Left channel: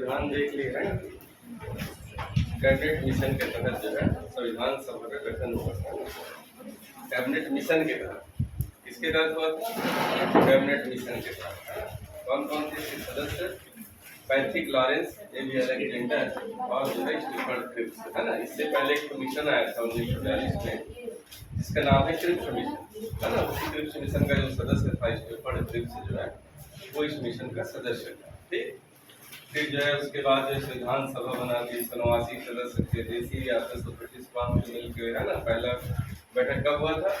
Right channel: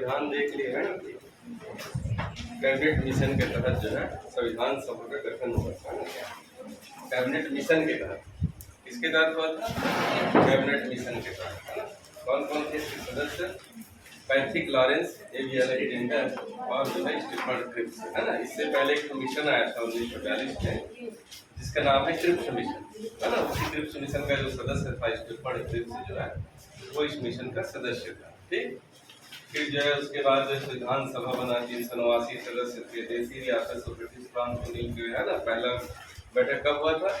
संविधान देख लिए है ना। कैबिनेट मिशन के तहत जो है संविधान सभा का गठन हुआ था ना। कैबिनेट मिशन के तहत किसके तहत हुआ था? कैबिनेट मिशन के तहत। कौन कौन थे इसके सदस्य? पैट्रिक लॉरेंस, एबी अलेक्जेंडर और जो है स्टीफन क्रिप्स, है ना। इससे पहले एक मिशन आया था 1942 में जिसका नाम है क्रिप्स मिशन, है ना। उसी क्रिप्स मिशन का जो सदस्य था स्टीफन क्रिप्स जो है वो इस मिशन का सदस्य था। ठीक। फिर जो है उसके बाद जो संविधान सभा बना 389 सदस्य थे। देसी रियासत और ब्रिटिश प्रांत को मिलकर, है ना। पहला बैठक कब हुआ था?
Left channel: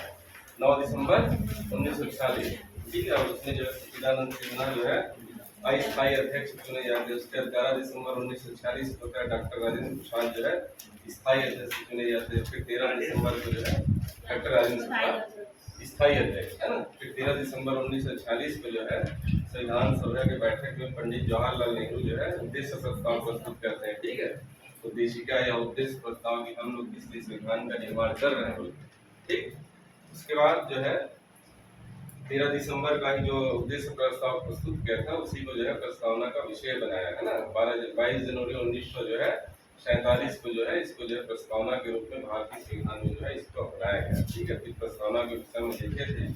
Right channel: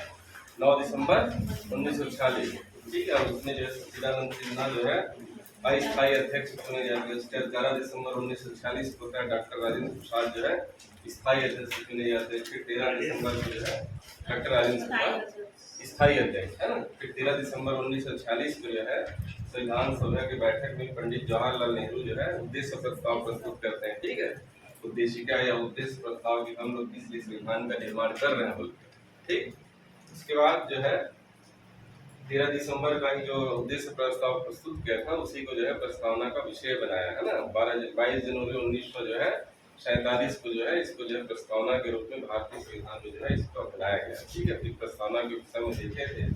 9 दिसंबर 1946। ठीक है। और उसमें जो है सच्चिदानंद सिन्हा जो है अस्थायी अध्यक्ष चुने जाते हैं। उसके 11 दिसंबर 1946 को डॉक्टर राजेंद्र प्रसाद जो है स्थायी अध्यक्ष चुने जाते हैं। फिर 13 दिसंबर को जो है डॉक्टर राजेंद्र प्रसाद स्थायी अध्यक्ष, है ना। फिर 13 दिसंबर 1946 को जो है संविधान सभा की बैठक में पंडित जवाहरलाल नेहरू जो है उद्देश्य प्रस्ताव प्रस्तुत करते हैं। ठीक है। उद्देशिका या उद्देश्य प्रस्ताव की हम लोग किस लिए संविधान का निर्माण कर रहे हैं बोल। ठीक। उसके बाद जो है 13 दिसंबर का ही जो उद्देश्य प्रस्ताव प्रस्तुत किया था उसी को जो है प्रस्तावना का विषय बनाया, है ना। 22 जनवरी 1900 जो है 47 को जो है इसको जो है प्रस्तावना के रूप में भारतीय संविधान में जो है इसको अपनाया गया। ठीक है। फिर प्रस्तावना के विषय में देखे थे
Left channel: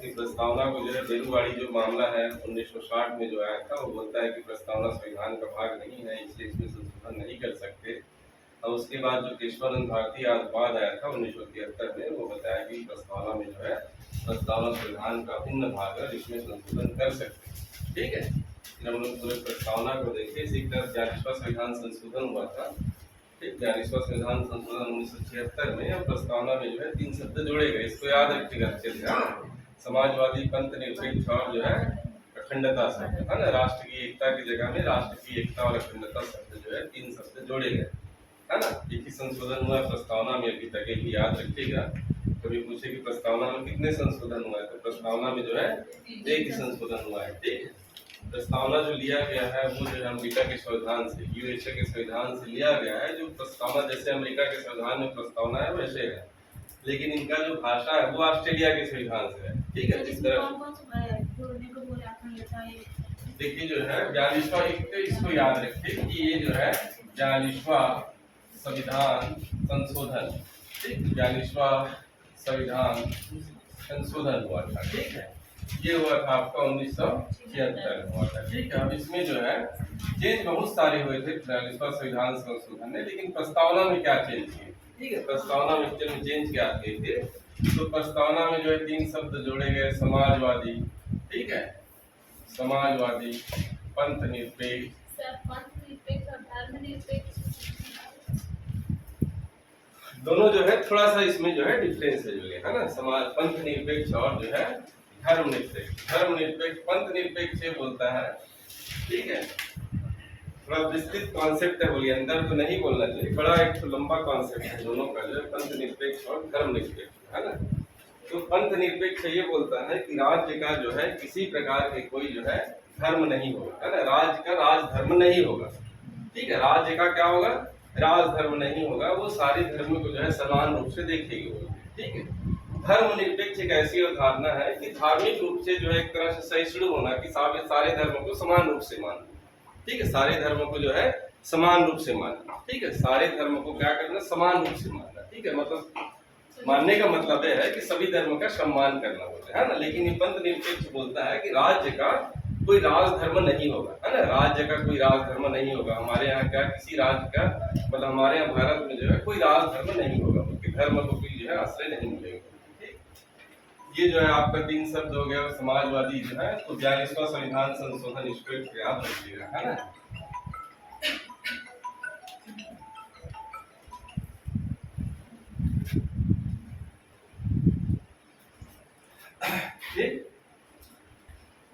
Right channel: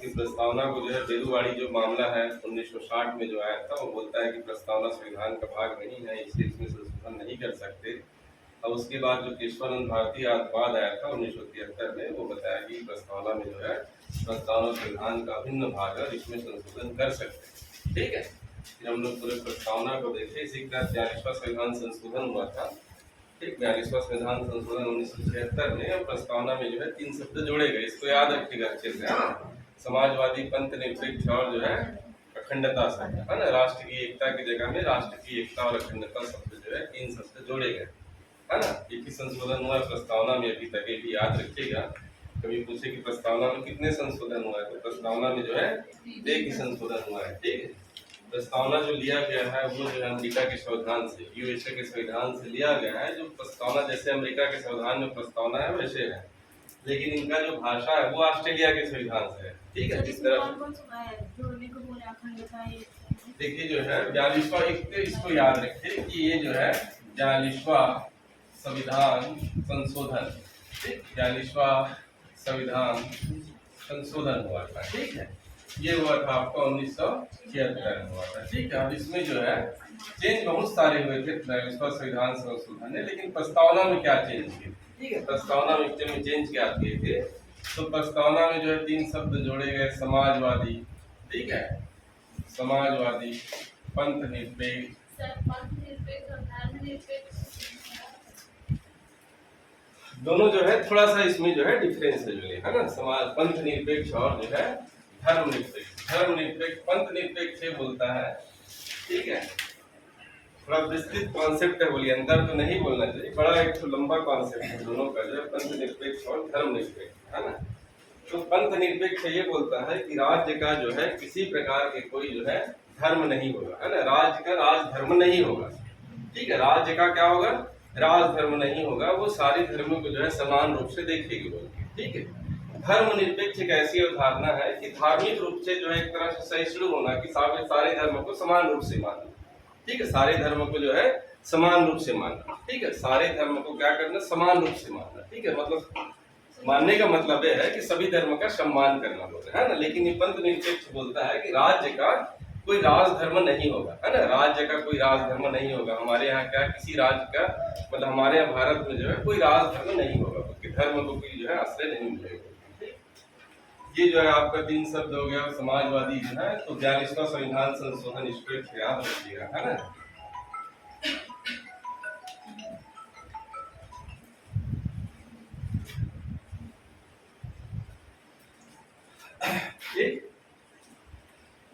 कि प्रस्तावना को जो है बेलूवाड़ी जो मामला है 1960 में जो आया था वो बोलता है कि प्रस्तावना संविधान का भाग नहीं है, इसलिए इसमें संशोधन नहीं कर सकते। और उसके बाद जो केशवानंद भारती वाद आया था 1973 में वो बताया कि प्रस्तावना में जो है प्रस्तावना संविधान का अभिन्न भाग है, इसमें संशोधन कर सकते हैं। ठीक है। फिर हम लोग पूरे प्रस्तावना को देखे। इसी तरह 42वां संविधान संशोधन हुआ था। ठीक। 42वां संविधान संशोधन 1976 में। और प्रस्तावना में जो है 3 शब्द जोड़े गए, इसको याद रखिएगा अच्छे से। समाजवादी, पंथ निरपेक्ष और जो है अखंडता शब्द, है ना। राष्ट्र की एकता की जगह में राष्ट्र की एकता और अखंडता शब्द जो है 3 शब्द जोड़े गए, है ना। एक ही संशोधन हुआ प्रस्तावना में अभी तक, भी याद रखिएगा। कभी पूछे कि प्रस्तावना में कितने संशोधन हुआ है तो प्रस्तावना में जो है एक ही संशोधन हुआ है। ठीक है। प्रस्तावना जो लिया गया है वो जो है अमेरिका के संविधान से, यूएसए के संविधान से लिया गया है। जो प्रस्तावना जैसे अमेरिका के संविधान में प्रस्तावना है वैसे है, लेकिन इनका जो भाषा है वो ऑस्ट्रेलिया के संविधान से है। ठीक है। जिस तरह देखिए जो है 42वां, एक तो इसको याद रखिए कि ये जो है 42वां संविधान संशोधन, ठीक। 42वां संविधान संशोधन हुआ था। ठीक है। ये हुआ था आपका 1976 में हुआ था। ठीक है। अब इसमें जो है चेंज बहुत सारे हुए थे 42वां संविधान संशोधन ने, लेकिन प्रस्तावना में क्या चेंज किए? ठीक है। प्रस्तावना में चेंज क्या किए थे? तो प्रस्तावना में जो है 3 शब्द जोड़े गए, समाजवादी, ठीक है, समाजवादी, पंथ निरपेक्ष, दोनों जो है थोड़ा सा इसमें जो है डिफरेंस है ना। समाज पंथ निरपेक्ष और जो है धर्म निरपेक्ष। धर्म निरपेक्ष, पंथ निरपेक्ष बोलता है। ठीक है। थोड़ा विस्तृत कॉन्सेप्ट है, बोलिए अंदर तो नहीं बोलना चाहिए, बड़ा एक तो लंबा कॉन्सेप्ट है दोनों का, जो है पंथ निरपेक्ष और धर्म निरपेक्ष, है ना। तो पंथ निरपेक्ष ये बोलता है कि राज्य का जो है किसी प्रकार के कोई जो है धर्म नहीं होगा, है ना। राज्य का राज धर्म नहीं होगा। ठीक है। राज्य का क्या होगा? राज धर्म नहीं होगा। वो सारे धर्मों को जो है समान रूप से देखेगी बोलती है। ठीक है। धर्म निरपेक्ष एक ऐसी अवधारणा है कि धार्मिक रूप से जो है एक तरह से सहिष्णु होना, कि सारे धर्मों को समान रूप से मानना। ठीक है। सारे धर्मों को जो है समान रूप से मानना। ठीक है। सारे धर्मों को क्या करना? समान रूप से मानना। ठीक है। मतलब मानने का मतलब यह है कि सभी धर्म का सम्मान करना होता है ना। लेकिन ये पंथ निरपेक्ष बोलता है कि राज्य का कोई राज धर्म नहीं होगा, है ना। राज्य का कोई राज धर्म नहीं होगा। हमारे यहाँ क्या किसी राज्य का, मतलब हमारे यहाँ भारत में जो है कोई राज धर्म नहीं होगा, क्योंकि धर्म को कोई जो है आश्रय नहीं मिलेगा। ठीक। ये जो है आपका 3 शब्द हो गया समाजवादी जो है। तो 42वां संविधान संशोधन इसको याद रखिएगा, है ना। ठीक।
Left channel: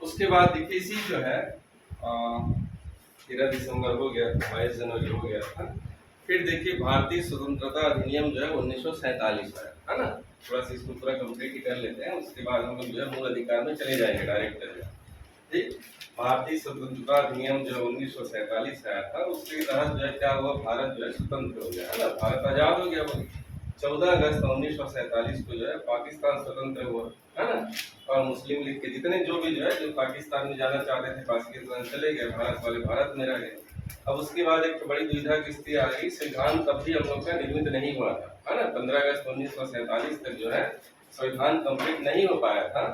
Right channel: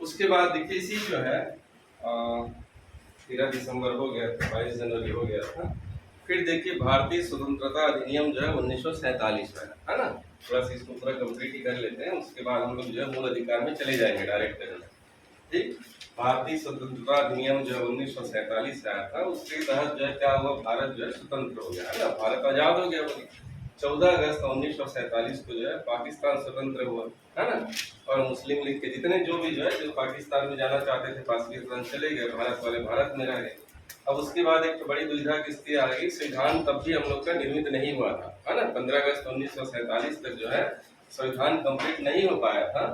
उसके बाद देखिए इसी जो है 13 दिसंबर हो गया था, 22 जनवरी हो गया था। फिर देखिए भारतीय स्वतंत्रता अधिनियम जो है 1947 में, है ना। थोड़ा सा इसको पूरा कंप्लीट ही कर लेते हैं, उसके बाद हम लोग जो है मूल अधिकार में चले जाएंगे डायरेक्ट करने। ठीक। भारतीय स्वतंत्रता अधिनियम जो है 1947 से आया था। उसके तहत जो है क्या हुआ? भारत जो है स्वतंत्र हो गया, है ना। भारत आजाद हो गया। 14 अगस्त 1947 को जो है पाकिस्तान स्वतंत्र हुआ, है ना। और मुस्लिम लीग के जितने जो भी जो है जो पाकिस्तान में जाना चाहते थे पाकिस्तान चले गए, भारत वाले भारत में रह गए। अब उसके बाद एक तो बड़ी दुविधा की स्थिति आ रही, संविधान तब भी हम लोग का निर्मित नहीं हुआ था, है ना। 15 अगस्त 1947 तक जो है संविधान कंप्लीट नहीं हो पाया था,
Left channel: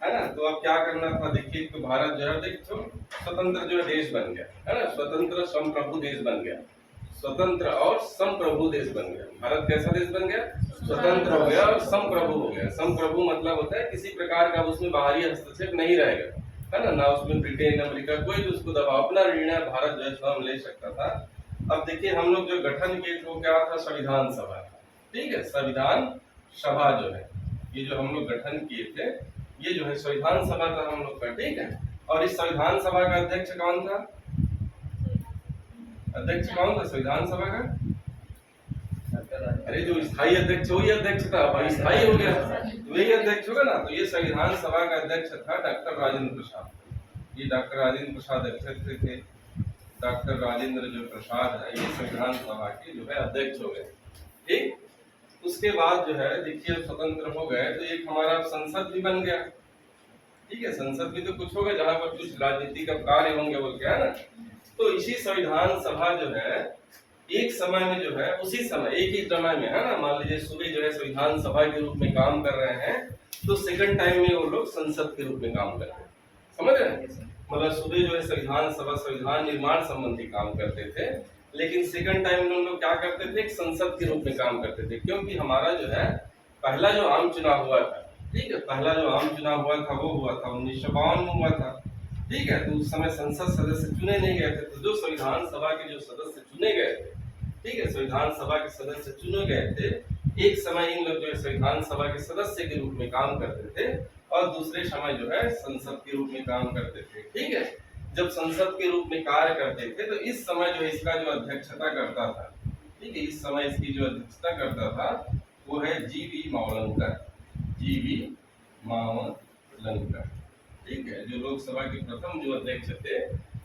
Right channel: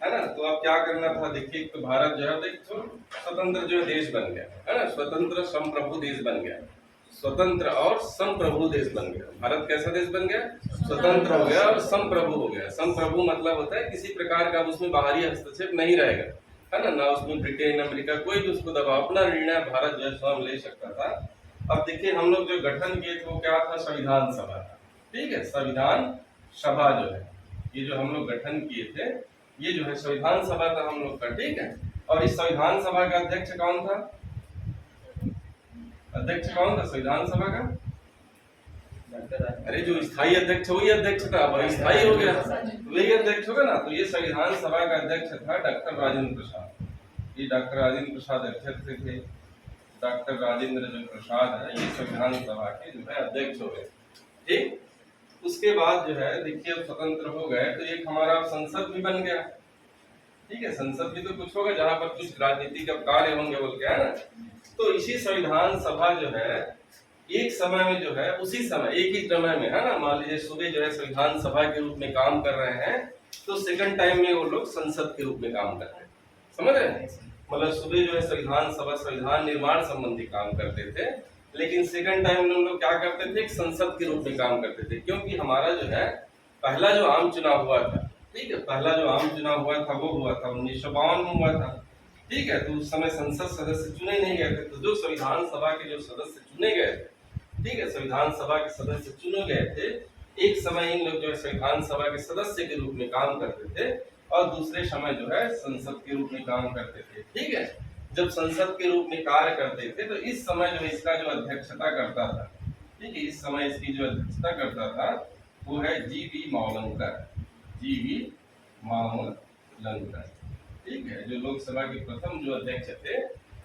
है ना। तो अब क्या करना था, देखिए तो भारत जो है देखो स्वतंत्र जो है देश बन गया, है ना, स्वतंत्र संप्रभु देश बन गया, स्वतंत्र और संप्रभु देश बन गया। भारत कैसा देश बन गया, स्वतंत्र हो गया और संप्रभु हो गया। संप्रभु मतलब होता है किसी प्रकार का उसमें बाहरी हस्तक्षेप नहीं रहेगा, है ना, ना उसमें ब्रिटेन अमेरिका कोई भी उसको दबाव, अपना निर्णय भारत जो है स्वयं ले सकता था। अब देखिए हम लोग जो गठन किए थे वो क्या था, संविधान सभा था, ठीक है। संविधान सभा जो है ये जो हम लोग गठन किए थे ये जो है संविधान सभा था हम लोग का, ठीक है। और इस संविधान सभा का अध्यक्ष कौन था, अध्यक्ष कौन था संविधान सभा का, अरे जो स्थायी अध्यक्ष वही अध्यक्ष था, वही स्थायी हो गया तो वही अध्यक्ष होगा ना। तो ये संविधान सभा का अध्यक्ष था डॉक्टर राजेंद्र प्रसाद। ये डॉक्टर राजेंद्र प्रसाद अध्यक्ष थे। डॉक्टर राजेंद्र जो प्रसाद है ये संविधान सभा के जो है अध्यक्ष हो गए, ठीक। उसके बाद जो है देखिए स्वतंत्र हो गए तो एक हमारा संसद भी बन गया, ठीक है। संसद भी तो कुछ होगा जहां पर कुछ राजनीतिक कार्य होंगे बोल के, है ना। तो इसी संविधान सभा जो है एक समय में जो है उसी समय एक ही समय में, है ना, मान लीजिए सुबह जो है संविधान सभा के रूप में काम कर रहे हैं तो सेकंड टाइम में वो लोग संसद के रूप में काम कर रहे हैं, समझ रहे हैं। मतलब सुबह जो है संविधान सभा संविधान निर्माण संबंधी काम करते थे, लेकिन सेकंड टाइम में हम लोग क्या करते थे, एक संसद के रूप में काम करते थे। क्योंकि हमारा जो है पहला जो आम चुनाव हुआ था, ठीक है, पहला जो आम चुनाव हुआ था वो हुआ था 1952 में हुआ था, ठीक है। तो उस समय संसद सदस्य चुने नहीं गए थे, तो जो संविधान सभा के जो सदस्य चुने गए थे, ठीक है, संविधान सभा के सदस्य चुने गए थे, एक समय इन लोग जो है संविधान सभा के सदस्य के रूप में काम करते थे और दूसरे समय जो है संसद के रूप में काम करते थे, ठीक है। जब संसद के रूप में कार्य करते थे तो इस समय जो इसका जो अध्यक्षता करता था, ठीक है, इस समय इसकी जो अध्यक्षता करता था वो है जीवी मावलंकर, जीवी मावलंकर, ठीक है, जो लोकसभा के प्रथम जो अध्यक्ष थे,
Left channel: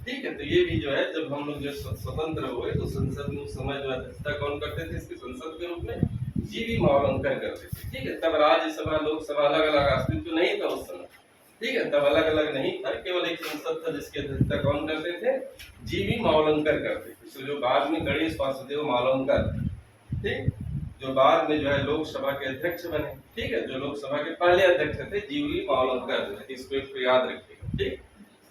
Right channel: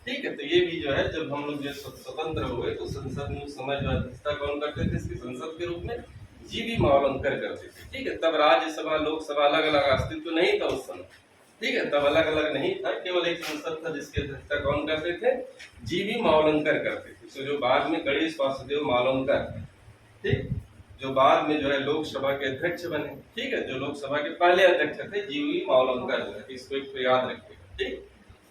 ठीक है। तो ये भी जो है जब हम लोग जो स्वतंत्र हुए तो संसद में उस समय जो अध्यक्षता कौन करते थे इसके संसद के रूप में, जीवी मावलंकर करते थे, ठीक है। तब राज्यसभा लोकसभा अलग अलग अस्तित्व नहीं था उस समय, ठीक है, तब अलग अलग नहीं था, केवल एक संसद था जिसकी अध्यक्षता कौन करते थे, जीवी मावलंकर करते थे। तो जो बाद में गणेश वासुदेव मावलंकर, ठीक, जो बाद में जो है लोकसभा के अध्यक्ष बने, ठीक है, जो लोकसभा के पहले अध्यक्ष थे जीवी मावलंकर जो है, इसको एक याद रखिएगा, ठीक।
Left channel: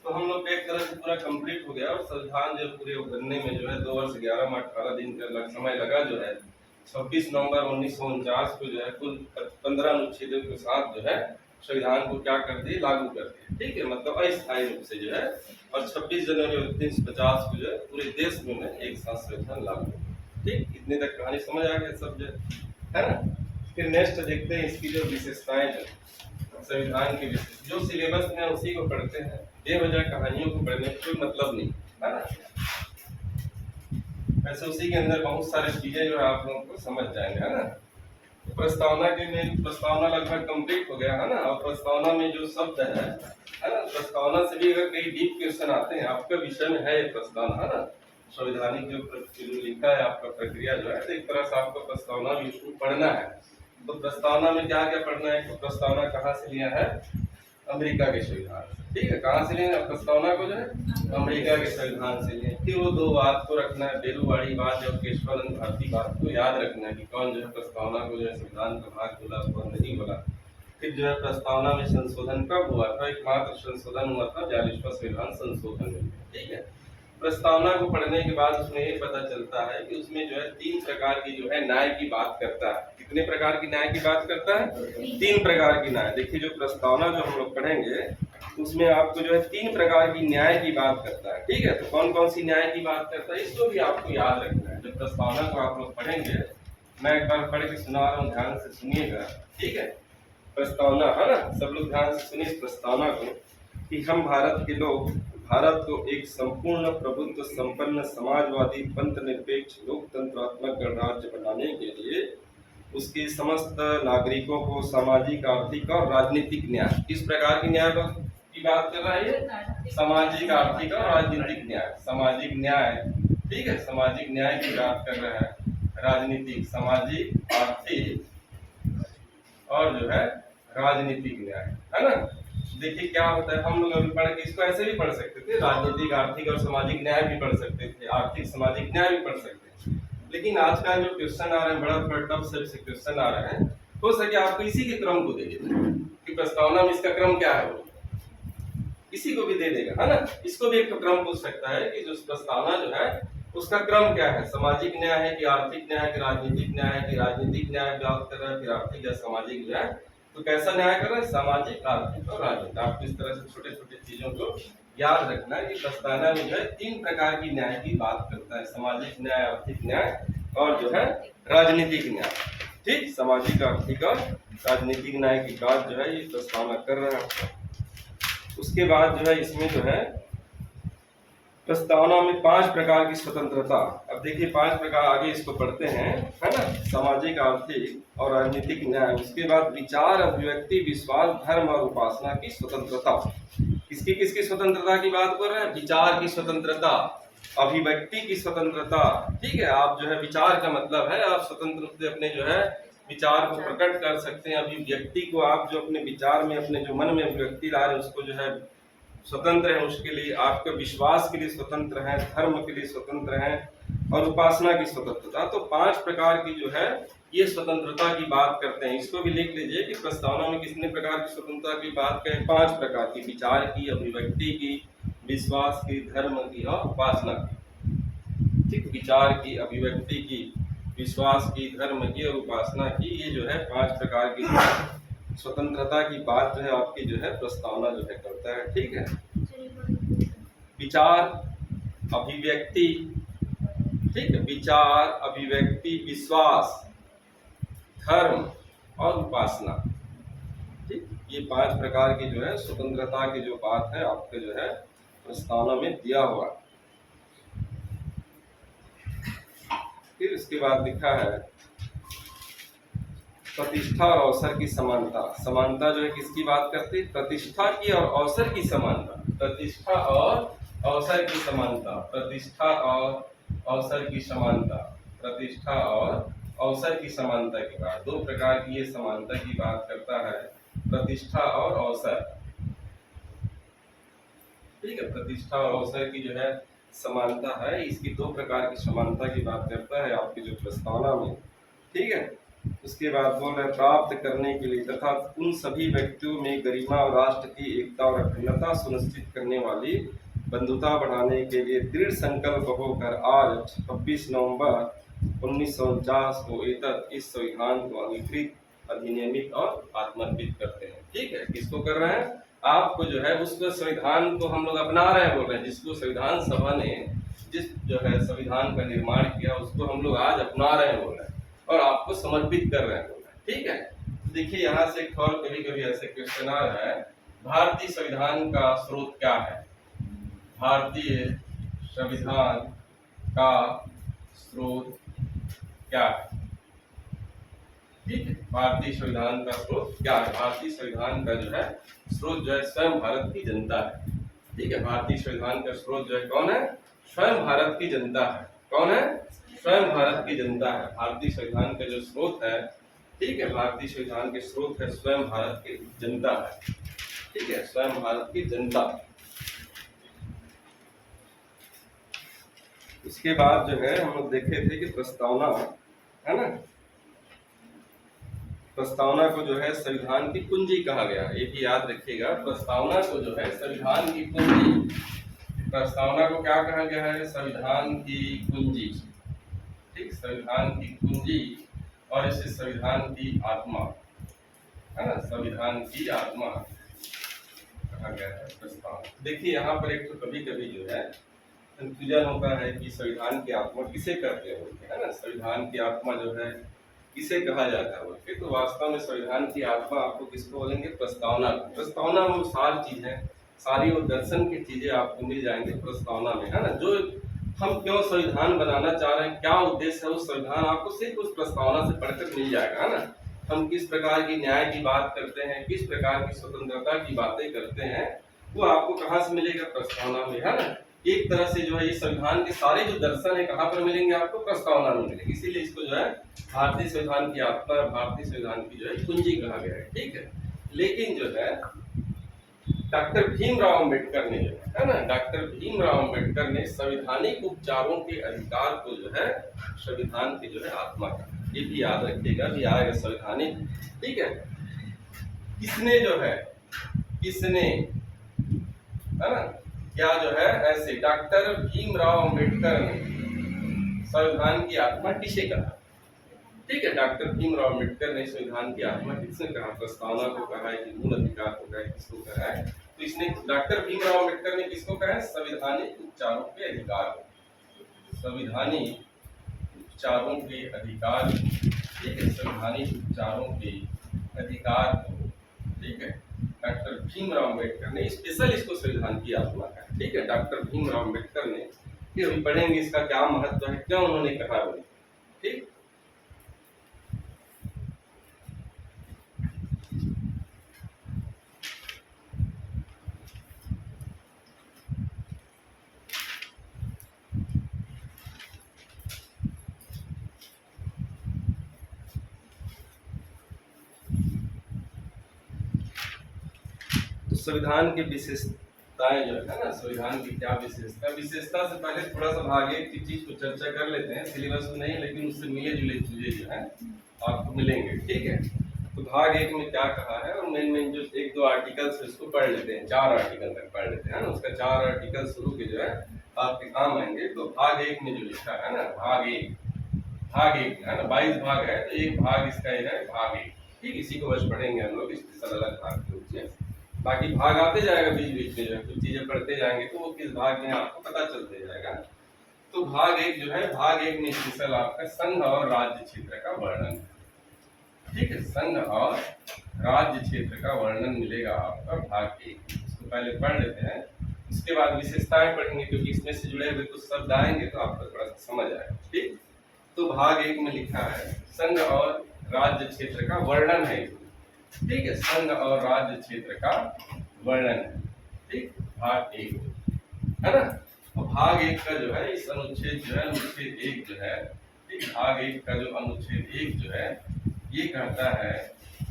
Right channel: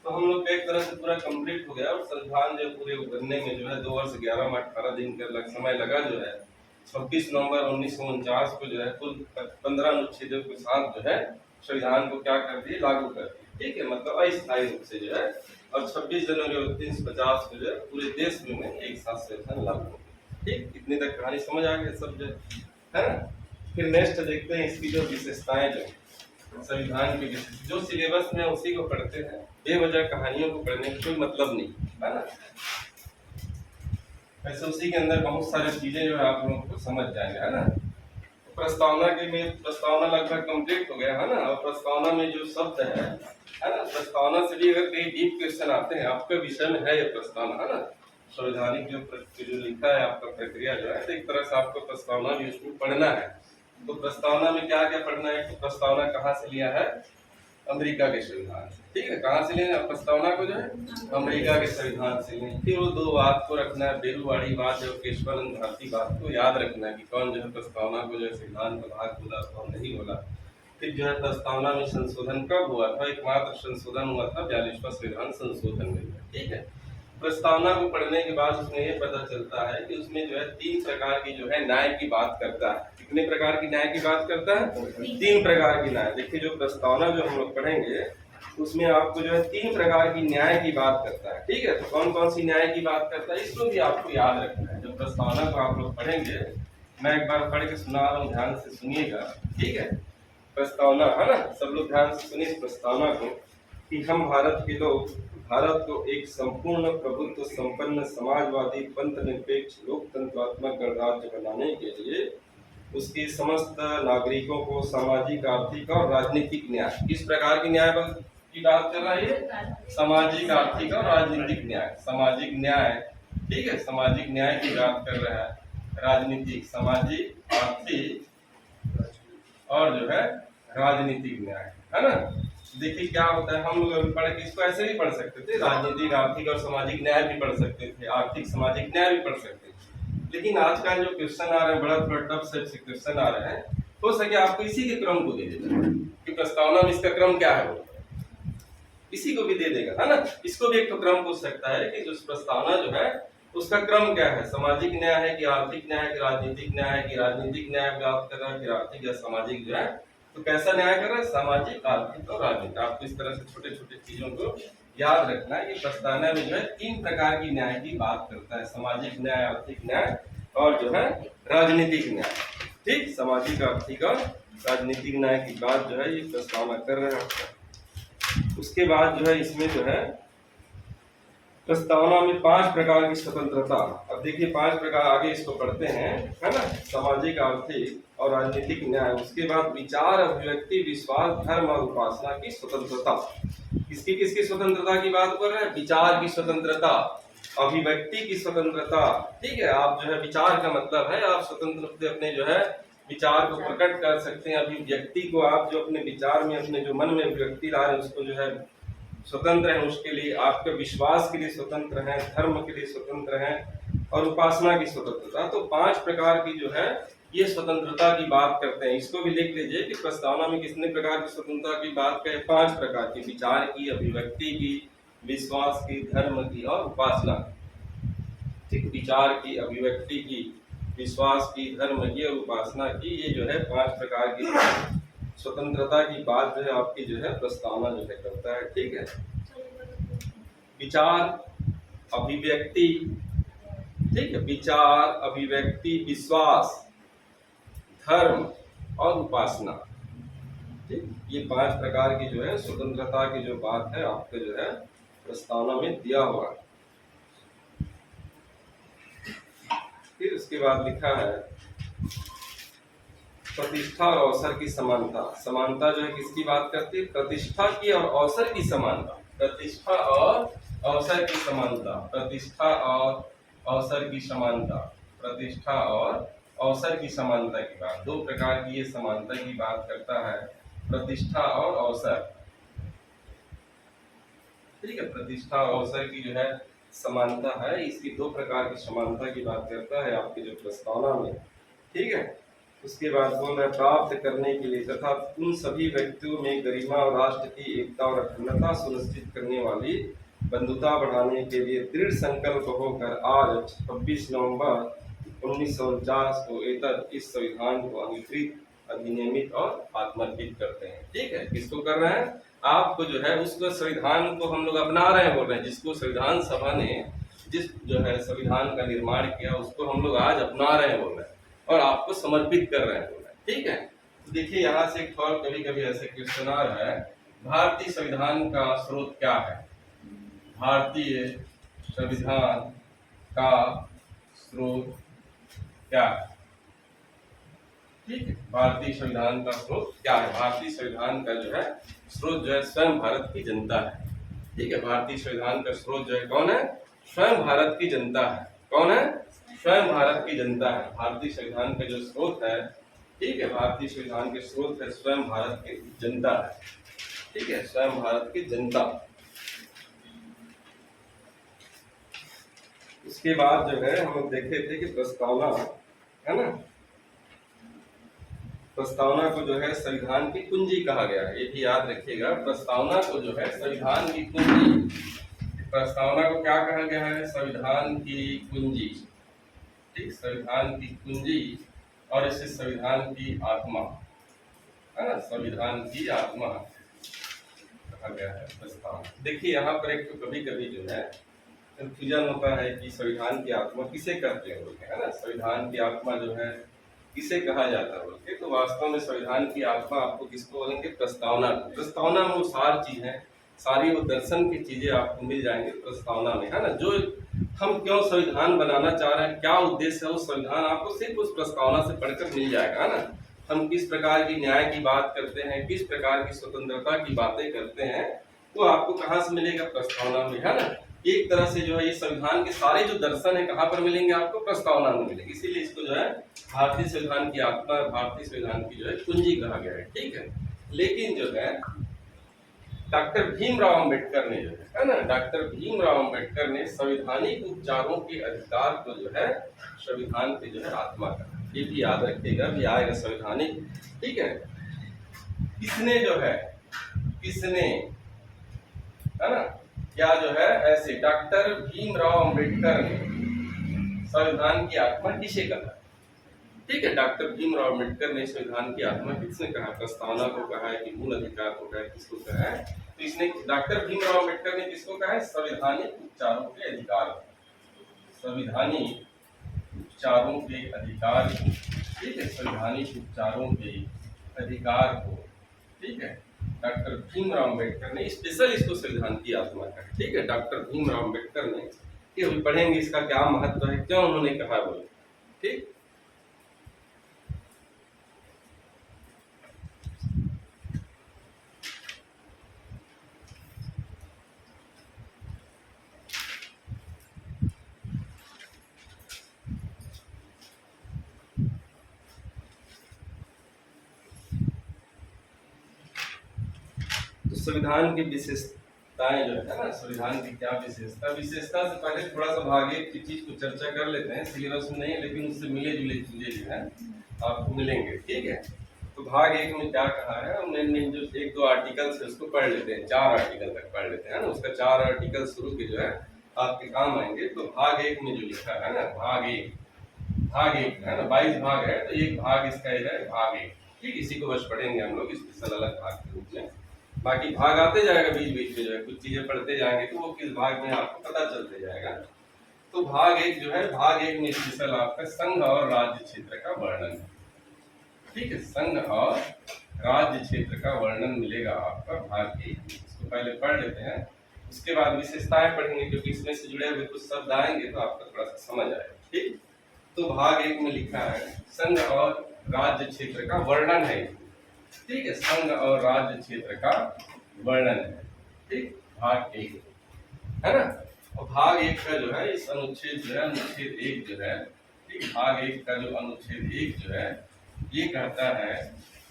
तो हम लोग एक तरह से पूरा कंप्लीट हो गया और संविधान जो पूरे बनने में जो है 2 वर्ष 11 माह 18 दिन का समय लगा। जो है 26 नवंबर 1949 को जो है कुल 15 अनुच्छेदों के साथ जो है संविधान को क्या कर दिए, लागू कर दिए, ठीक है, मतलब अस्थायी रूप से जो है। और 26 जनवरी 1950 को जो है पूरे देश में एक साथ संविधान लागू हो गया, ठीक। इतने तक कहानी समझ आ गया सब जो है ना। फिर नेक्स्ट देखते हैं इसकी जो विशेषताएं जो संविधान की जो सिलेबस में उसी को पढ़ते हैं, बेवजह कहानियों को पढ़ने का कोई मतलब नहीं, है ना। ऐसे उसी के अंदर बहुत सारी चीजें जो है आप लोगों को समझ जाएंगे, है ना। तो प्रस्तावना के में प्रस्तावना लगभग कंप्लीट हो गया, है ना। और प्रस्तावना में जो शब्द है ना, प्रस्तावना से भी अगर कई डीप क्वेश्चन आते हैं, आपके विषय में है ये प्रस्तावना, है ना, संवैधानिक जो लिखा है आपका प्रक्रिया जो है, तो एक तरह से आपको प्रस्तावना भी उसको पढ़ना है। तो प्रस्तावना में क्या क्या पढ़ना है, तो प्रस्तावना कहाँ से लिया है, अमेरिका के संविधान, ठीक है, कहाँ से लिए प्रस्तावना को जो है, अमेरिका के संविधान से लिए। फिर वो 2 बात को रखना है, बेरुवाड़ी बात और केशवानंद भारती बात को याद रखना है कि कौन जो है प्रस्तावना को जो है संविधान का भाग बोला कौन नहीं बोला। फिर जो है प्रस्तावना में संशोधन कब हुआ था, एकमात्र संशोधन हुआ था 42वां संविधान संशोधन में, ठीक है। प्रस्तावना को पढ़ने के बाद उसमें ये पता चलता है कि उसमें जो है 3 प्रकार की जो है न्याय की बात करता है। कितने प्रकार की न्याय की बात करता है, 3 प्रकार की न्याय। देखिए जो प्रस्तावना जो हम लोग पढ़ेंगे उसमें आपको जो है 3 प्रकार की न्याय की बात करता है, ठीक है। तो कौन कौन सी न्याय की बात करता है इसको भी आपको याद रखना है। जब प्रस्तावना को आप लोग पढ़ेंगे, मैं एक बार पढ़ के सुना रहा हूँ, ध्यान से सुनिएगा, ठीक है। प्रस्तावना, है ना, सब लोग ध्यान से सुनिए इस प्रस्तावना को कि हम भारत के लोग भारत को एक संपूर्ण प्रभुत्व संपन्न समाजवादी पंथ निरपेक्ष लोकतंत्रात्मक गणराज्य बनाने के लिए उसके समस्त नागरिकों को सामाजिक आर्थिक और राजनीतिक न्याय, किस प्रकार की न्याय की बात कर रहा है, सामाजिक आर्थिक और राजनीतिक न्याय, सामाजिक न्याय, ठीक है, सामाजिक न्याय की बात कर रहा है, राजनीतिक, सामाजिक, आर्थिक और जो है राजनीतिक न्याय, है ना। देखिए क्या होता है, हम लोग अभी पढ़ के इसको ऐसे भी पढ़ सकते थे, राजनीतिक आर्थिक और सामाजिक न्याय भी पढ़ सकते थे, आर्थिक सामाजिक न्याय भी पढ़ सकते थे। लेकिन आजकल जो क्वेश्चन आ रहे हैं, बड़ा थोड़ा टफ से क्वेश्चन आ रहे हैं, हो सके आपको इसी के क्रम को दे देता है कि प्रस्तावना में इसका क्रम क्या है, वो इसी को भी दे देगा, है ना। इसको भी एक तो क्रम पूछ सकता है कि जो प्रस्तावना जो है उसका क्रम क्या है, सामाजिक न्याय है कि आर्थिक न्याय है कि राजनीतिक न्याय है कि राजनीतिक न्याय बात कर रहा है, फिर आर्थिक या सामाजिक जो है, तो कैसा न्याय कर रहा है, सामाजिक, आर्थिक और राजनीतिक। आपको इस तरह से छोटे छोटे चीजों को याद रखना है कि प्रस्तावना में जो है 3 प्रकार की न्याय की बात करता है, सामाजिक न्याय, आर्थिक न्याय और जो है राजनीतिक न्याय। ठीक, सामाजिक, आर्थिक और राजनीतिक न्याय की बात जो है ये प्रस्तावना कर रहे हैं। उसके बाद जो है इसमें जो है प्रस्तावना में 5 प्रकार की स्वतंत्रता। अब देखिए 5 प्रकार आगे इसको पढ़ते हैं, है ना, सामाजिक, आर्थिक और राजनीतिक न्याय। उसके बाद विचार, अभिव्यक्ति, विश्वास, धर्म और उपासना की स्वतंत्रता। किसकी किसकी स्वतंत्रता की बात कर रहे हैं, विचार की स्वतंत्रता, अभिव्यक्ति की स्वतंत्रता। ठीक है, आप जो है विचार का मतलब है आप स्वतंत्र रूप से अपने जो है विचार को प्रकट कर सकते हैं। अभिव्यक्ति को आप जो अपने विचार में, अपने जो मन में अभिव्यक्ति ला रहे हैं उसको जो है स्वतंत्र है, उसके लिए आपके विश्वास के लिए स्वतंत्र है, धर्म के लिए स्वतंत्र है और उपासना की स्वतंत्रता। तो 5 प्रकार की जो है ये स्वतंत्रता की बात करते हैं। इसको भी लिख लीजिए कि प्रस्तावना में कितने प्रकार की स्वतंत्रता की बात करें, 5 प्रकार की, विचार की, अभिव्यक्ति की, विश्वास की, धर्म की और उपासना की। ठीक, विचार की, अभिव्यक्ति की, विश्वास की, धर्म की और उपासना की, ये जो है 5 प्रकार की स्वतंत्रता की बात जो है आपकी जो है प्रस्तावना जो है करता है। ठीक है, विचार, अभिव्यक्ति, ठीक है, विचार, अभिव्यक्ति, विश्वास, धर्म और उपासना। ठीक, ये 5 प्रकार की जो है स्वतंत्रता की जो बात है आपके जो है प्रस्तावना में दिया हुआ है। फिर उसके बाद लिखा है प्रतिष्ठा और अवसर की समानता। समानता जो है किसकी बात करती है, प्रतिष्ठा की और अवसर की समानता। प्रतिष्ठा और अवसर की समानता, प्रतिष्ठा और अवसर की समानता, प्रतिष्ठा और अवसर की समानता की बात। 2 प्रकार की ये समानता की बात करता है, प्रतिष्ठा और अवसर। ठीक है, प्रतिष्ठा और अवसर की जो है समानता है, इसकी 2 प्रकार की समानता की बात करता है आपकी जो प्रस्तावना में। ठीक है, उसके बाद बोल रहे प्राप्त करने के लिए तथा उन सभी व्यक्तियों में गरिमा और राष्ट्र की एकता और अखंडता सुनिश्चित करने वाली बंधुता बढ़ाने के लिए दृढ़ संकल्प होकर आज 26 नवंबर 1949 को इस संविधान को अंगीकृत, अधिनियमित और आत्मर्पित करते हैं। ठीक है, किसको कर रहे हैं, आपको जो है उस संविधान को हम लोग अपना रहे हैं, बोल रहे हैं, जिसको संविधान सभा ने जिस जो है संविधान का निर्माण किया उसको हम लोग आज अपना रहे हैं, बोल रहे हैं, और आपको समर्पित कर रहे हैं, बोल रहे हैं। ठीक है, तो देखिए यहाँ से एक और कभी कभी ऐसे क्वेश्चन आ रहा है, भारतीय संविधान का स्रोत क्या है, भारतीय संविधान का स्रोत क्या है। ठीक है, भारतीय संविधान का स्रोत क्या है, भारतीय संविधान का जो है स्रोत जो है स्वयं भारत की जनता है। ठीक है, भारतीय संविधान का स्रोत जो है कौन है, स्वयं भारत की जनता है। कौन है, स्वयं भारत की जनता है। भारतीय संविधान का जो स्रोत है, ठीक है, भारतीय संविधान के स्रोत है स्वयं भारत की जनता है। ठीक है, स्वयं भारत की जनता। उसके बाद जो है हम लोग देखे थे कि प्रस्तावना, है ना, प्रस्तावना को जो है संविधान की कुंजी कहा गया है, ये भी याद रखिएगा। प्रस्तावना को जो है संविधान की कुंजी, प्रस्तावना को क्या कहा गया है, संविधान की कुंजी। ठीक, संविधान की कुंजी और इसे संविधान की आत्मा, है ना, संविधान की आत्मा कहा गया है प्रस्तावना। देखिए यहाँ पर एक तो कभी कभी जो है कंफ्यूजन होता है कि संविधान की आत्मा किसे कहते हैं बोलते हैं, है ना, संविधान की आत्मा जो है किसे कहा जाता है बोलते। तो वास्तव में संविधान की आत्मा आपको किसको बोलेंगे, प्रस्तावना। प्रस्तावना में वो सारी चीजें, सारी वो दर्शन की चीजें आपको मिल जाएंगे प्रस्तावना में, है ना। जो हम क्यों संविधान बनाना चाह रहे हैं, क्या उद्देश्य है, उस संविधान आपको सिर्फ उस प्रस्तावना से पढ़कर मिल जाएगा, है ना। हम किस प्रकार की न्याय की बात करते हैं, किस प्रकार की स्वतंत्रता की बातें करते हैं, वो आपको कहाँ से मिलेगा, प्रस्तावना में, है ना। एक तरह से जो है ये संविधान के सारे जो दर्शन है कहाँ पर मिलेंगे, आपको प्रस्तावना में मिलेंगे। इसीलिए इसको जो है भारतीय संविधान की आत्मा, भारतीय संविधान की जो है कुंजी कहा गया है। ठीक है, लेकिन जो है डॉक्टर भीमराव अंबेडकर ने जो है ना, डॉक्टर भीमराव अंबेडकर ने संवैधानिक उपचारों के अधिकार को जो है संविधान की जो है आत्मा का, ये भी याद रखिएगा, भी आएगा संवैधानिक, ठीक है। किसने जो है, किसने, है ना, क्या जो है ऐसे डॉक्टर भीमराव अंबेडकर ने संविधान की आत्मा किसे कहा, ठीक है। डॉक्टर भीमराव अंबेडकर ने संविधान की आत्मा किसने कहा, प्रस्तावना को कहा है कि मूल अधिकार को कहा है, किसको कहा है, तो इसने डॉक्टर भीमराव अंबेडकर ने किसको कहा है, संवैधानिक उपचारों के अधिकार, संवैधानिक उपचारों के अधिकार, ठीक है, संवैधानिक उपचारों के अधिकार को, ठीक है, डॉक्टर भीमराव अंबेडकर ने स्पेशल इसको संविधान की आत्मा का, ठीक है। डॉक्टर भीमराव अंबेडकर ने, ये अभी पढ़ेंगे इसका क्या महत्व है, क्यों उन्होंने कहा बोले, ठीक। तो संविधान की विशेषताएं जो है ना, संविधान की क्या विशेषता, विशेषता से पहले थोड़ा सा भाग एक की चीज को चर्चा कर लेते हैं, सिलेबस में नहीं है लेकिन उससे मिले जुले चीजें जो है आपको मिलेंगे, ठीक है। तो भाग एक में क्या कहा है, और मेन जो एक दो आर्टिकल्स है उसको पढ़ लेते हैं, 4 आर्टिकल तक पढ़ लेते हैं ना, उसका 4 आर्टिकल शुरू के जो है आपके काम आएंगे। तो भाग एक में जो लिखा है ना, भाग एक है ना, 22 भाग है, तो एक भाग इसका है भाग एक, ठीक, इसी को बस पढ़ेंगे हम लोग स्पेशल अलग भाग के रूप में, बाकी भाग आते जाएगा बीच बीच में जो है, कुछ चीजें पढ़ते जाएंगे तो वो किस भाग में आपको पता चलते जाएगा। तो भाग एक जो है, भाग एक में स्पेशल आपका संघ और राज्य क्षेत्र का वर्णन, ठीक है, संघ और राज्य क्षेत्र का वर्णन मिलेगा आपका भाग एक, इसको पहले पढ़ लेते हैं, उसके बाद विशेषताएं पढ़ेंगे, क्योंकि इसमें से जुड़े हुए कुछ शब्द आएंगे तो आपको थोड़ा सा समझ आएगा, ठीक। तो भाग एक में लिखा है संघ और राज्य क्षेत्र का वर्णन है, ठीक है, संघ और राज्य क्षेत्र का वर्णन है, ठीक, भाग एक, है ना। और भाग एक का जो है इस अनुच्छेद जो है, अनुच्छेद एक जो है, ठीक, भाग एक का जो अनुच्छेद एक जो है ये कहता है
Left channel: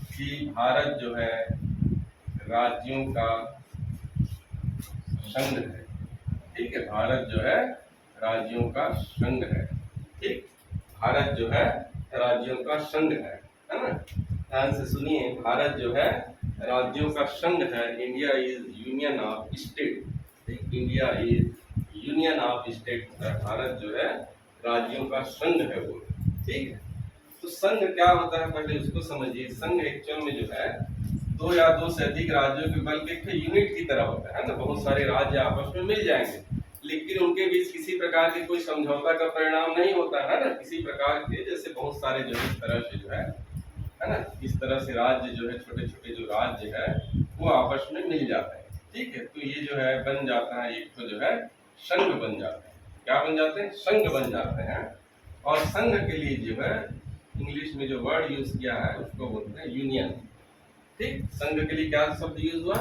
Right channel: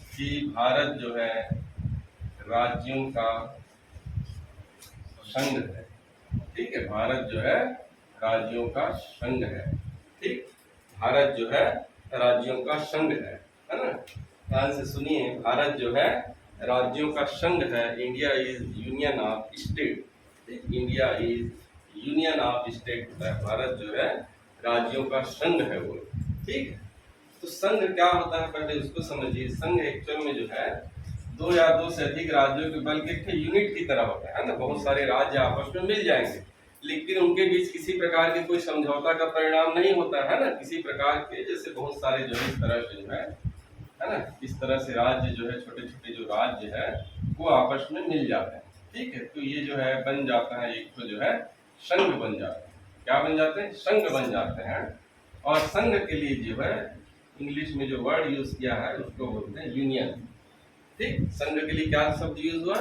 कि भारत जो है राज्यों का संघ है, ठीक है, भारत जो है राज्यों का संघ है, ठीक, भारत जो है राज्यों का संघ है ना। ध्यान से सुनिए, भारत जो है राज्यों का संघ है, India is union of state, ठीक, India is union of state, Bharat जो है राज्यों का संघ है वो, ठीक है। तो संघ क्या होता है पहले उसको समझिए। संघ एक्चुअल में जो है 2 या 2 से अधिक राज्यों के बल्कि एक यूनिट की तरह होता है ना, बहुत सारे राज्य आपस में मिल जाएंगे लेकिन उनके बीच किसी प्रकार के कोई समझौता का परिणाम नहीं होता है ना, किसी प्रकार के, जैसे बहुत सारे जो है इस तरह से जो है ना, इस तरह से राज्य जो है, छोटे छोटे जो राज्य है वो आपस में मिल जाते हैं, ठीक है। तो ये जो है बन जाता है एक तो जो है संघ बन जाते हैं, क्या बन जाते हैं, संघ बन जाते हैं। और संघ के लिए जो है इंग्लिश में जो वर्ड यूज किया है उसको बोलते हैं यूनियन, ठीक, संघ के लिए क्या शब्द यूज हुआ,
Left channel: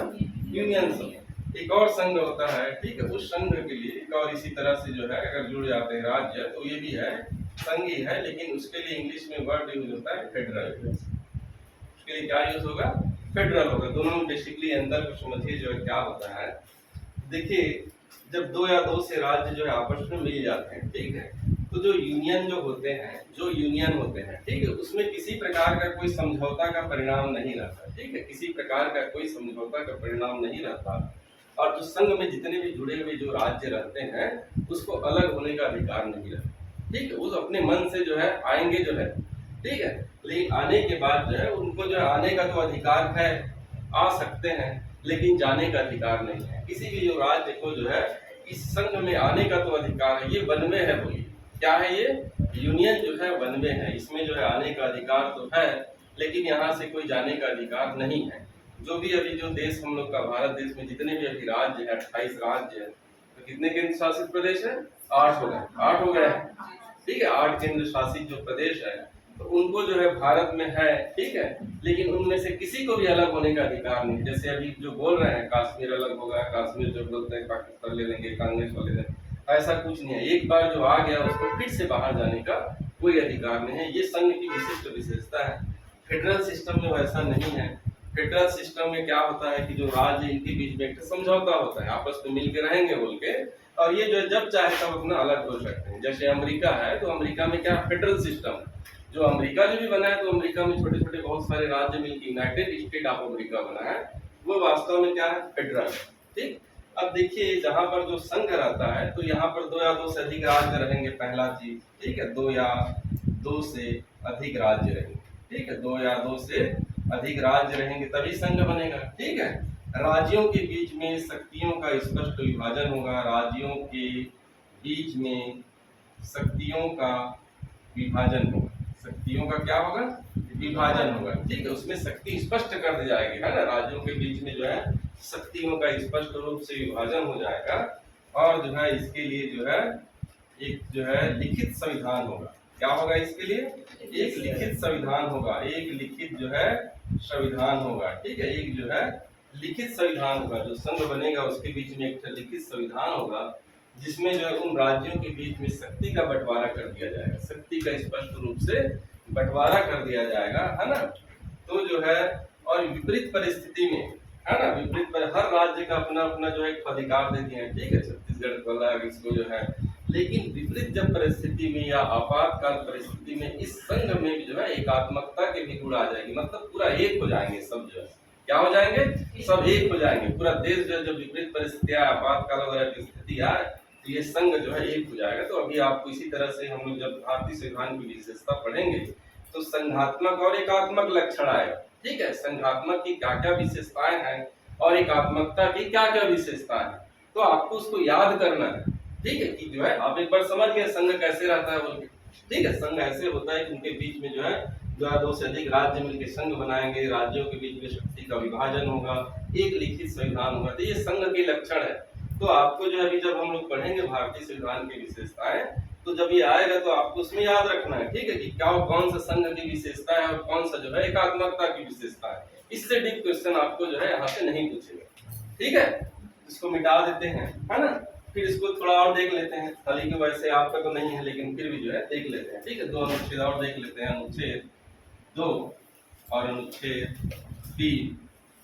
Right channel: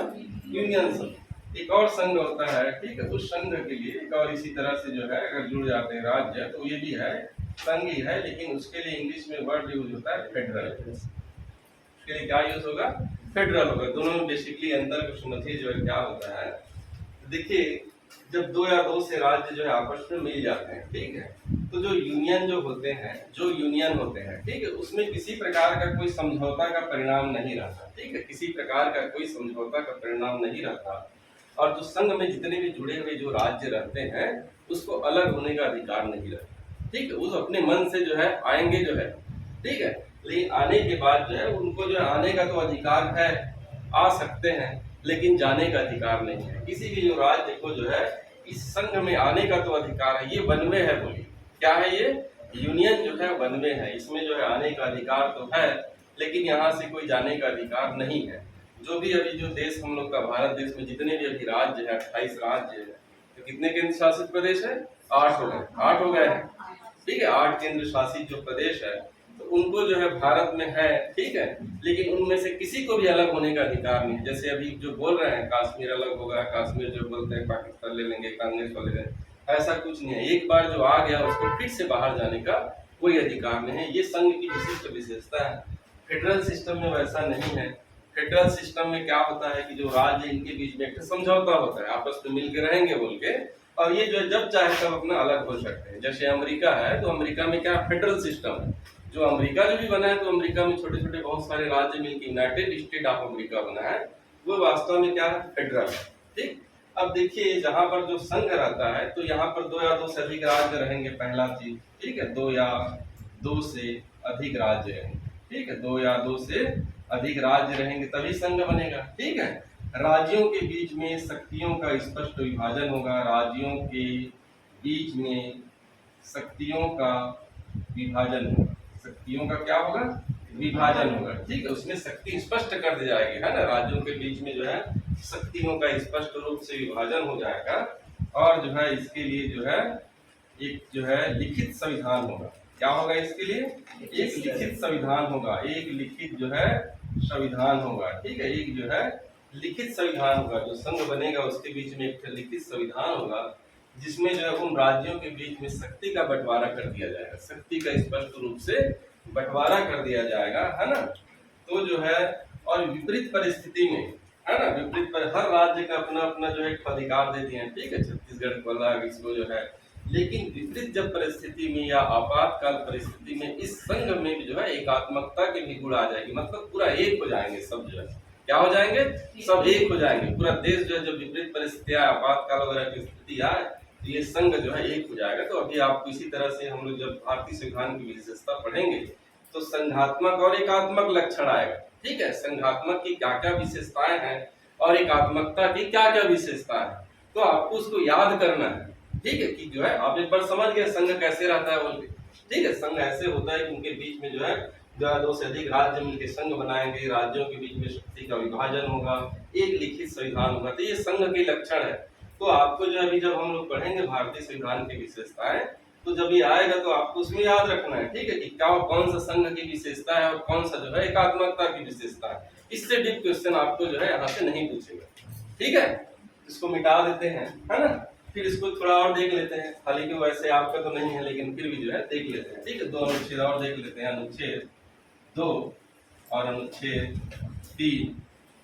यूनियन शब्द। एक और संघ होता है, ठीक है, उस संघ के लिए एक और इसी तरह से जो है अगर जुड़ जाते हैं राज्य तो ये भी है संघ ही है, लेकिन उसके लिए इंग्लिश में वर्ड यूज होता है फेडरल, उसके लिए क्या यूज होगा, फेडरल होगा। दोनों में बेसिकली अंतर को समझिए जो है क्या होता है। देखिए जब 2 या 2 से राज्य जो है आपस में मिल जाते हैं, ठीक है, तो जो यूनियन जो होते हैं, जो यूनियन होते हैं, ठीक है, उसमें किसी प्रकार का कोई समझौता का परिणाम नहीं रहता, ठीक है, किसी प्रकार का कोई समझौता का परिणाम नहीं रहता। और जो संघ में जितने भी जुड़े हुए जो राज्य रहते हैं उसको अलग होने का अधिकार नहीं रहता, ठीक है, उस अपने मन से जो है आएंगे जो है, ठीक है, लेकिन आने के बाद जो है उनको जो आने का तो अधिकार है, आ सकते हैं, लेकिन जाने का अधिकार नहीं है। किसी भी जो राज्य को जो है इस संघ में आने का तो अधिकार है, ये वन वे है, बोलिए क्या है ये, यूनियन जो है वन वे है, इसमें जो है आने का अधिकार तो है लेकिन यहाँ से कोई जाने का अधिकार नहीं है। जो भी अभी जो देश हम लोग का भारत देश में जितने भी अभी राज्य है, 28 राज्य है, तो कितने केंद्र शासित प्रदेश है, 8 हो गए, 8 हो गए हैं, ठीक है, 8 केंद्र शासित जो प्रदेश है तो उनको जो है भारत में है, ठीक है, लेकिन उनमें से किसी को भी अलग होने का अधिकार नहीं। जैसे अभी जो बोल रहे हैं कश्मीर अलग होगा, कश्मीर जो बोलते हैं पाकिस्तान ले लेंगे, कांग्रेस वाले लेंगे, ऐसा कुछ नहीं है। एक बार जो आ गया उसको फिर से बाहर जाने का कोई अधिकार नहीं है। ये संघ की विशिष्ट विशेषता है। फेडरल सिस्टम में वैसा नहीं है। फेडरल सिस्टम में क्या होता है कि जो राज्य इनके बीच में एक समझौता होता है, आपस में मिलके रहेंगे बोल के, और ये जो है जब चाहे तब अपना अलग हो सकते हैं। जैसे अमेरिका है, तो अमेरिका में क्या फेडरल सिस्टम है। जो अमेरिका जो भी बना है, तो अमेरिका में छोटे छोटे बहुत सारे राज्य मिलकर यूनाइटेड स्टेट ऑफ अमेरिका बना है, वो वास्तव में क्या है, फेडरल। ठीक। अब देखिए जहां पर जो संघ रहता है, तो यहाँ पर दो या दो से अधिक राज्य रहेंगे, पहला चीज। ठीक है, दो या दो से अधिक राज्य रहेंगे। ठीक है, दो या दो से अधिक राज्य रहेंगे तभी संघ बनेगा। ठीक है, राज्यों के बीच में शक्तियों का स्पष्ट विभाजन होगा। राज्यों के बीच में शक्तियों का विभाजन होगा। शक्तियों का क्या होगा, विभाजन होगा। ठीक है, उसमें शक्ति स्पष्ट कर दी जाएगी, है ना। राज्यों के बीच में जो है शक्तियों का स्पष्ट रूप से विभाजन हो जाएगा, और जो है इसके लिए जो है एक जो है लिखित संविधान होगा। क्या होगा इसके लिए, एक लिखित संविधान होगा। एक लिखित जो है संविधान होगा। ठीक है, एक जो है लिखित संविधान होगा। जो संघ बनेगा उसके बीच में एक लिखित संविधान होगा, जिसमें जो है उन राज्यों के बीच में शक्ति का बंटवारा कर दिया जाएगा। शक्ति का स्पष्ट रूप से बंटवारा कर दिया जाएगा, है ना। तो जो है, और विपरीत परिस्थिति में, है ना, विपरीत पर हर राज्य का अपना अपना जो है अधिकार दे दिए हैं। ठीक है, छत्तीसगढ़ को अलग, इसको जो है, लेकिन विपरीत जब परिस्थिति में या आपातकाल परिस्थिति में इस संघ में भी जो है एकात्मकता के भी गुण आ जाएगी। मतलब पूरा एक हो जाएंगे सब, जो है क्या हो जाएंगे, सब एक हो जाएंगे। पूरा देश जो है जब विपरीत परिस्थितियां, आपातकाल वगैरह की स्थिति आए, तो ये संघ जो है एक हो जाएगा। तो अभी आपको इसी तरह से हम लोग जब भारतीय संविधान की विशेषता पढ़ेंगे, तो संघात्मक और एकात्मक लक्षण आएगा। ठीक है, संघात्मक की क्या क्या विशेषताएं हैं और एकात्मकता की क्या क्या विशेषताएं हैं, तो आपको उसको याद करना है। ठीक है, कि जो है आप एक बार समझ गए संघ कैसे रहता है बोल के। ठीक है, संघ ऐसे होता है कि उनके बीच में जो है दो या दो से अधिक राज्य मिलकर संघ बनाएंगे। राज्यों के बीच में शक्ति का विभाजन होगा, एक लिखित संविधान होगा। तो ये संघ के लक्षण है। तो आपको जो अभी जब हम लोग पढ़ेंगे भारतीय संविधान की विशेषताएं, तो जब ये आएगा तो आपको उसमें याद रखना है। ठीक है, कि क्या कौन सा संघ की विशेषता है और कौन सा जो है एकात्मकता की विशेषता है। इससे डीप क्वेश्चन आपको जो है यहाँ से नहीं पूछेगा। ठीक है, इसको मिटा देते हैं, है ना। फिर इसको थोड़ा और देख लेते हैं, हालांकि वैसे आपका तो नहीं है, लेकिन फिर भी जो है देख लेते हैं। ठीक है, दो अनुच्छेद और देख लेते हैं, अनुच्छेद 2 और अनुच्छेद 3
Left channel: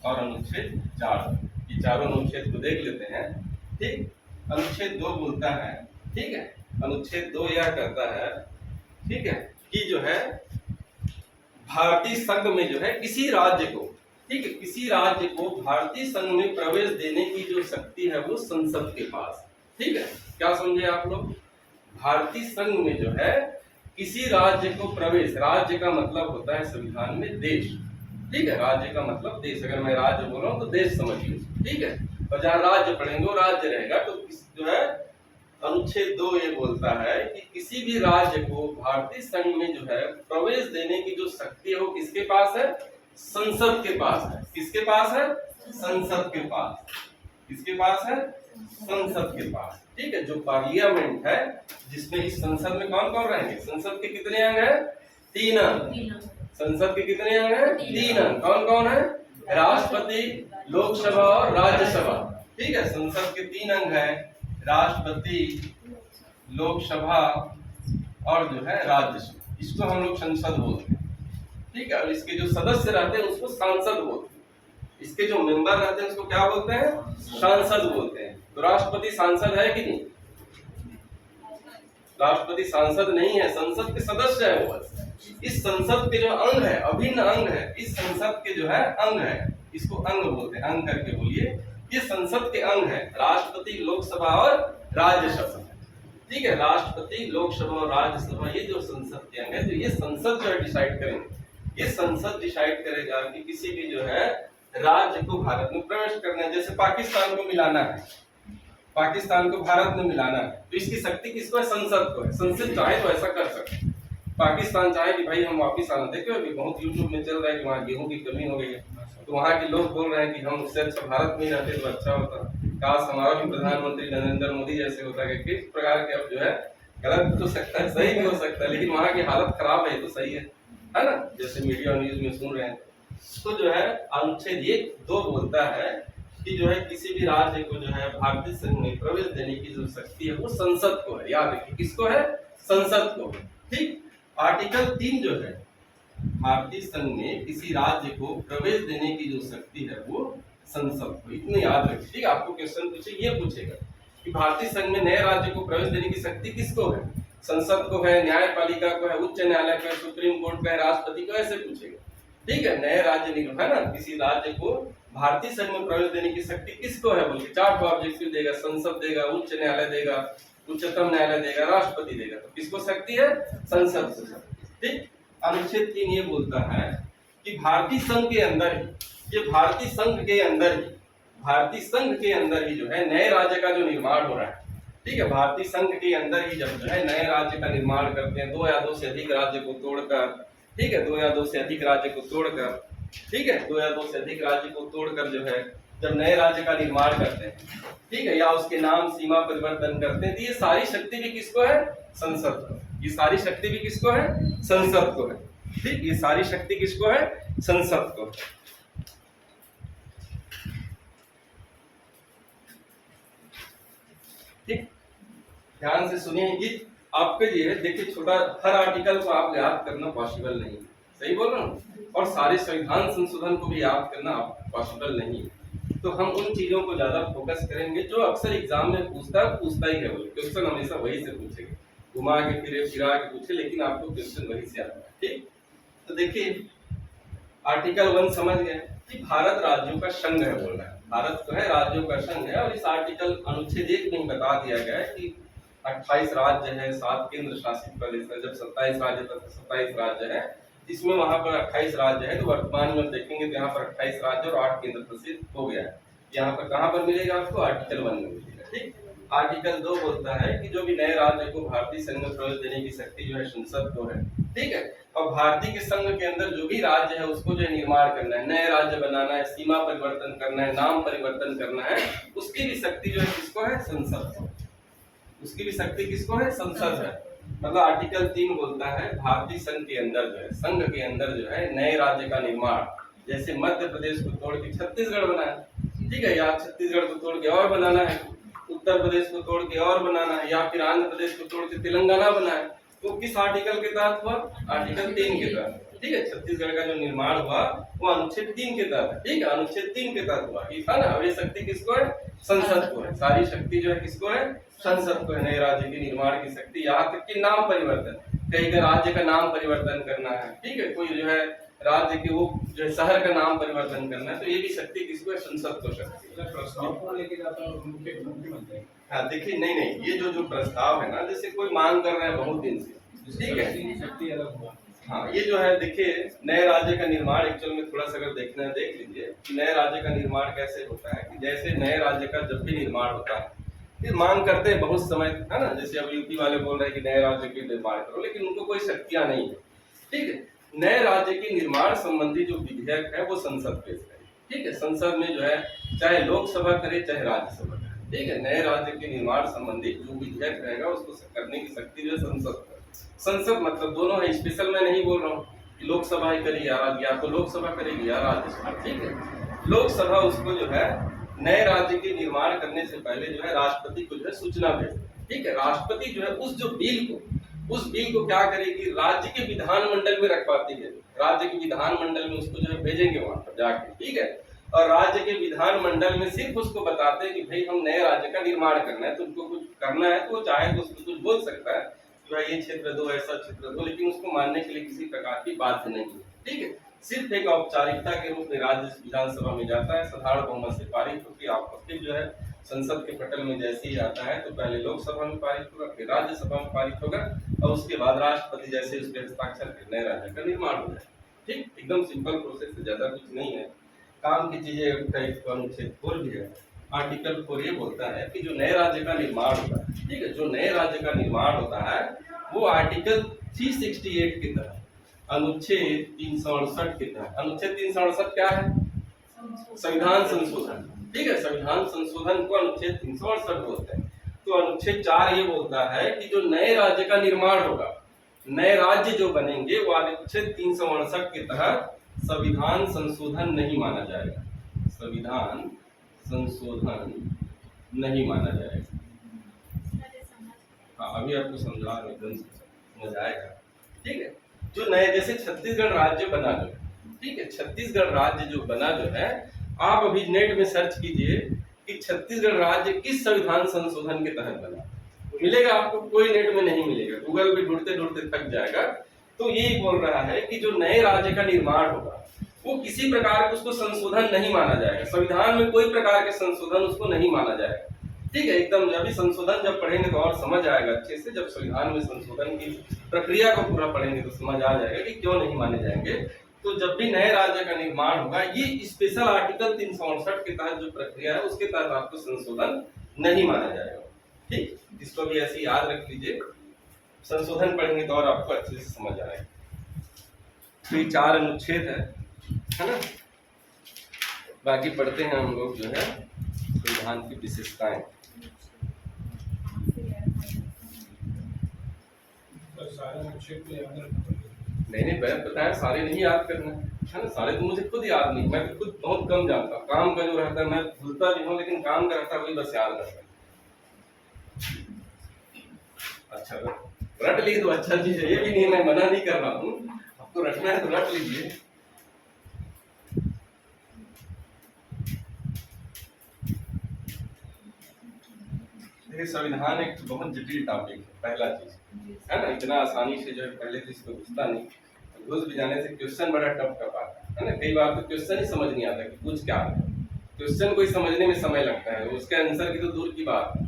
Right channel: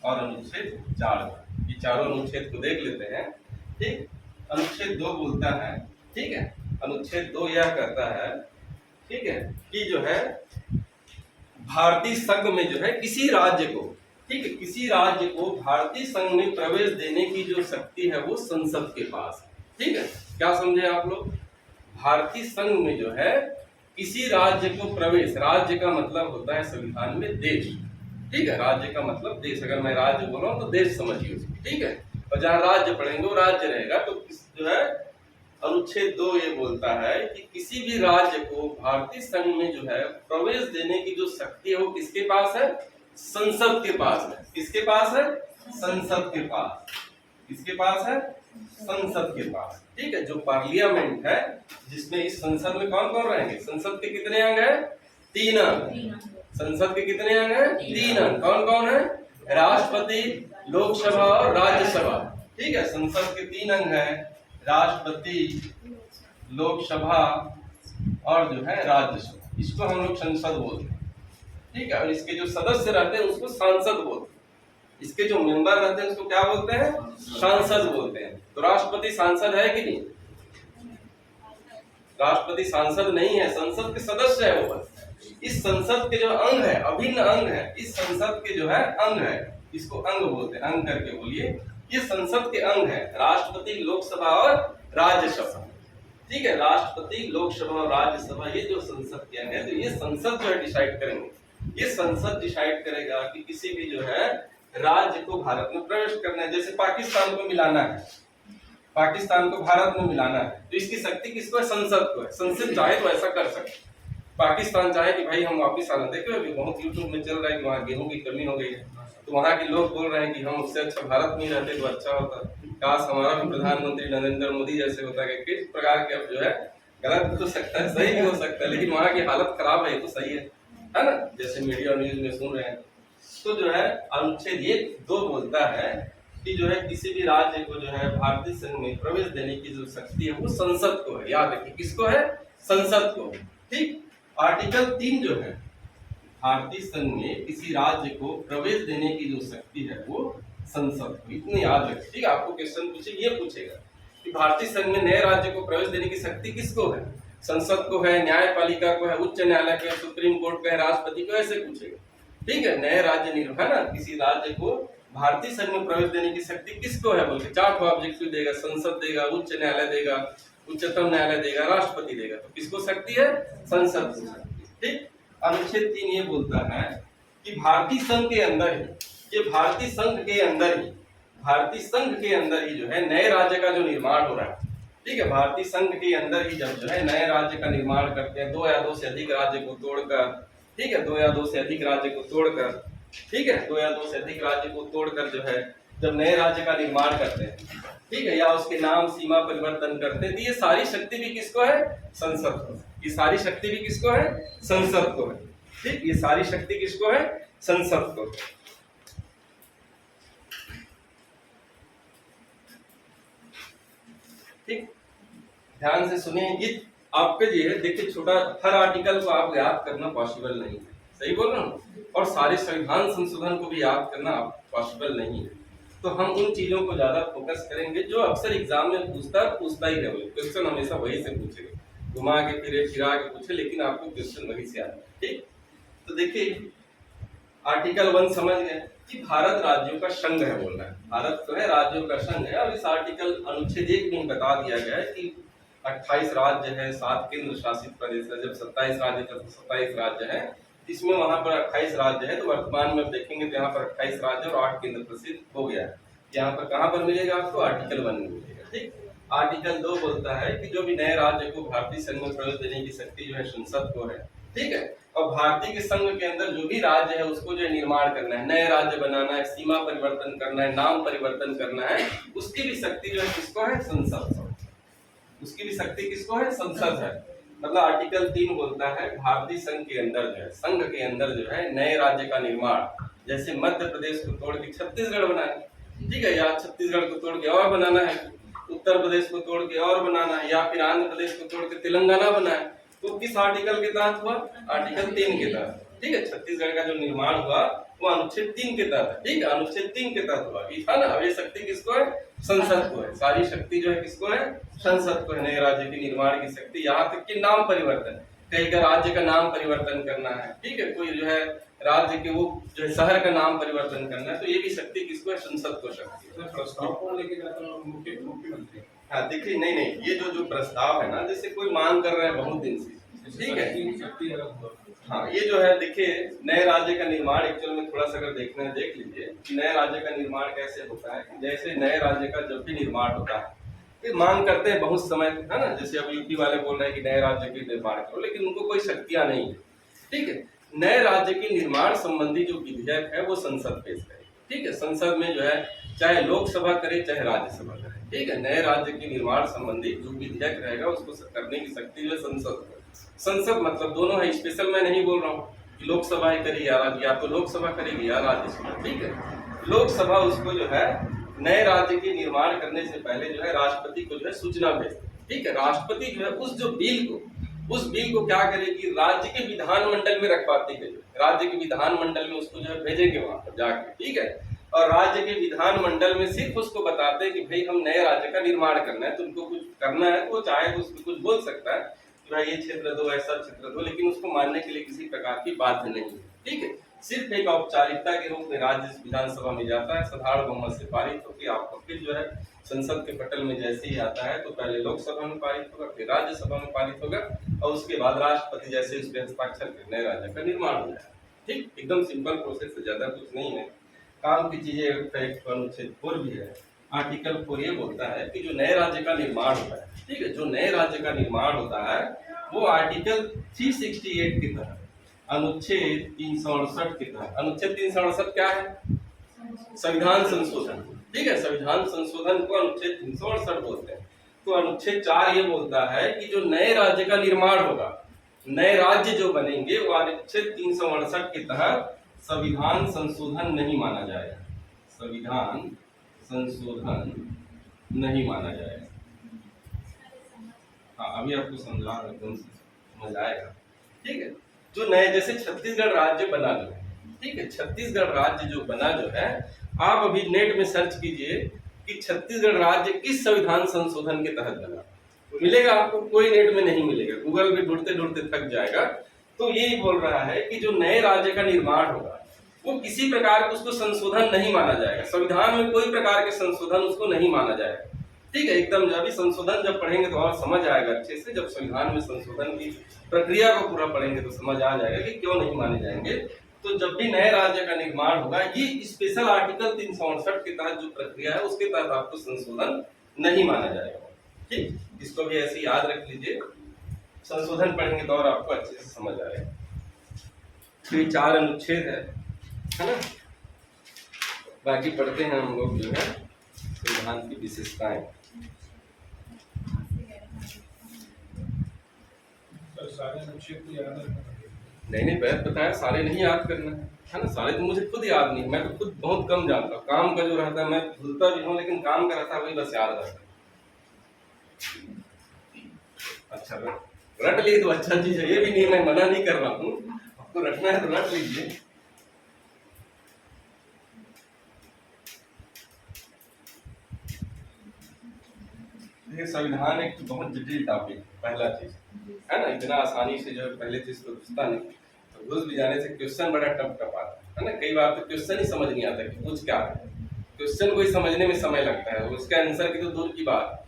और अनुच्छेद 4। ये चारों अनुच्छेद को देख लेते हैं। ठीक, अनुच्छेद 2 बोलता है, ठीक है, अनुच्छेद 2 यह कहता है, ठीक है, कि जो है भारतीय संघ में जो है किसी राज्य को, ठीक है, किसी राज्य को भारतीय संघ में प्रवेश देने की जो शक्ति है वो संसद के पास। ठीक है, क्या समझे आप लोग, भारतीय संघ में जो है किसी राज्य को प्रवेश, राज्य का मतलब होता है संविधान में देश। ठीक है, राज्य का मतलब देश, अगर मैं राज्य बोल रहा हूँ तो देश समझिए। ठीक है, और जहाँ राज्य पढ़ेंगे वो राज्य रहेगा। तो जो है अनुच्छेद 2 ये बोलता है कि किसी भी राज्य को भारतीय संघ में जो है प्रवेश देने की जो शक्ति है वो किसके पास है, संसद के पास है। किसके पास है, संसद के पास। किसके पास है, संसद के पास। ठीक है, जो पार्लियामेंट है, जिसमें इस संसद में कौन कौन रहेंगे, संसद के कितने अंग है, 3 अंग। संसद के कितने अंग है, 3 अंग। कौन कौन है, राष्ट्रपति, लोकसभा और राज्यसभा। ठीक है, संसद के 3 अंग है, राष्ट्रपति, लोकसभा और जो है राज्यसभा। इसको हम लोग संसद बोलते हैं। ठीक है, और इसके जो सदस्य रहते हैं उसको सांसद बोलते हैं। इसके जो मेंबर रहते हैं उसको क्या बोलते हैं, सांसद बोलते हैं। तो राष्ट्रपति सांसद है कि नहीं, राष्ट्रपति सांसद नहीं है, संसद के सदस्य है वो बस। इस संसद के जो अंग है, अभिन्न अंग है, इस संसद के जो है अंग है, इसको अंग बोलते हैं। अंग करके बोलिए, ये संसद के अंग है, राष्ट्रपति, लोकसभा और राज्यसभा। ठीक है, राष्ट्रपति, लोकसभा और राज्यसभा, ये जो संसद के अंग है। तो ये संसद जो है डिसाइड करेंगे, ये संसद डिसाइड करेगा कि किसी भी जो है राज्य को भारत में प्रवेश करना है। जैसे पाकिस्तान को मिलाना है, पाकिस्तान को भारत में मिलाना है, तो इसकी शक्ति किसको है, संसद को है। संसद चाहे तो ऐसा कर सकते हैं। पाकिस्तान चाहे कि भाई हम वापिस आना, देखो अभी बहुत यूट्यूब में चल रहा है कि वहाँ गेहूं की कमी हो गई है, तो वहाँ के लोग बोल रहे हैं कि हम उससे अच्छा भारत में ही रहते तो अच्छा होता, काश हमारा भी प्रधानमंत्री नरेंद्र मोदी जैसे होता। किस प्रकार के अब जो है गलत हो सकता है, सही भी हो सकता है, लेकिन वहाँ की हालत खराब है तो सही है ना, जैसे मीडिया न्यूज में सुन रहे हैं। तो जो है अनुच्छेद 2 बोलता है कि जो है किसी भी राज्य को जो है भारतीय संघ में प्रवेश देने की जो शक्ति है वो संसद को है। याद रखिए, किसको है, संसद को। ठीक, आर्टिकल 3 जो है भारतीय संघ में किसी राज्य को प्रवेश देने की जो शक्ति है वो संसद को, इतने याद रखिए। ठीक है, आपको क्वेश्चन पूछे ये पूछेगा कि भारतीय संघ में नए राज्य को प्रवेश देने की शक्ति किसको है, संसद को है, न्यायपालिका को है, उच्च न्यायालय को है, सुप्रीम कोर्ट को है, राष्ट्रपति को, ऐसे पूछेगा। ठीक है, नए राज्य निर्माण ना, किसी राज्य को भारतीय संघ में प्रवेश देने की शक्ति किसको है बोल के 4 ऑब्जेक्टिव देगा, संसद देगा, उच्च न्यायालय देगा, उच्चतम न्यायालय देगा, राष्ट्रपति देगा। तो किसको शक्ति है, संसद को शक्ति। ठीक, अनुच्छेद 3 ये बोलता है कि भारतीय संघ के अंदर ही, ये भारतीय संघ के अंदर ही, भारतीय संघ के अंदर ही जो है नए राज्य का जो निर्माण हो रहा है। ठीक है, भारतीय संघ के अंदर ही जब जो है नए राज्य का निर्माण करते हैं, 2 या 2 से अधिक राज्य को तोड़कर, ठीक है, 2 या 2 से अधिक राज्य को तोड़कर, ठीक है, 2 या 2 से अधिक राज्य को तोड़कर जो है जब नए राज्य का निर्माण करते हैं, ठीक है, या उसके नाम सीमा परिवर्तन करते हैं, तो ये सारी शक्ति भी किसको है, संसद को। ये सारी शक्ति भी किसको है, संसद को है। ठीक, ये सारी शक्ति किसको है, संसद को। ठीक, ध्यान से सुनिए, ये आपके लिए देखिए छोटा, हर आर्टिकल को आप याद करना पॉसिबल नहीं है, सही बोल रहा हूँ, और सारे संविधान संशोधन को भी याद करना पॉसिबल नहीं है। तो हम उन चीजों को ज्यादा फोकस करेंगे जो अक्सर एग्जाम में पूछता ही है, क्वेश्चन हमेशा वही से पूछेगा, घुमा के फिरे फिरा के पूछे, लेकिन आपको क्वेश्चन वही से आता है। ठीक, तो देखिए आर्टिकल 1 समझ गए कि भारत राज्यों का संघ है, बोल रहा है भारत तो है राज्यों का संघ है, और इस आर्टिकल अनुच्छेद 1 में बता दिया गया है कि 28 राज्य है, 7 केंद्र शासित प्रदेश है, जब 27 राज्य तक 27 राज्य है, जिसमें वहां पर 28 राज्य है, तो वर्तमान में देखेंगे तो यहाँ पर 28 राज्य और 8 केंद्र शासित हो गया है। यहाँ पर कहाँ पर मिलेगा आपको, आर्टिकल 1 में मिलेगा। ठीक, आर्टिकल 2 बोलता है कि जो भी नए राज्य को भारतीय संघ में प्रवेश देने की शक्ति जो है संसद को है। ठीक है, और भारतीय के संघ के अंदर जो भी राज्य है उसको जो निर्माण करना है, नए राज्य बनाना है, सीमा परिवर्तन करना है, नाम परिवर्तन करना है, उसकी भी शक्ति जो है किसको है, संसद को। उसकी भी शक्ति किसको है, संसद है। मतलब आर्टिकल 3 बोलता है भारतीय संघ के अंदर जो है, संघ के अंदर जो है नए राज्य का निर्माण, जैसे मध्य प्रदेश को तोड़ के छत्तीसगढ़ बनाना, ठीक है, या छत्तीसगढ़ को तोड़ के और बनाना है, उत्तर प्रदेश को तोड़ के और बनाना है, या फिर आंध्र प्रदेश को तोड़ के तेलंगाना बनाए, तो किस आर्टिकल के तहत हुआ, आर्टिकल 3 के तहत। ठीक है, छत्तीसगढ़ का जो निर्माण हुआ वो अनुच्छेद 3 के तहत। ठीक है, अनुच्छेद 3 के तहत हुआ, ये था ना। अब ये शक्ति किसको है, संसद को है। सारी शक्ति जो है किसको है, संसद को है, नए राज्य के निर्माण की शक्ति। यहाँ तक कि नाम परिवर्तन, कहीं का राज्य का नाम परिवर्तन करना है, ठीक है, कोई जो है राज्य के वो जो है शहर का नाम परिवर्तन करना है, तो ये भी शक्ति किसको है, संसद को शक्ति। प्रस्ताव कौन लेके जाता है, मुख्यमंत्री। हाँ देखिए, नहीं ये जो प्रस्ताव है ना, जैसे कोई मांग कर रहा है बहुत दिन से, ठीक है, शक्ति अलग हुआ। हाँ, ये जो है देखिए नए राज्य का निर्माण एक्चुअल में थोड़ा सा अगर देखना है देख लीजिए कि नए राज्य का निर्माण कैसे होता है। कि जैसे नए राज्य का जब भी निर्माण होता है फिर मांग करते हैं बहुत समय, है ना। जैसे अब यूपी वाले बोल रहे हैं कि नए राज्य के निर्माण करो, लेकिन उनको कोई शक्तियां नहीं है। ठीक है, नए राज्य के निर्माण संबंधी जो विधेयक है वो संसद पेश करे। ठीक है, संसद में जो है चाहे लोकसभा करे चाहे राज्यसभा करे। ठीक है, नए राज्य के निर्माण संबंधी जो विधेयक रहेगा उसको करने की शक्ति जो है संसद है। संसद मतलब दोनों है, स्पेशल मैं नहीं बोल रहा हूँ कि लोकसभा ही करेगी या तो लोकसभा करेगी या राज्यसभा। ठीक है, लोकसभा उसको जो है नए राज्य के निर्माण करने से पहले जो है राष्ट्रपति को जो है सूचना भेजती। ठीक है, राष्ट्रपति जो है उस बिल को क्या करेगी, राज्य के विधानमंडल में रखवाती है। राज्य के विधानमंडल में उसको जो है भेजेंगे वहां पर जाके। ठीक है, और राज्य के विधानमंडल में सिर्फ उसको बताते हैं कि भाई हम नए राज्य का निर्माण करना है, तुमको कुछ करना है तो चाहे तो उसको कुछ बोल सकता है कि भाई ये क्षेत्र दो, ऐसा क्षेत्र दो, लेकिन उसको मानने के लिए किसी प्रकार की बाध्य नहीं है। ठीक है, सिर्फ एक औपचारिकता के रूप में राज्य विधानसभा में जाता है, साधारण बहुमत से पारित होकर आपको फिर जो है संसद के पटल में जैसे ही आता है तो पहले लोकसभा में पारित होगा, फिर राज्यसभा में पारित होगा, और उसके बाद राष्ट्रपति जैसे उसके हस्ताक्षर कर नए राज्य का निर्माण हो जाए। ठीक, एकदम सिंपल प्रोसेस है, ज्यादा कुछ नहीं है। काम की चीजें अनुच्छेद 4 भी है। आर्टिकल 4 ये बोलता है कि जो नए राज्य का निर्माण होता है, ठीक है, जो नए राज्य का निर्माण होता है वो आर्टिकल 368 के तहत, अनुच्छेद 368 के तहत। अनुच्छेद 368 क्या है, संविधान संशोधन। ठीक है, संविधान संशोधन को अनुच्छेद 368 बोलते हैं। तो अनुच्छेद 4 ये बोलता है कि जो नए राज्य का निर्माण होगा, नए राज्य जो बनेंगे वो अनुच्छेद 368 के तहत संविधान संशोधन नहीं माना जाएगा, संविधान संशोधन नहीं माना जाएगा। हाँ, अभी आपको समझा एकदम समझ आएगा। ठीक है, जो नए, जैसे छत्तीसगढ़ राज्य बना जो है, ठीक है, छत्तीसगढ़ राज्य जो बना जो है, आप अभी नेट में सर्च कीजिए कि छत्तीसगढ़ राज्य किस संविधान संशोधन के तहत बना, मिलेगा आपको? कोई नेट में नहीं मिलेगा, गूगल पे ढूंढते ढूंढते थक जाएगा। तो यही बोल रहा है कि जो नए राज्य का निर्माण होगा वो किसी प्रकार का उसको संशोधन नहीं माना जाएगा, संविधान में कोई प्रकार के संशोधन उसको नहीं माना जाएगा, ठीक है, एकदम। जब भी संशोधन जब पढ़ेंगे तो और समझ आएगा अच्छे से, जब संविधान में संशोधन की प्रक्रिया को पूरा पढ़ेंगे तो समझ आ जाएगा कि क्यों नहीं माने जाएंगे। तो जब भी नए राज्य का निर्माण होगा, ये स्पेशल आर्टिकल 368 के तहत जो प्रक्रिया है उसके तहत आपको संशोधन नहीं माना जाएगा, ठीक। इसको भी ऐसे याद रख लीजिए, संशोधन पढ़ेंगे तो और आपको अच्छे से समझ आएगा। तो ये 4 अनुच्छेद है ना। बाकी पढ़ते हैं हम लोग जो है संविधान की विशेषताएं। सर सारे अनुच्छेद को याद रखना पड़ेगा। नहीं मैं बताया, सारे नहीं याद करना है ना, सारे तो मुझे खुद याद नहीं, मैं तो खुद बहुत कम जानता हूँ। काम का जो रहता है मैं भूलता भी हूँ, लेकिन काम का रहता है वही बस याद रहता है। अच्छा रट लिए तो अच्छा चीज है, ये भी नहीं, मैं मना नहीं कर रहा हूँ, आपको रटना है तो रट लीजिए। देखिए संविधान एक बहुत जटिल टॉपिक है, पहला चीज है ना, इतना आसानी से जो है पहले चीज को घुसता नहीं, तो घुस भी जाने से क्वेश्चन बड़ा टफ टफ आता है ना। कई बार तो क्वेश्चन ही समझ नहीं आता कि पूछ क्या रहा है, क्वेश्चन को ही समझने में समय लगता है, उसके आंसर की तो दूर की बात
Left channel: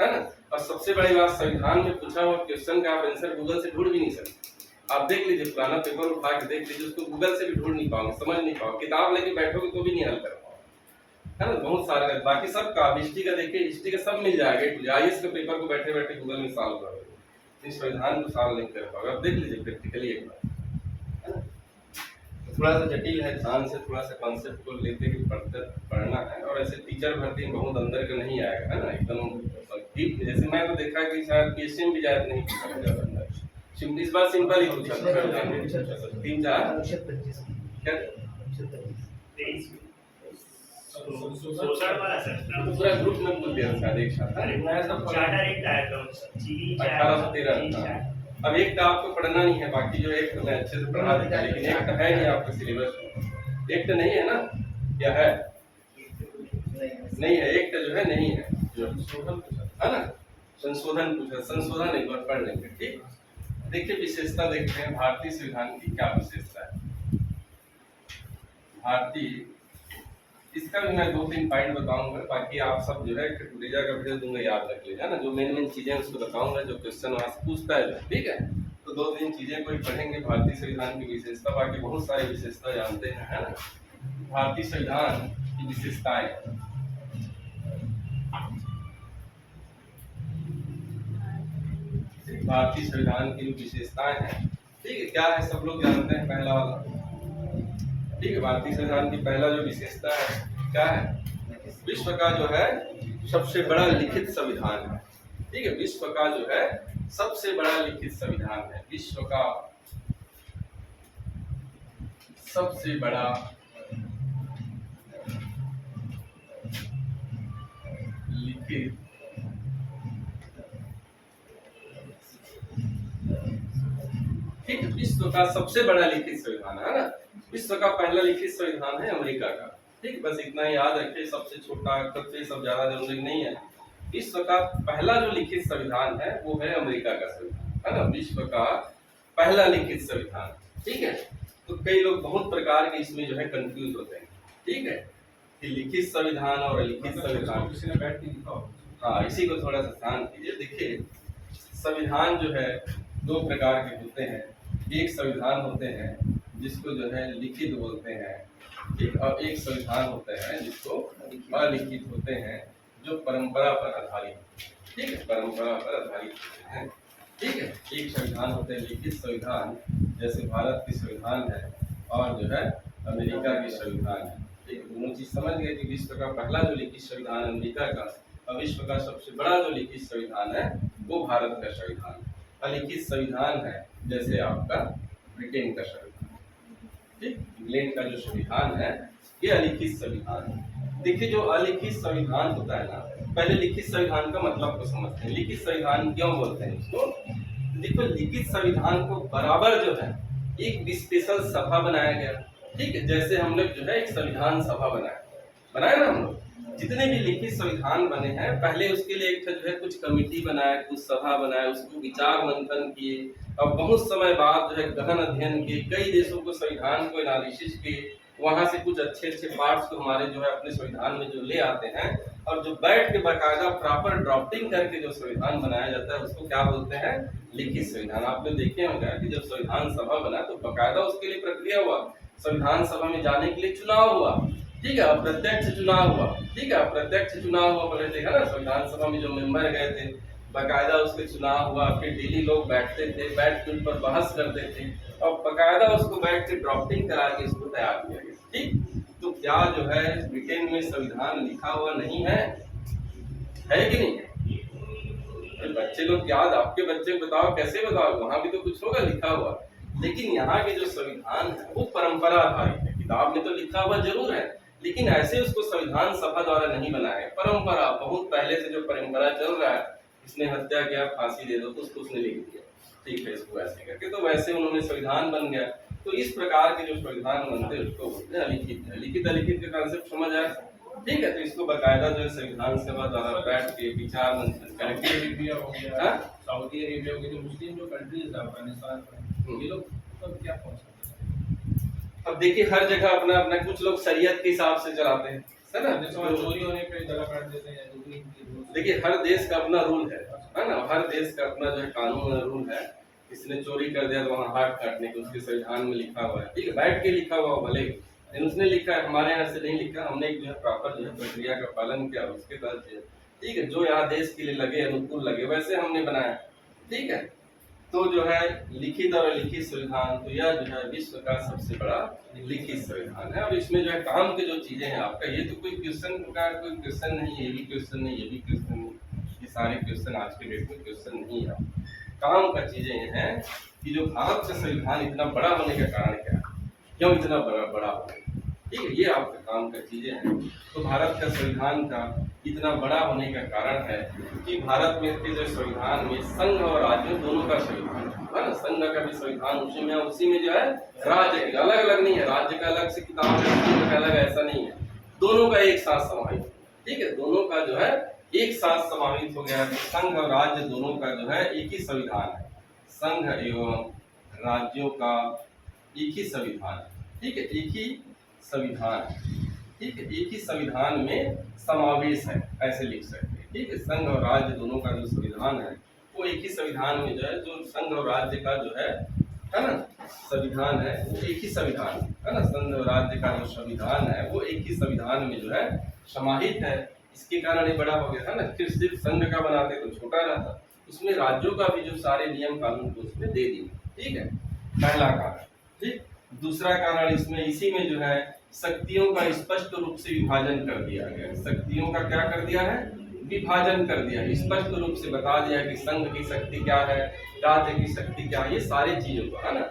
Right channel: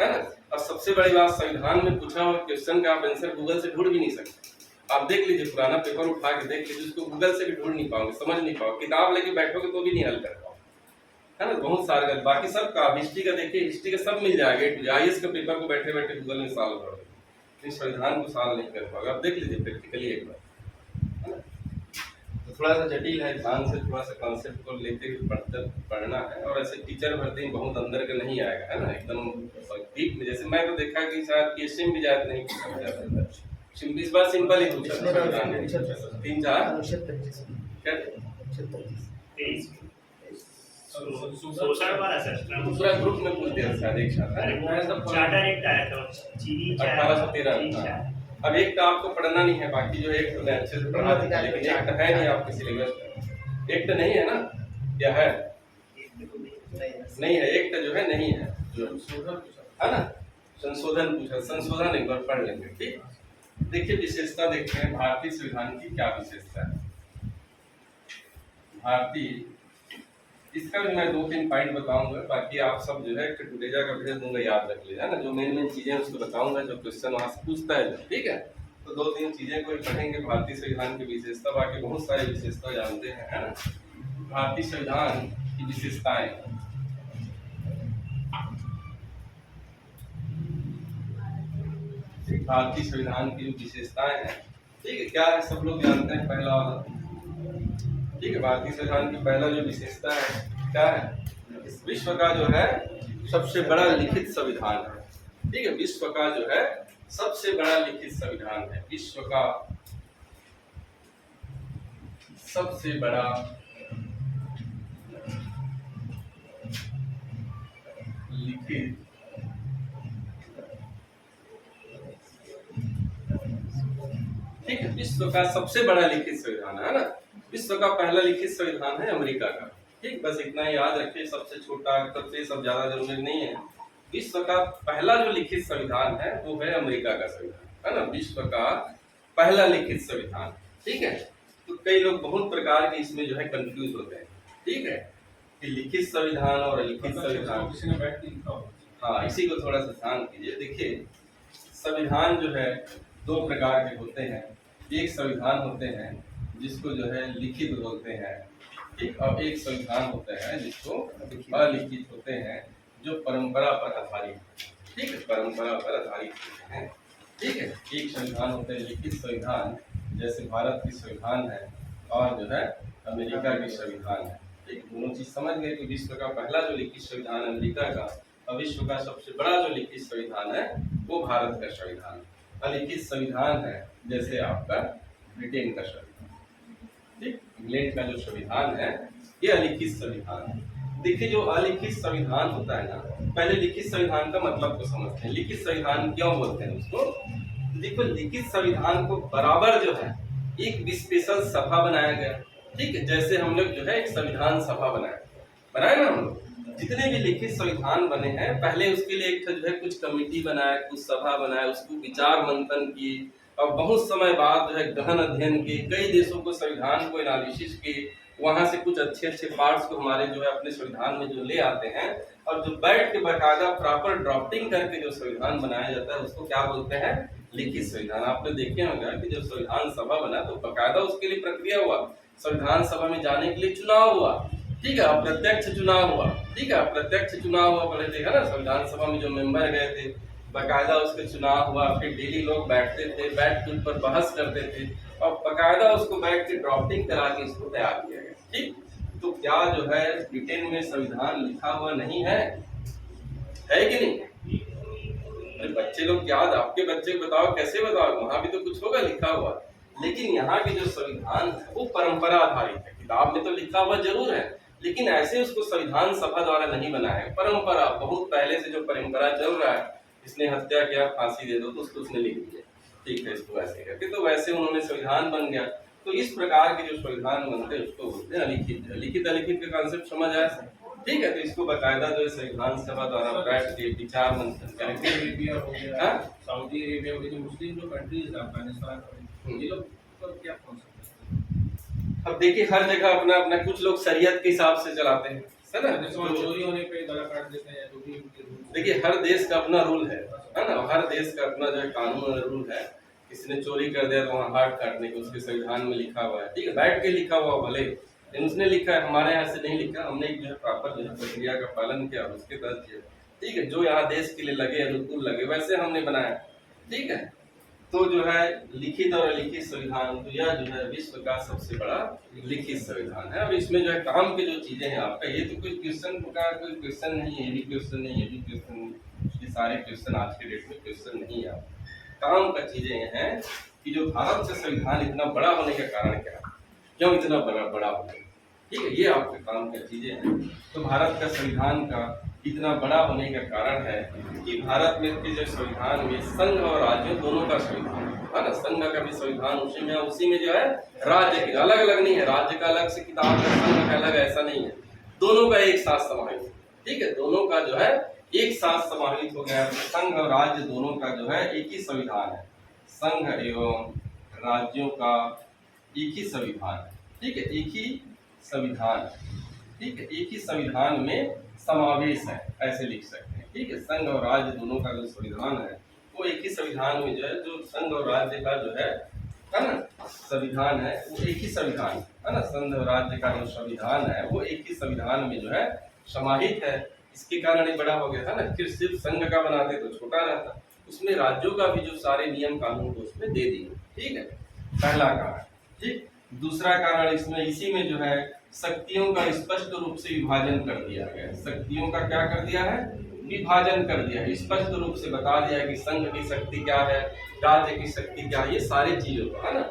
है ना। और सबसे बड़ी बात, संविधान में पूछा हुआ क्वेश्चन का आप आंसर गूगल से ढूंढ भी नहीं सकते। आप देख लीजिए, पुराना पेपर उठा के देख लीजिए, उसको गूगल से भी ढूंढ नहीं पाओगे, समझ नहीं पाओगे, किताब लेके बैठोगे तो भी नहीं हल कर पाओगे, है ना। बहुत सारे, बाकी सब का, हिस्ट्री का देखिए, हिस्ट्री का सब मिल जाएगा, आईएएस के पेपर को बैठे बैठे गूगल में सॉल्व करोगे, इस संविधान को सॉल्व नहीं कर पाओगे। आप देख लीजिए प्रैक्टिकली एक बार, है ना। तो थोड़ा सा जटिल है, ध्यान से थोड़ा सा कॉन्सेप्ट को लेते हुए पढ़ना है। और ऐसे टीचर भर्ती बहुत अंदर का नहीं आएगा, है ना, एकदम डीप। जैसे मैं तो देखा कि शायद पीएससी में भी जायद नहीं पूछा जाता अंदर, इस बार सिंपल ही पूछा, 3-4 क्या पूरा ग्रुप में पूछ दिया शायद एक साथ, 1813। अब एक तो आपको पढ़ना नहीं है, बाकी जो एक तो मैं अच्छे से पढ़ा दूंगा, लेकिन एक तो है नहीं आपके सिलेबस में, एक तो नहीं है ना, या है नहीं है, एक तो जो है नहीं है, जो संशोधन पूछा है ना, संशोधन पूछा, संशोधन एक बार पढ़ लेंगे, ठीक। देखिए विशेषता देखते हैं, भारतीय संविधान की क्या विशेषता है। भारतीय, इसका भी मैं 2-3 पॉइंट बताऊंगा, बाकी आप सब जो है टुडेजा का भेज दूंगा, याद रख लीजिए, है ना, जो मेन चीजें उसको बताऊंगा, जो क्वेश्चन वहां से पूछता है, ठीक है। तो 2-3 चीजें कोई पढ़ेंगे भारतीय संविधान की विशेषता, बाकी बहुत सारे विशेषता जानते हैं, है ना। भारतीय संविधान की विशेषताएं, भारतीय संविधान की जो विशेषताएं हैं, ठीक है, क्या है सब लोग जानते हैं, पहला वाला, ठीक है। भारतीय संविधान की पहला जो विशेषता है क्या है, विश्व का जो है सबसे बड़ा लिखित संविधान है, ठीक है। विश्व का जो है सबसे बड़ा लिखित संविधान है, विश्व का सबसे बड़ा लिखित ठीक है, विश्व का सबसे बड़ा लिखित संविधान है ना। विश्व का पहला लिखित संविधान है अमेरिका का, ठीक, बस इतना याद रखिए। सबसे छोटा, सबसे सब ज्यादा जरूरी नहीं है। विश्व का पहला जो लिखित संविधान है वो है अमेरिका का संविधान, है ना, विश्व का पहला लिखित संविधान, ठीक है। तो कई लोग बहुत प्रकार के इसमें जो है कंफ्यूज होते हैं, ठीक है, कि लिखित संविधान और अलिखित संविधान, किसी ने बैठ के लिखा हो। हाँ, इसी को थोड़ा सा ध्यान कीजिए। देखिए संविधान जो है 2 प्रकार के होते हैं, एक संविधान होते हैं जिसको जो है लिखित बोलते हैं, ठीक, और एक संविधान होते हैं जिसको अलिखित होते हैं, जो परंपरा पर आधारित, ठीक है, परंपरा पर आधारित होते हैं, ठीक है। एक संविधान होते हैं लिखित संविधान, जैसे भारत की संविधान है और जो है अमेरिका की संविधान है, ठीक। दोनों चीज समझ गए कि विश्व का पहला जो लिखित संविधान अमेरिका का, और विश्व का सबसे बड़ा जो लिखित संविधान है वो भारत का संविधान। अलिखित संविधान है जैसे आपका ब्रिटेन का संविधान, ठीक, इंग्लैंड का जो संविधान है ये अलिखित संविधान है। देखिए जो अलिखित संविधान होता है ना, पहले लिखित संविधान का मतलब को समझते हैं। लिखित संविधान क्यों बोलते हैं उसको? देखो लिखित संविधान को बराबर जो है एक स्पेशल सभा बनाया गया। ठीक है, जैसे हम लोग जो है एक संविधान सभा बनाए ना हम लोग, जितने भी लिखित संविधान बने हैं पहले उसके लिए एक जो है कुछ कमेटी बनाए, कुछ सभा बनाए, उसको विचार मंथन किए और बहुत समय बाद जो है गहन अध्ययन किए, कई देशों को संविधान को एनालिसिस किए, वहां से कुछ अच्छे अच्छे पार्ट्स को हमारे जो है अपने संविधान में जो ले आते हैं और जो बैठ के बाकायदा प्रॉपर ड्राफ्टिंग करके जो संविधान बनाया जाता है उसको क्या बोलते हैं, लिखित संविधान। आपने देखे होंगे कि जब संविधान सभा बना तो बाकायदा उसके लिए प्रक्रिया हुआ, संविधान सभा में जाने के लिए चुनाव हुआ। ठीक है, अप्रत्यक्ष चुनाव हुआ। ठीक है, अप्रत्यक्ष चुनाव हुआ, पहले देखा ना संविधान सभा में जो मेंबर गए थे बाकायदा उसके चुनाव हुआ, फिर डेली लोग बैठते थे, बैठ के उन पर बहस करते थे और बाकायदा उसको बैठ के ड्राफ्टिंग करा के इसको तैयार किया गया। ठीक, तो क्या जो है ब्रिटेन में संविधान लिखा हुआ नहीं है कि नहीं? अरे बच्चे लोग याद, आपके बच्चे बताओ, कैसे बताओ, वहां भी तो कुछ होगा लिखा हुआ, लेकिन यहाँ के जो संविधान है वो परंपरा आधारित है। किताब में तो लिखा हुआ जरूर है लेकिन ऐसे उसको संविधान सभा द्वारा नहीं बनाया है, परंपरा बहुत पहले से जो परंपरा चल रहा है, इसने हत्या किया फांसी दे दो तो उसको उसने लिख दिया। ठीक है, इसको ऐसे करके तो वैसे उन्होंने संविधान बन गया। तो इस प्रकार के जो संविधान बनते हैं उसको बोलते हैं अलिखित। लिखित अलिखित का कांसेप्ट समझ आया? ठीक है, तो इसको बाकायदा जो है संविधान सभा द्वारा बैठ के विचार मंथन करके, सऊदी अरेबिया हो गया, सऊदी अरेबिया हो गया, जो मुस्लिम जो कंट्रीज है अफगानिस्तान, ये लोग तो क्या कौन सा? अब देखिए हर जगह अपना अपना, कुछ लोग शरीयत के हिसाब से चलाते हैं, है ना, चोरी होने पे गला काट देते हैं, जो भी देखिए हर देश का अपना रूल है ना, हर देश का अपना जो है कानून और रूल है। किसी ने चोरी कर दिया तो वहाँ हाथ काटने को उसके संविधान में लिखा हुआ है। ठीक है, बैठ के लिखा हुआ भले, लेकिन उसने लिखा है, हमारे यहाँ से नहीं लिखा, हमने एक जो है प्रॉपर जो है प्रक्रिया का पालन किया उसके तहत किया। ठीक है, जो यहाँ देश के लिए लगे, अनुकूल लगे, वैसे हमने बनाया। ठीक है, तो जो है लिखित और अलिखित संविधान, तो यह जो है विश्व का सबसे बड़ा लिखित संविधान है। अब इसमें जो है काम की जो चीजें हैं आपका, ये तो कोई क्वेश्चन का कोई क्वेश्चन नहीं है, ये भी क्वेश्चन नहीं, ये भी क्वेश्चन नहीं, ये सारे क्वेश्चन आज के डेट में क्वेश्चन नहीं है। काम का चीजें ये हैं कि जो भारत का संविधान इतना बड़ा होने का कारण क्या है, क्यों इतना बड़ा होने, ठीक है, ये आपके काम का चीजें हैं। तो भारत का संविधान का इतना बड़ा होने का कारण है कि भारत में के जो संविधान में संघ और राज्य दोनों का संविधान है ना, संघ का भी संविधान उसी में जो है राज्य के अलग अलग नहीं है, राज्य का अलग से किताब है, संघ का अलग, ऐसा नहीं है, दोनों का एक साथ समाहित। ठीक है, दोनों का जो है एक साथ समाहित हो गया। संघ और राज्य दोनों का जो है एक ही संविधान है, संघ एवं राज्यों का एक ही संविधान है। ठीक है, एक ही संविधान है। ठीक है, एक ही संविधान में समावेश है, ऐसे लिख सकते हैं। ठीक है, संघ और राज्य दोनों का जो संविधान है वो एक ही संविधान में जो है, जो संघ और राज्य का जो है ना संविधान है वो एक ही संविधान है ना, संघ और राज्य का जो संविधान है वो एक ही संविधान में जो है समाहित है। इसके कारण ये बड़ा हो गया था ना, फिर सिर्फ संघ का बनाते तो छोटा रहता, उसमें राज्यों का भी जो सारे नियम कानून को उसमें दे दिए। ठीक है, पहला कारण। ठीक, दूसरा कारण इसमें इसी में जो है शक्तियों का स्पष्ट रूप से विभाजन कर दिया गया। शक्तियों का क्या कर दिया है, विभाजन कर दिया, स्पष्ट रूप से बता दिया कि संघ की शक्ति क्या है, राज्य की शक्ति क्या है, ये सारी चीजों को, है ना,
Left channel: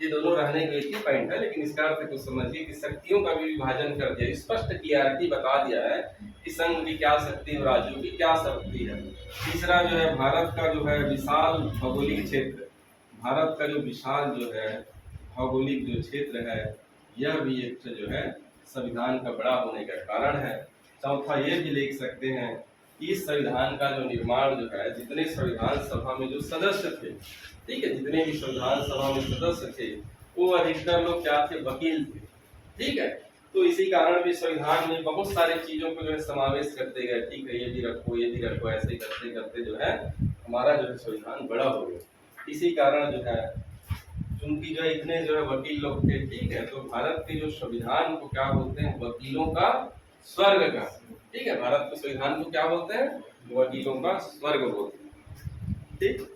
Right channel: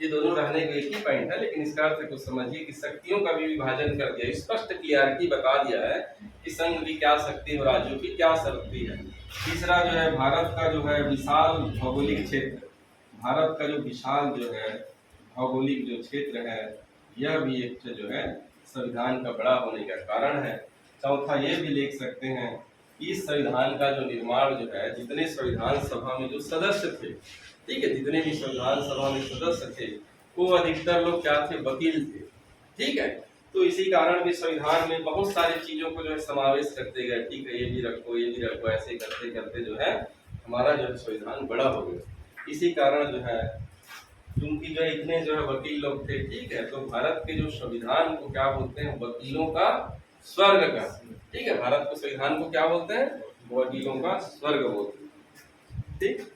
ये दोनों रहने के एक ही पॉइंट है, लेकिन इसका अर्थ कुछ समझिए कि शक्तियों का भी विभाजन कर दिया, स्पष्ट क्लियरिटी बता दिया है कि संघ की क्या शक्ति और राज्यों की क्या शक्ति है। तीसरा जो है भारत का जो है विशाल भौगोलिक क्षेत्र, भारत का जो विशाल जो है भौगोलिक जो क्षेत्र है, यह भी एक जो है संविधान का बड़ा होने का कारण है। चौथा ये भी लिख सकते हैं कि इस संविधान का जो निर्माण जो है, जितने संविधान सभा में जो सदस्य थे, ठीक है, जितने भी संविधान सभा में सदस्य थे वो अधिकतर लोग क्या थे, वकील थे। ठीक है, तो इसी कारण भी संविधान में बहुत सारी चीजों को जो है समावेश करते गए। ठीक है, ये भी रखो, ये भी रखो, ऐसे करते करते जो है हमारा जो है संविधान बड़ा हो गया। इसी कारण जो है क्योंकि जो इतने जो है वकील लोग थे, ठीक है, तो भारत के जो संविधान को क्या बोलते हैं, वकीलों का स्वर्ग का। ठीक है, भारत के संविधान को क्या बोलते हैं, वकीलों का स्वर्ग बोलते हैं। ठीक,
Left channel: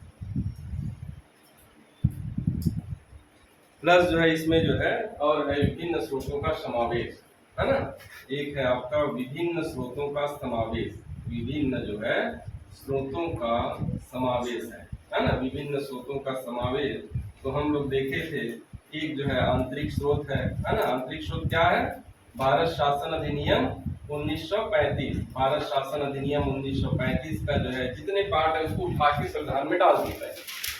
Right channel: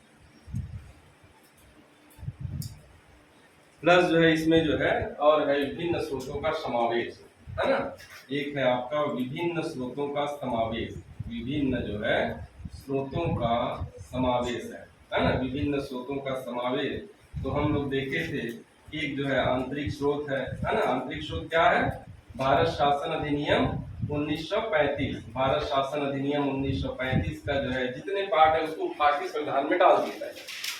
प्लस जो है इसमें जो है और है विभिन्न स्रोतों का समावेश, है ना, एक है आपका विभिन्न स्रोतों का समावेश, विभिन्न जो है स्रोतों का समावेश है ना, विभिन्न स्रोतों का समावेश। तो हम लोग देखे थे एक जो है आंतरिक स्रोत है ना, आंतरिक स्रोत क्या है, भारत शासन अधिनियम 1935, भारत शासन अधिनियम 1935 का जो है जितने पार्ट है उसको उठा के संविधान में डाल दिया है।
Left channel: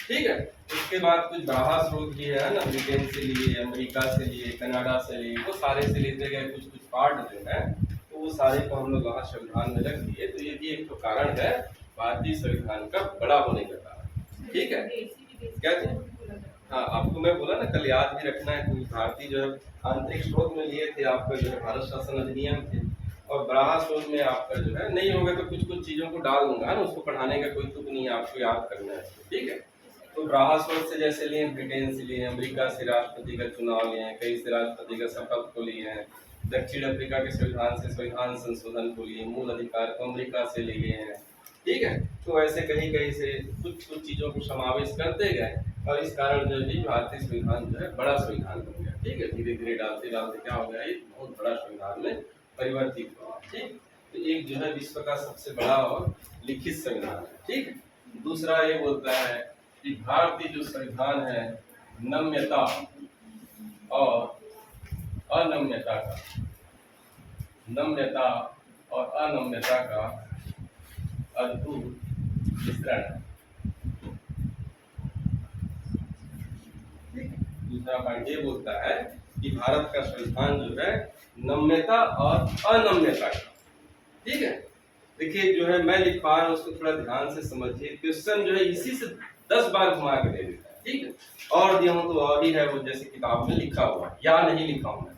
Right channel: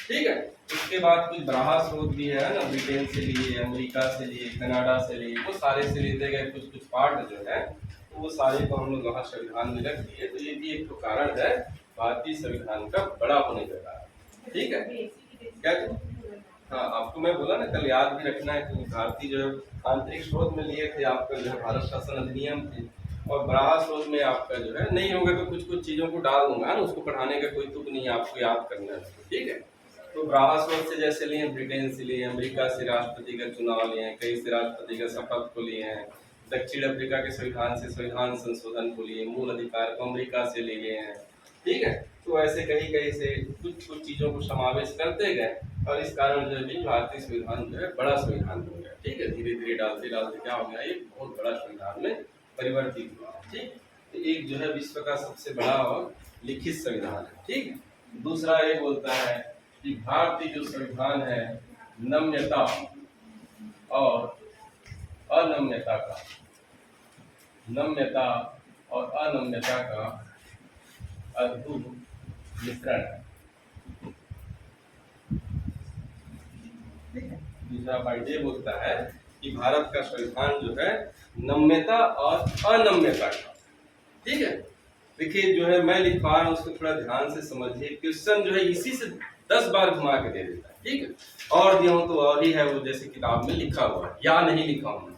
ठीक है। उसके बाद कुछ बारह स्रोत भी है ना, ब्रिटेन से लिए, अमेरिका से लिए, कनाडा से लिए, वो सारे से लेते गए कुछ कुछ पार्ट जो है, तो वो सारे को हम लोग वहाँ संविधान में रख दिए। तो ये भी एक तो कारण है भारतीय संविधान का बड़ा होने का कारण। ठीक है, क्या चीज? हाँ, आपको मैं बोला ना कल याद भी रखना है कि भारतीय जो है आंतरिक स्रोत में लिए थे आपका जो है भारत शासन अधिनियम थे, और बराह स्रोत में आपका जो है नहीं होगा तो कुछ कुछ चीजों को डाल दूंगा ना, उसको पढ़ाने का कोई तुक नहीं है, आपको याद करना है। ठीक है, तो बराह स्रोत से जैसे लिए, ब्रिटेन से लिए, अमेरिका से राष्ट्रपति का चुनाव लिए हैं, कई से राष्ट्रपति का शपथ को लिए हैं, दक्षिण अफ्रीका के संविधान से संविधान संशोधन को लिए, मूल अधिकार को अमेरिका से ले गए हैं। ठीक है, तो ऐसे कहीं कहीं से कुछ कुछ चीजों को समावेश करते गए, और इस कारण जो है भारतीय संविधान जो है बड़ा संविधान बन गया। ठीक है, धीरे धीरे डालते डालते क्या हो गया, एक बहुत बड़ा संविधान में परिवर्तित हुआ। ठीक, तो एक जो है विश्व का सबसे बड़ा और लिखित संविधान है। ठीक, दूसरा ये बोलता है कि भारतीय जो संविधान है नम्यता और अनम्यता का, नम्यता और अनम्यता का अद्भुत मिश्रण है। दूसरा पॉइंट ये बोलता है कि भारत का संविधान जो है नम्यता और अनम्यता का। ठीक है, देखिए जो है मैं लिख पा रहा हूँ उसको थोड़ा ध्यान से समझिए। क्वेश्चन जो है इसी से 10 बार घुमा के दे देता है। ठीक है, और दिया हूँ तो और ही है वो, जैसे किताब में लिखा हुआ है या नहीं लिखा हूँ।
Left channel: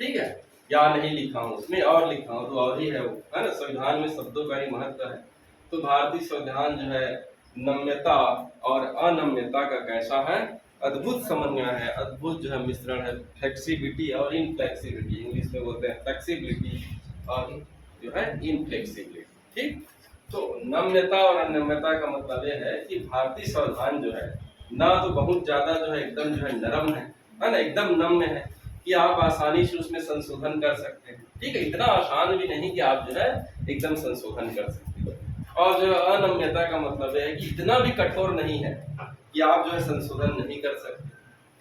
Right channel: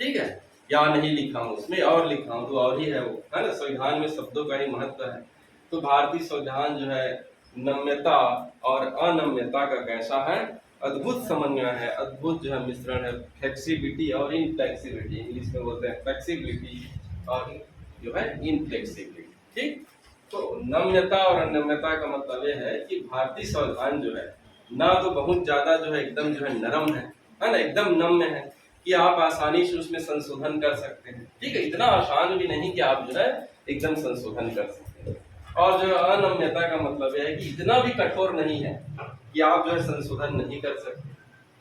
ठीक है, या नहीं लिखा हूँ उसमें और लिखा हूँ तो और ही है वो, है ना। संविधान में शब्दों का ही महत्व है। तो भारतीय संविधान जो है नम्यता और अनम्यता का कैसा है, अद्भुत समन्वय है, अद्भुत जो है मिश्रण है, फ्लेक्सिबिलिटी और इनफ्लेक्सिबिलिटी, इंग्लिश में बोलते हैं फ्लेक्सिबिलिटी और जो है इनफ्लेक्सिबिलिटी। ठीक, तो नम्यता और अनम्यता का मतलब यह है कि भारतीय संविधान जो है ना तो बहुत ज्यादा जो है एकदम जो है नरम है ना, एकदम नम्य है कि आप आसानी से उसमें संशोधन कर सकते हैं। ठीक है, इतना आसान भी नहीं कि आप जो है एकदम संशोधन कर सकते हैं। और जो अनम्यता का मतलब है कि इतना भी कठोर नहीं है कि आप जो है संशोधन नहीं कर सकते।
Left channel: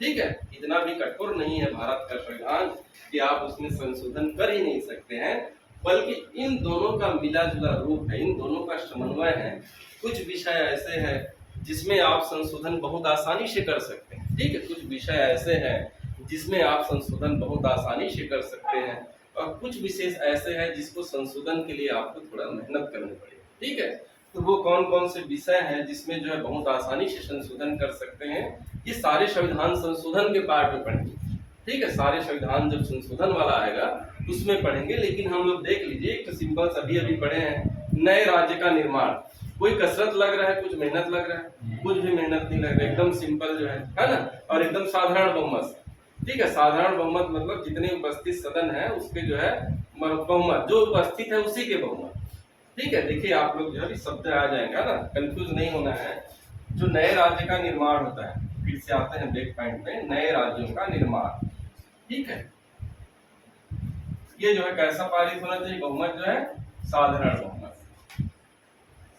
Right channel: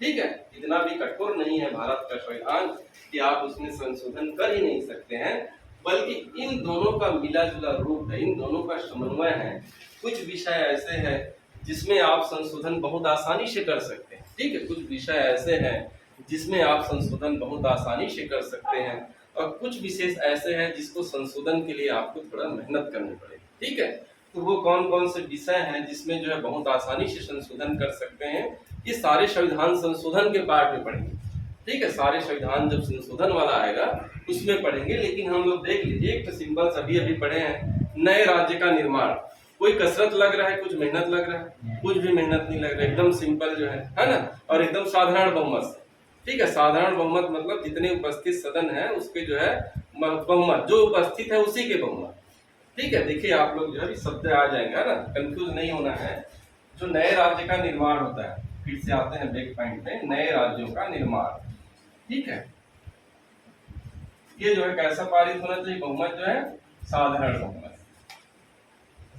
ठीक है, इतना भी कठोर नहीं है भारत का संविधान कि आप उसमें संशोधन कर ही नहीं सकते हैं, बल्कि इन दोनों का मिला जुला रूप है, इन दोनों का समन्वय है। कुछ विषय ऐसे हैं जिसमें आप संशोधन बहुत आसानी से कर सकते हैं। ठीक है, कुछ विषय ऐसे हैं जिसमें आप संशोधन बहुत आसानी से कर सकते हैं, और कुछ विशेष ऐसे हैं जिसको संशोधन के लिए आपको थोड़ा मेहनत करनी पड़ेगी। ठीक है, तो वो कौन कौन से विषय हैं जिसमें जो है बहुत आसानी से संशोधन कर सकते हैं, ये सारे संविधान संशोधन के पार्ट में पढ़ेंगे। ठीक है, सारे संविधान जब संशोधन वाला आएगा उसमें पढ़ेंगे। लेकिन हम लोग देख लीजिए, एक तो सिंपल अभी अभी पढ़े हैं, नए राज्य का निर्माण। कोई कसरत लग रहा है, कुछ मेहनत लग रहा है? कुछ भी मेहनत नहीं लग रहा है, एकदम सिंपल जो है ना, और एकदम साधारण बहुमत। ठीक है, साधारण बहुमत मतलब जितने उपस्थित सदन है उसके जो है बहुमत, जो उपस्थित है उसी के बहुमत। ठीक है, देखिए आप लोग जो है शब्द आ जाएगा ना, कंफ्यूज नहीं होना है। जो नए राज्य का निर्माण होता है, फिर से आते हैं बैक पॉइंट में, नए राज्यों का निर्माण। ठीक है, ये जो है कैसा पारित होना चाहिए, बहुमत जो है साधारण बहुमत।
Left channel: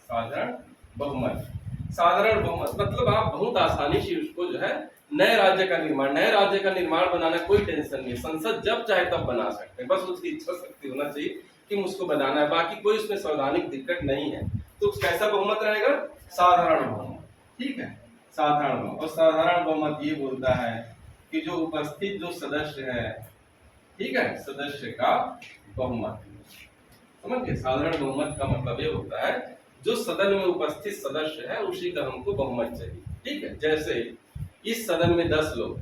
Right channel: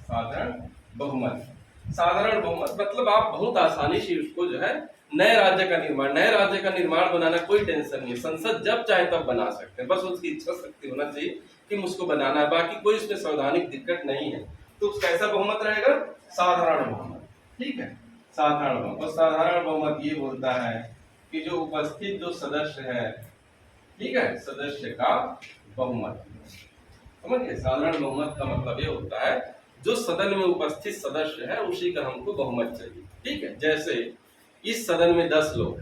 साधारण बहुमत, साधारण बहुमत मतलब आप बहुत आसानी से उसको जो है नए राज्य का निर्माण, नए राज्य का निर्माण बनाना कोई टेंशन नहीं, संसद जब चाहे तब बना सकते हैं, बस उसकी इच्छा शक्ति होना चाहिए कि मुझको बनाना है, बाकी कोई उसमें संवैधानिक दिक्कत नहीं है। तो कैसा बहुमत रहेगा, साधारण बहुमत। ठीक है, साधारण बहुमत। और साधारण बहुमत ये बोलता है कि जो उपस्थित जो सदस्य है, ठीक है, सदस्य का बहुमत। समझ गए, साधारण बहुमत का मतलब ये होता है जो सदन में उपस्थित सदस्य है उसी का हमको बहुमत चाहिए। ठीक है, जैसे इस सदन में 10 लोग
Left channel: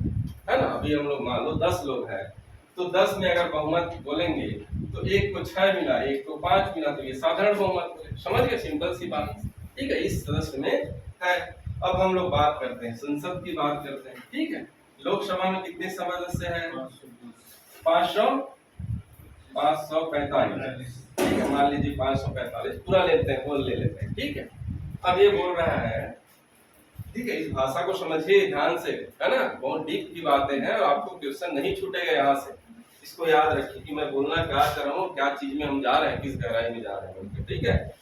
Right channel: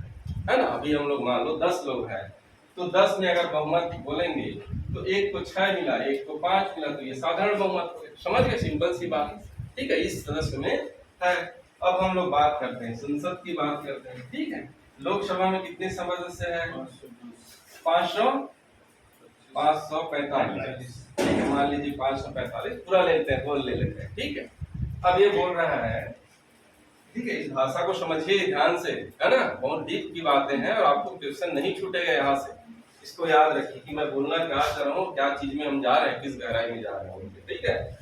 है ना, अभी हम लोग मान लो 10 लोग हैं, तो 10 में अगर बहुमत बोलेंगे तो एक को 6 मिला, एक को 5 मिला, तो ये साधारण बहुमत हो गया। समझ गए, सिंपल सी बात। ठीक है, इस सदस्य में है। अब हम लोग बात करते हैं, संसद की बात करते हैं। ठीक है, लोकसभा में कितने सदस्य हैं, 545। ठीक है, मान लीजिए 545 पूरा लेते हैं, बोल ले लेते हैं। ठीक है, अब ये बोल रहा है, ठीक है, इस भाषा को समझिए ध्यान से, है ना, बहुत डीप की बातें हैं और आपको क्वेश्चन नहीं छूटेगा यहाँ से। इसको याद रखिए कि मैं बोलना क्या चाह रहा हूँ, क्या चीज में हम जा रहे हैं, किस गहराई में जा रहे हैं। ठीक है,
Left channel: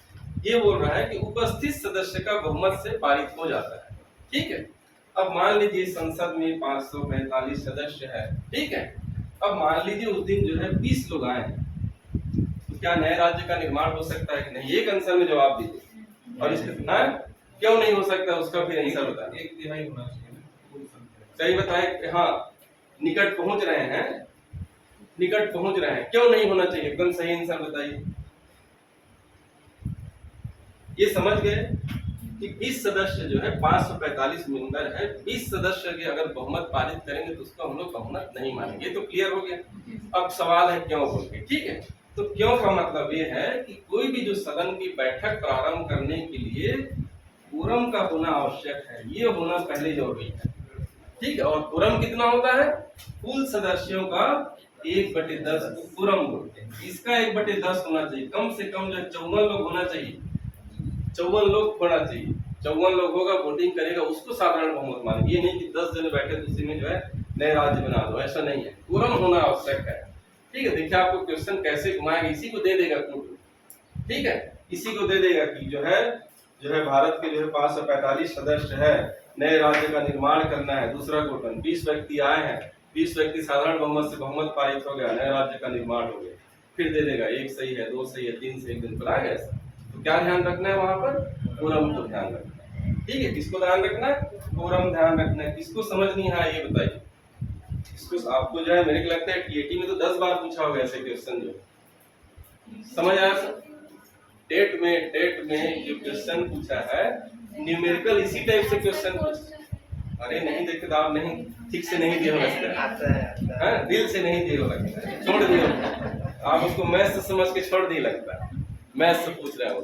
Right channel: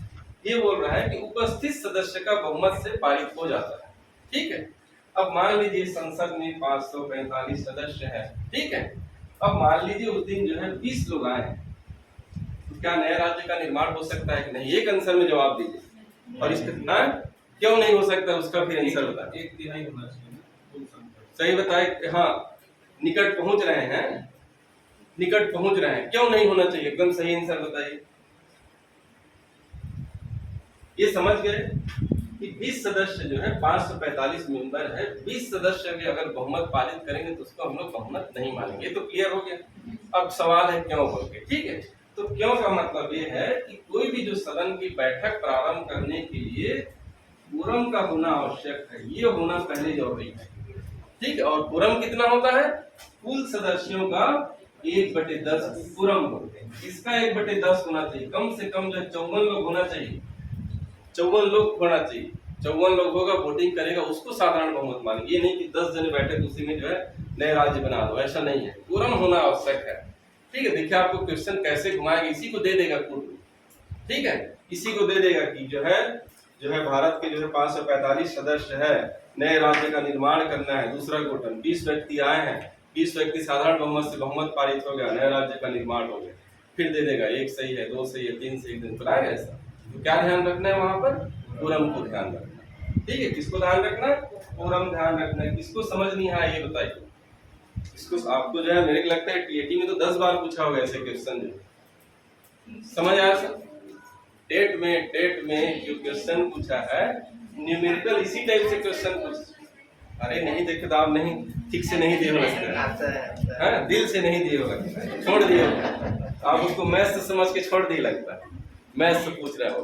ये बोल रहा है कि उपस्थित सदस्य का बहुमत से पारित हो जाता है। ठीक है, अब मान लीजिए संसद में 545 सदस्य है। ठीक है, अब मान लीजिए उस दिन जो है 20 लोग आए, तो क्या नए राज्य का निर्माण हो सकता है कि नहीं? एक आंसर में जवाब दीजिए। और इसके क्यों नहीं हो सकता, उसका फिर आंसर बताइए। 1/3 होना चाहिए ना कुल संख्या। सही बताए, हाँ निकट पहुंच रहे हैं, निकट पहुंच रहे हैं, क्यों नहीं होना चाहिए, एकदम सही आंसर बताइए। ये समझ गए कि 20 सदस्य जो है 545 मेंबर है, 20 सदस्य के अगर बहुमत पारित करेंगे तो उसको हम लोग बहुमत नहीं मानेंगे। ये तो क्लियर हो गया। अब सवाल है क्यों बोल के, ठीक है। तो क्यों का मतलब ये है कि कोई भी जो सदन की बैठक प्रारंभ करने के लिए quorum का होना आवश्यक है, ये होना पहले जरूरी है, ठीक है। और quorum कितना होता है, कुल सदस्यों का 1/10 quorum बोलते हैं। इसका 1/10 होना चाहिए, कम से कम जो 54 लोग होना चाहिए, 54 लोग होना चाहिए। 54 लोग होगा, वोटिंग करेगा, उसको साधारण बहुमत मानेंगे। ये नहीं कि 10 जने बैठे तो उसी में जो है नए राज्य बना दो, ऐसा नहीं है। quorum होना आवश्यक है, ठीक है। देखिए आपको क्वेश्चन कैसे घुमाएंगे, इसी को दे देगा कुल, ठीक है। इसी को दे देगा कि जो है भारत के जो है 545 सदस्य है, नए राज्य का निर्माण करना है। दूसरा क्वेश्चन 20 व्यक्ति आए हैं, 20 व्यक्ति साधारण बहुमत से बहुमत पारित हो गया, नए राज्य का निर्माण हो गया। फिर दे देगा 1 सही है, 2 सही है, 3 सही, 1 दिन पर आएगा ऐसा। तो क्या ध्यान रखना है वहां पर, quorum को ध्यान रखना है, ठीक है। किसको ध्यान रखना है, quorum ध्यान रखना है। किसको समझ नहीं आया ये बताइए। इसको आपको जो है मेरे को लगता है टीएटी में तो 10 बार पूछा होगा ऐसे क्वेश्चन, जो समझ आया सर। टेट में जो क्वेश्चन पूछा है न्यूमेरिकल इसी टाइप से क्वेश्चन पूछा। अरे नहीं देखे तो आप नहीं ठीक से नहीं दिए हो, हाँ दिल से नहीं दिए होगा, छोड़ दिए होगा आप उसको, मैथ से समझ के छोड़ दिए लगता है, मैथ से पूछ रहा हो,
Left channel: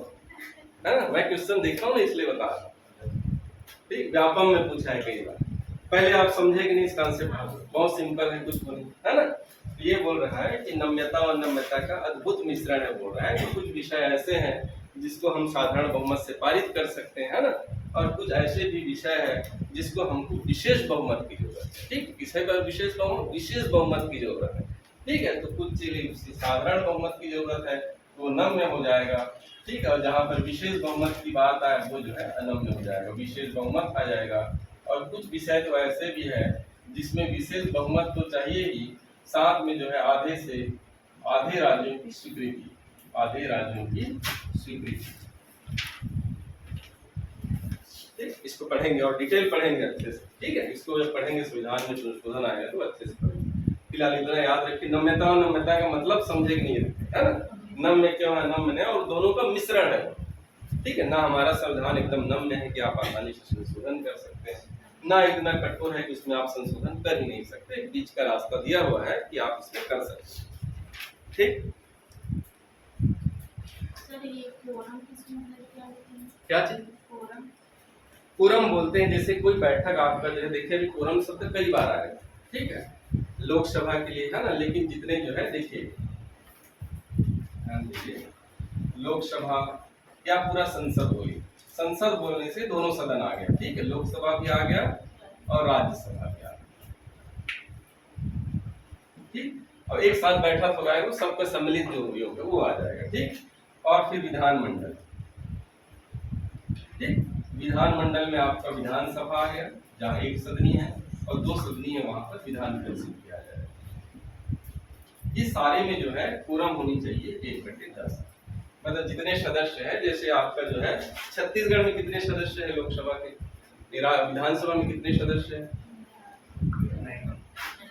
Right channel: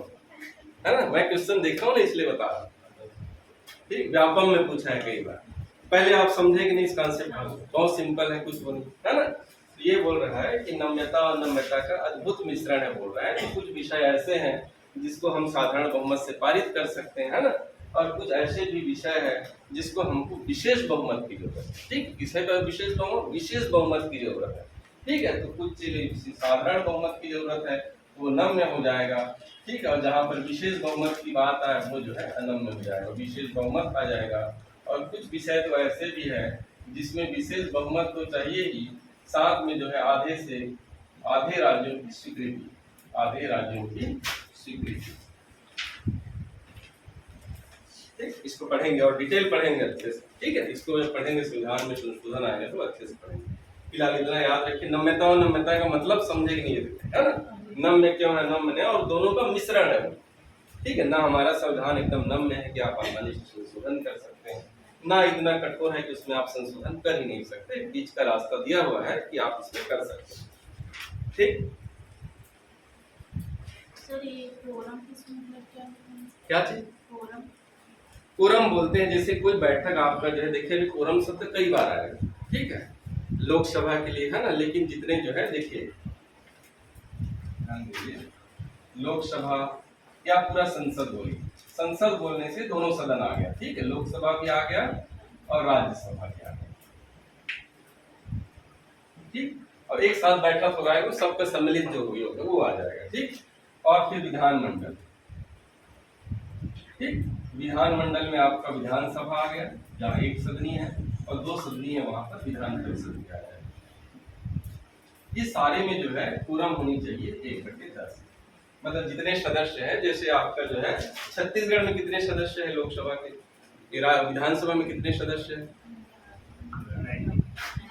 है ना। मैं क्वेश्चन देख रहा हूँ ना इसलिए बता रहा हूँ, ठीक। व्यापम में पूछा है कई बार, पहले आप समझे कि नहीं इस कॉन्सेप्ट को, बहुत सिंपल है, कुछ नहीं है ना। तो ये बोल रहा है कि नम्यता और नम्यता का अद्भुत मिश्रण है, बोल रहा है कि कुछ विषय ऐसे हैं जिसको हम साधारण बहुमत से पारित कर सकते हैं, है ना। और कुछ ऐसे भी विषय है जिसको हमको विशेष बहुमत की जरूरत है, ठीक। किसे पर विशेष बहुमत, विशेष बहुमत की जरूरत है, ठीक है। तो कुछ चीजें साधारण बहुमत की जरूरत है, वो नम्य हो जाएगा, ठीक है। और जहाँ पर विशेष बहुमत की बात आए वो जो है अनम्य हो जाएगा, विशेष बहुमत आ जाएगा। और कुछ विषय तो ऐसे भी है जिसमें विशेष बहुमत तो चाहिए ही, साथ में जो है आधे राज्यों की स्वीकृति, आधे राज्यों की स्वीकृति, ठीक। इसको पढ़ेंगे और डिटेल पढ़ेंगे अच्छे से, ठीक है। इसको जब पढ़ेंगे संविधान में संशोधन आएगा तो अच्छे से पढ़ेंगे। फिलहाल इतना याद रखिए, नम्यता और नम्यता का मतलब समझे कि नहीं, है ना। नम्य क्यों है, नम्य है और दोनों का मिश्रण है वो, ठीक है ना। हमारा संविधान एकदम नम्य है कि आप आसानी से संशोधन कर सकते हैं, ना इतना कठोर है कि उसमें आप संशोधन कर ही नहीं सकते, बीच का रास्ता दिया हुआ है कि आप इसमें कर सकते हैं, ठीक। सर ये quorum किस मतलब क्या होता है? क्या चीज, quorum quorum बोलते हैं जैसे कोई बैठक आपका जो है, देखिए अभी quorum शब्द कई बार आएगा, ठीक है, लोकसभा के लिए, है ना। लेकिन जितने जो है देखिए ध्यान दीजिए, लोकसभा या पूरा संसद बोलिए, संसद बोलने से दोनों सदन आ गया, ठीक है। लोकसभा भी आ गया और राज्यसभा भी आ गया, ठीक। और एक साथ बैठक हो रहा है वो सबका सम्मिलित जो हुई होगा वो आ जाएगा, ठीक। और फिर विधानमंडल, ठीक। विधानमंडल में आपका विधानसभा आ गया जहाँ 1 सदनी है, और 2 सदनी है वहां पर विधान परिषद भी आ जाएगा। ये सारे में जो है quorum होनी चाहिए 1/10, मतलब जितने सदस्य हैं, जैसे आपका जो है छत्तीसगढ़ में कितने सदस्य है लोकसभा के, विधानसभा में कितने सदस्य हैं,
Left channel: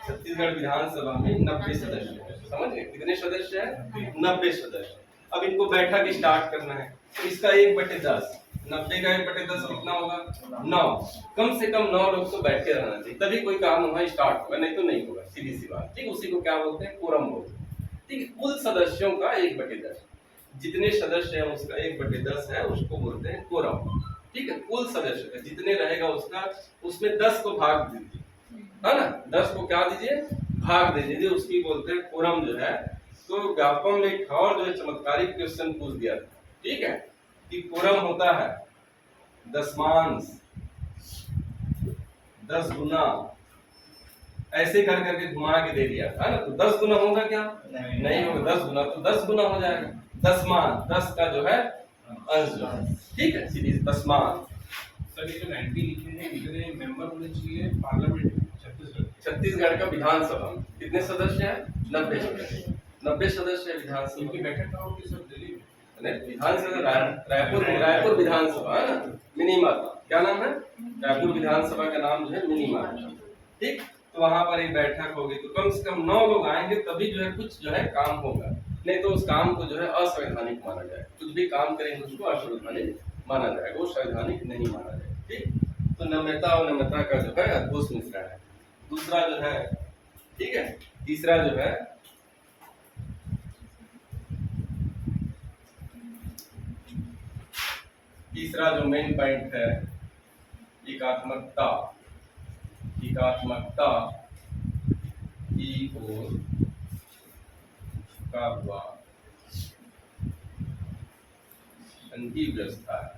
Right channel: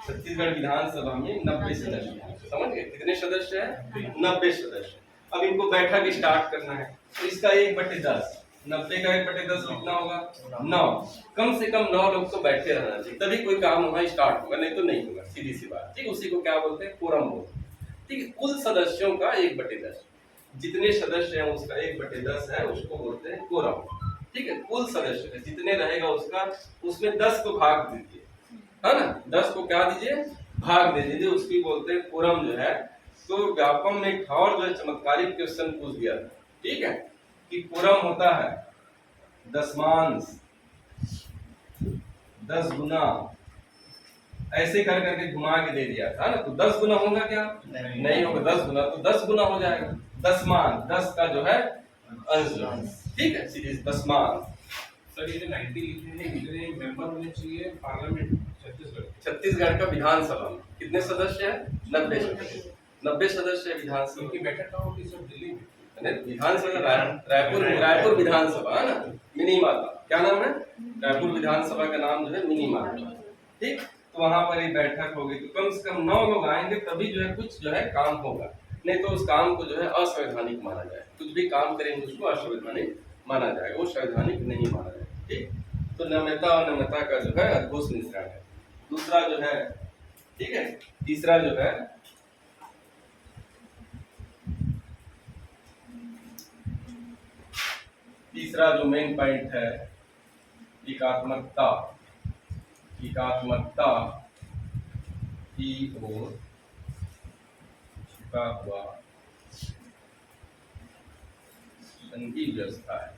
छत्तीसगढ़ विधानसभा में 90 सदस्य हैं, समझ गए कितने सदस्य हैं, 90 सदस्य। अब इनको बैठक स्टार्ट करना है तो इसका 1/10, 90 का 1/10 कितना होगा, 9। कम से कम 9 लोग तो बैठ के रहना चाहिए, तभी कोई काम वहाँ स्टार्ट होगा, नहीं तो नहीं होगा, सीधी सी बात, ठीक। उसी को क्या बोलते हैं, quorum बोलते हैं, ठीक है। कुल सदस्यों का 1/10, जितने सदस्य हैं उसका 1/10 है, उसको बोलते हैं quorum, ठीक है। कुल सदस्य का जितने रहेगा उसका, उसमें 10 को भाग दीजिए, है ना, 10 को क्या दीजिए, भाग दे दीजिए, उसकी बोलते हैं quorum जो है। तो व्यापम में एक और जो है चमत्कारिक क्वेश्चन पूछ दिया, ठीक है, कि quorum होता है दशमांश, 10 गुना, ऐसे कर करके घुमा के दे दिया था ना। तो 10 गुना होगा क्या, नहीं होगा, 10 गुना तो 10 गुना हो जाएगा, दशमान 10 का जो है अंश, ठीक है, सीधी दशमान। सर ये जो 90 लिखे हैं, कितने मेंबर होने चाहिए पार्लियामेंट छत्तीसगढ़ का विधानसभा में कितने सदस्य हैं, 90 सदस्य, 90 सदस्य है विधानसभा इनकी बैठक कहाँ होगी सर, दिल्ली में? विधानसभा रायपुर रायपुर विधानसभा है ना, मिनी माता, क्या नाम है? रायपुर विधानसभा का नाम जो है मिनी माता। ठीक, तो वहां पर एक बैठक होगी, तो कम से कम 9 लोग आएंगे, तभी जो है कुछ जो है काम होगा, नहीं तो उस काम को जो है असंवैधानिक माना जाए। कुछ भी काम करेंगे उसको असंवैधानिक माना जाएगा, वो संवैधानिक नहीं माना जाएगा। ठीक, तो नम्रता और नम्रता का जो है अद्भुत मिश्रण है। दूसरा जो है, ठीक है, तीसरा जो है तीसरा जो मेन पॉइंट है, एकात्मकता। एकात्मकता की ओर का हुआ संघीय व्यवस्था है।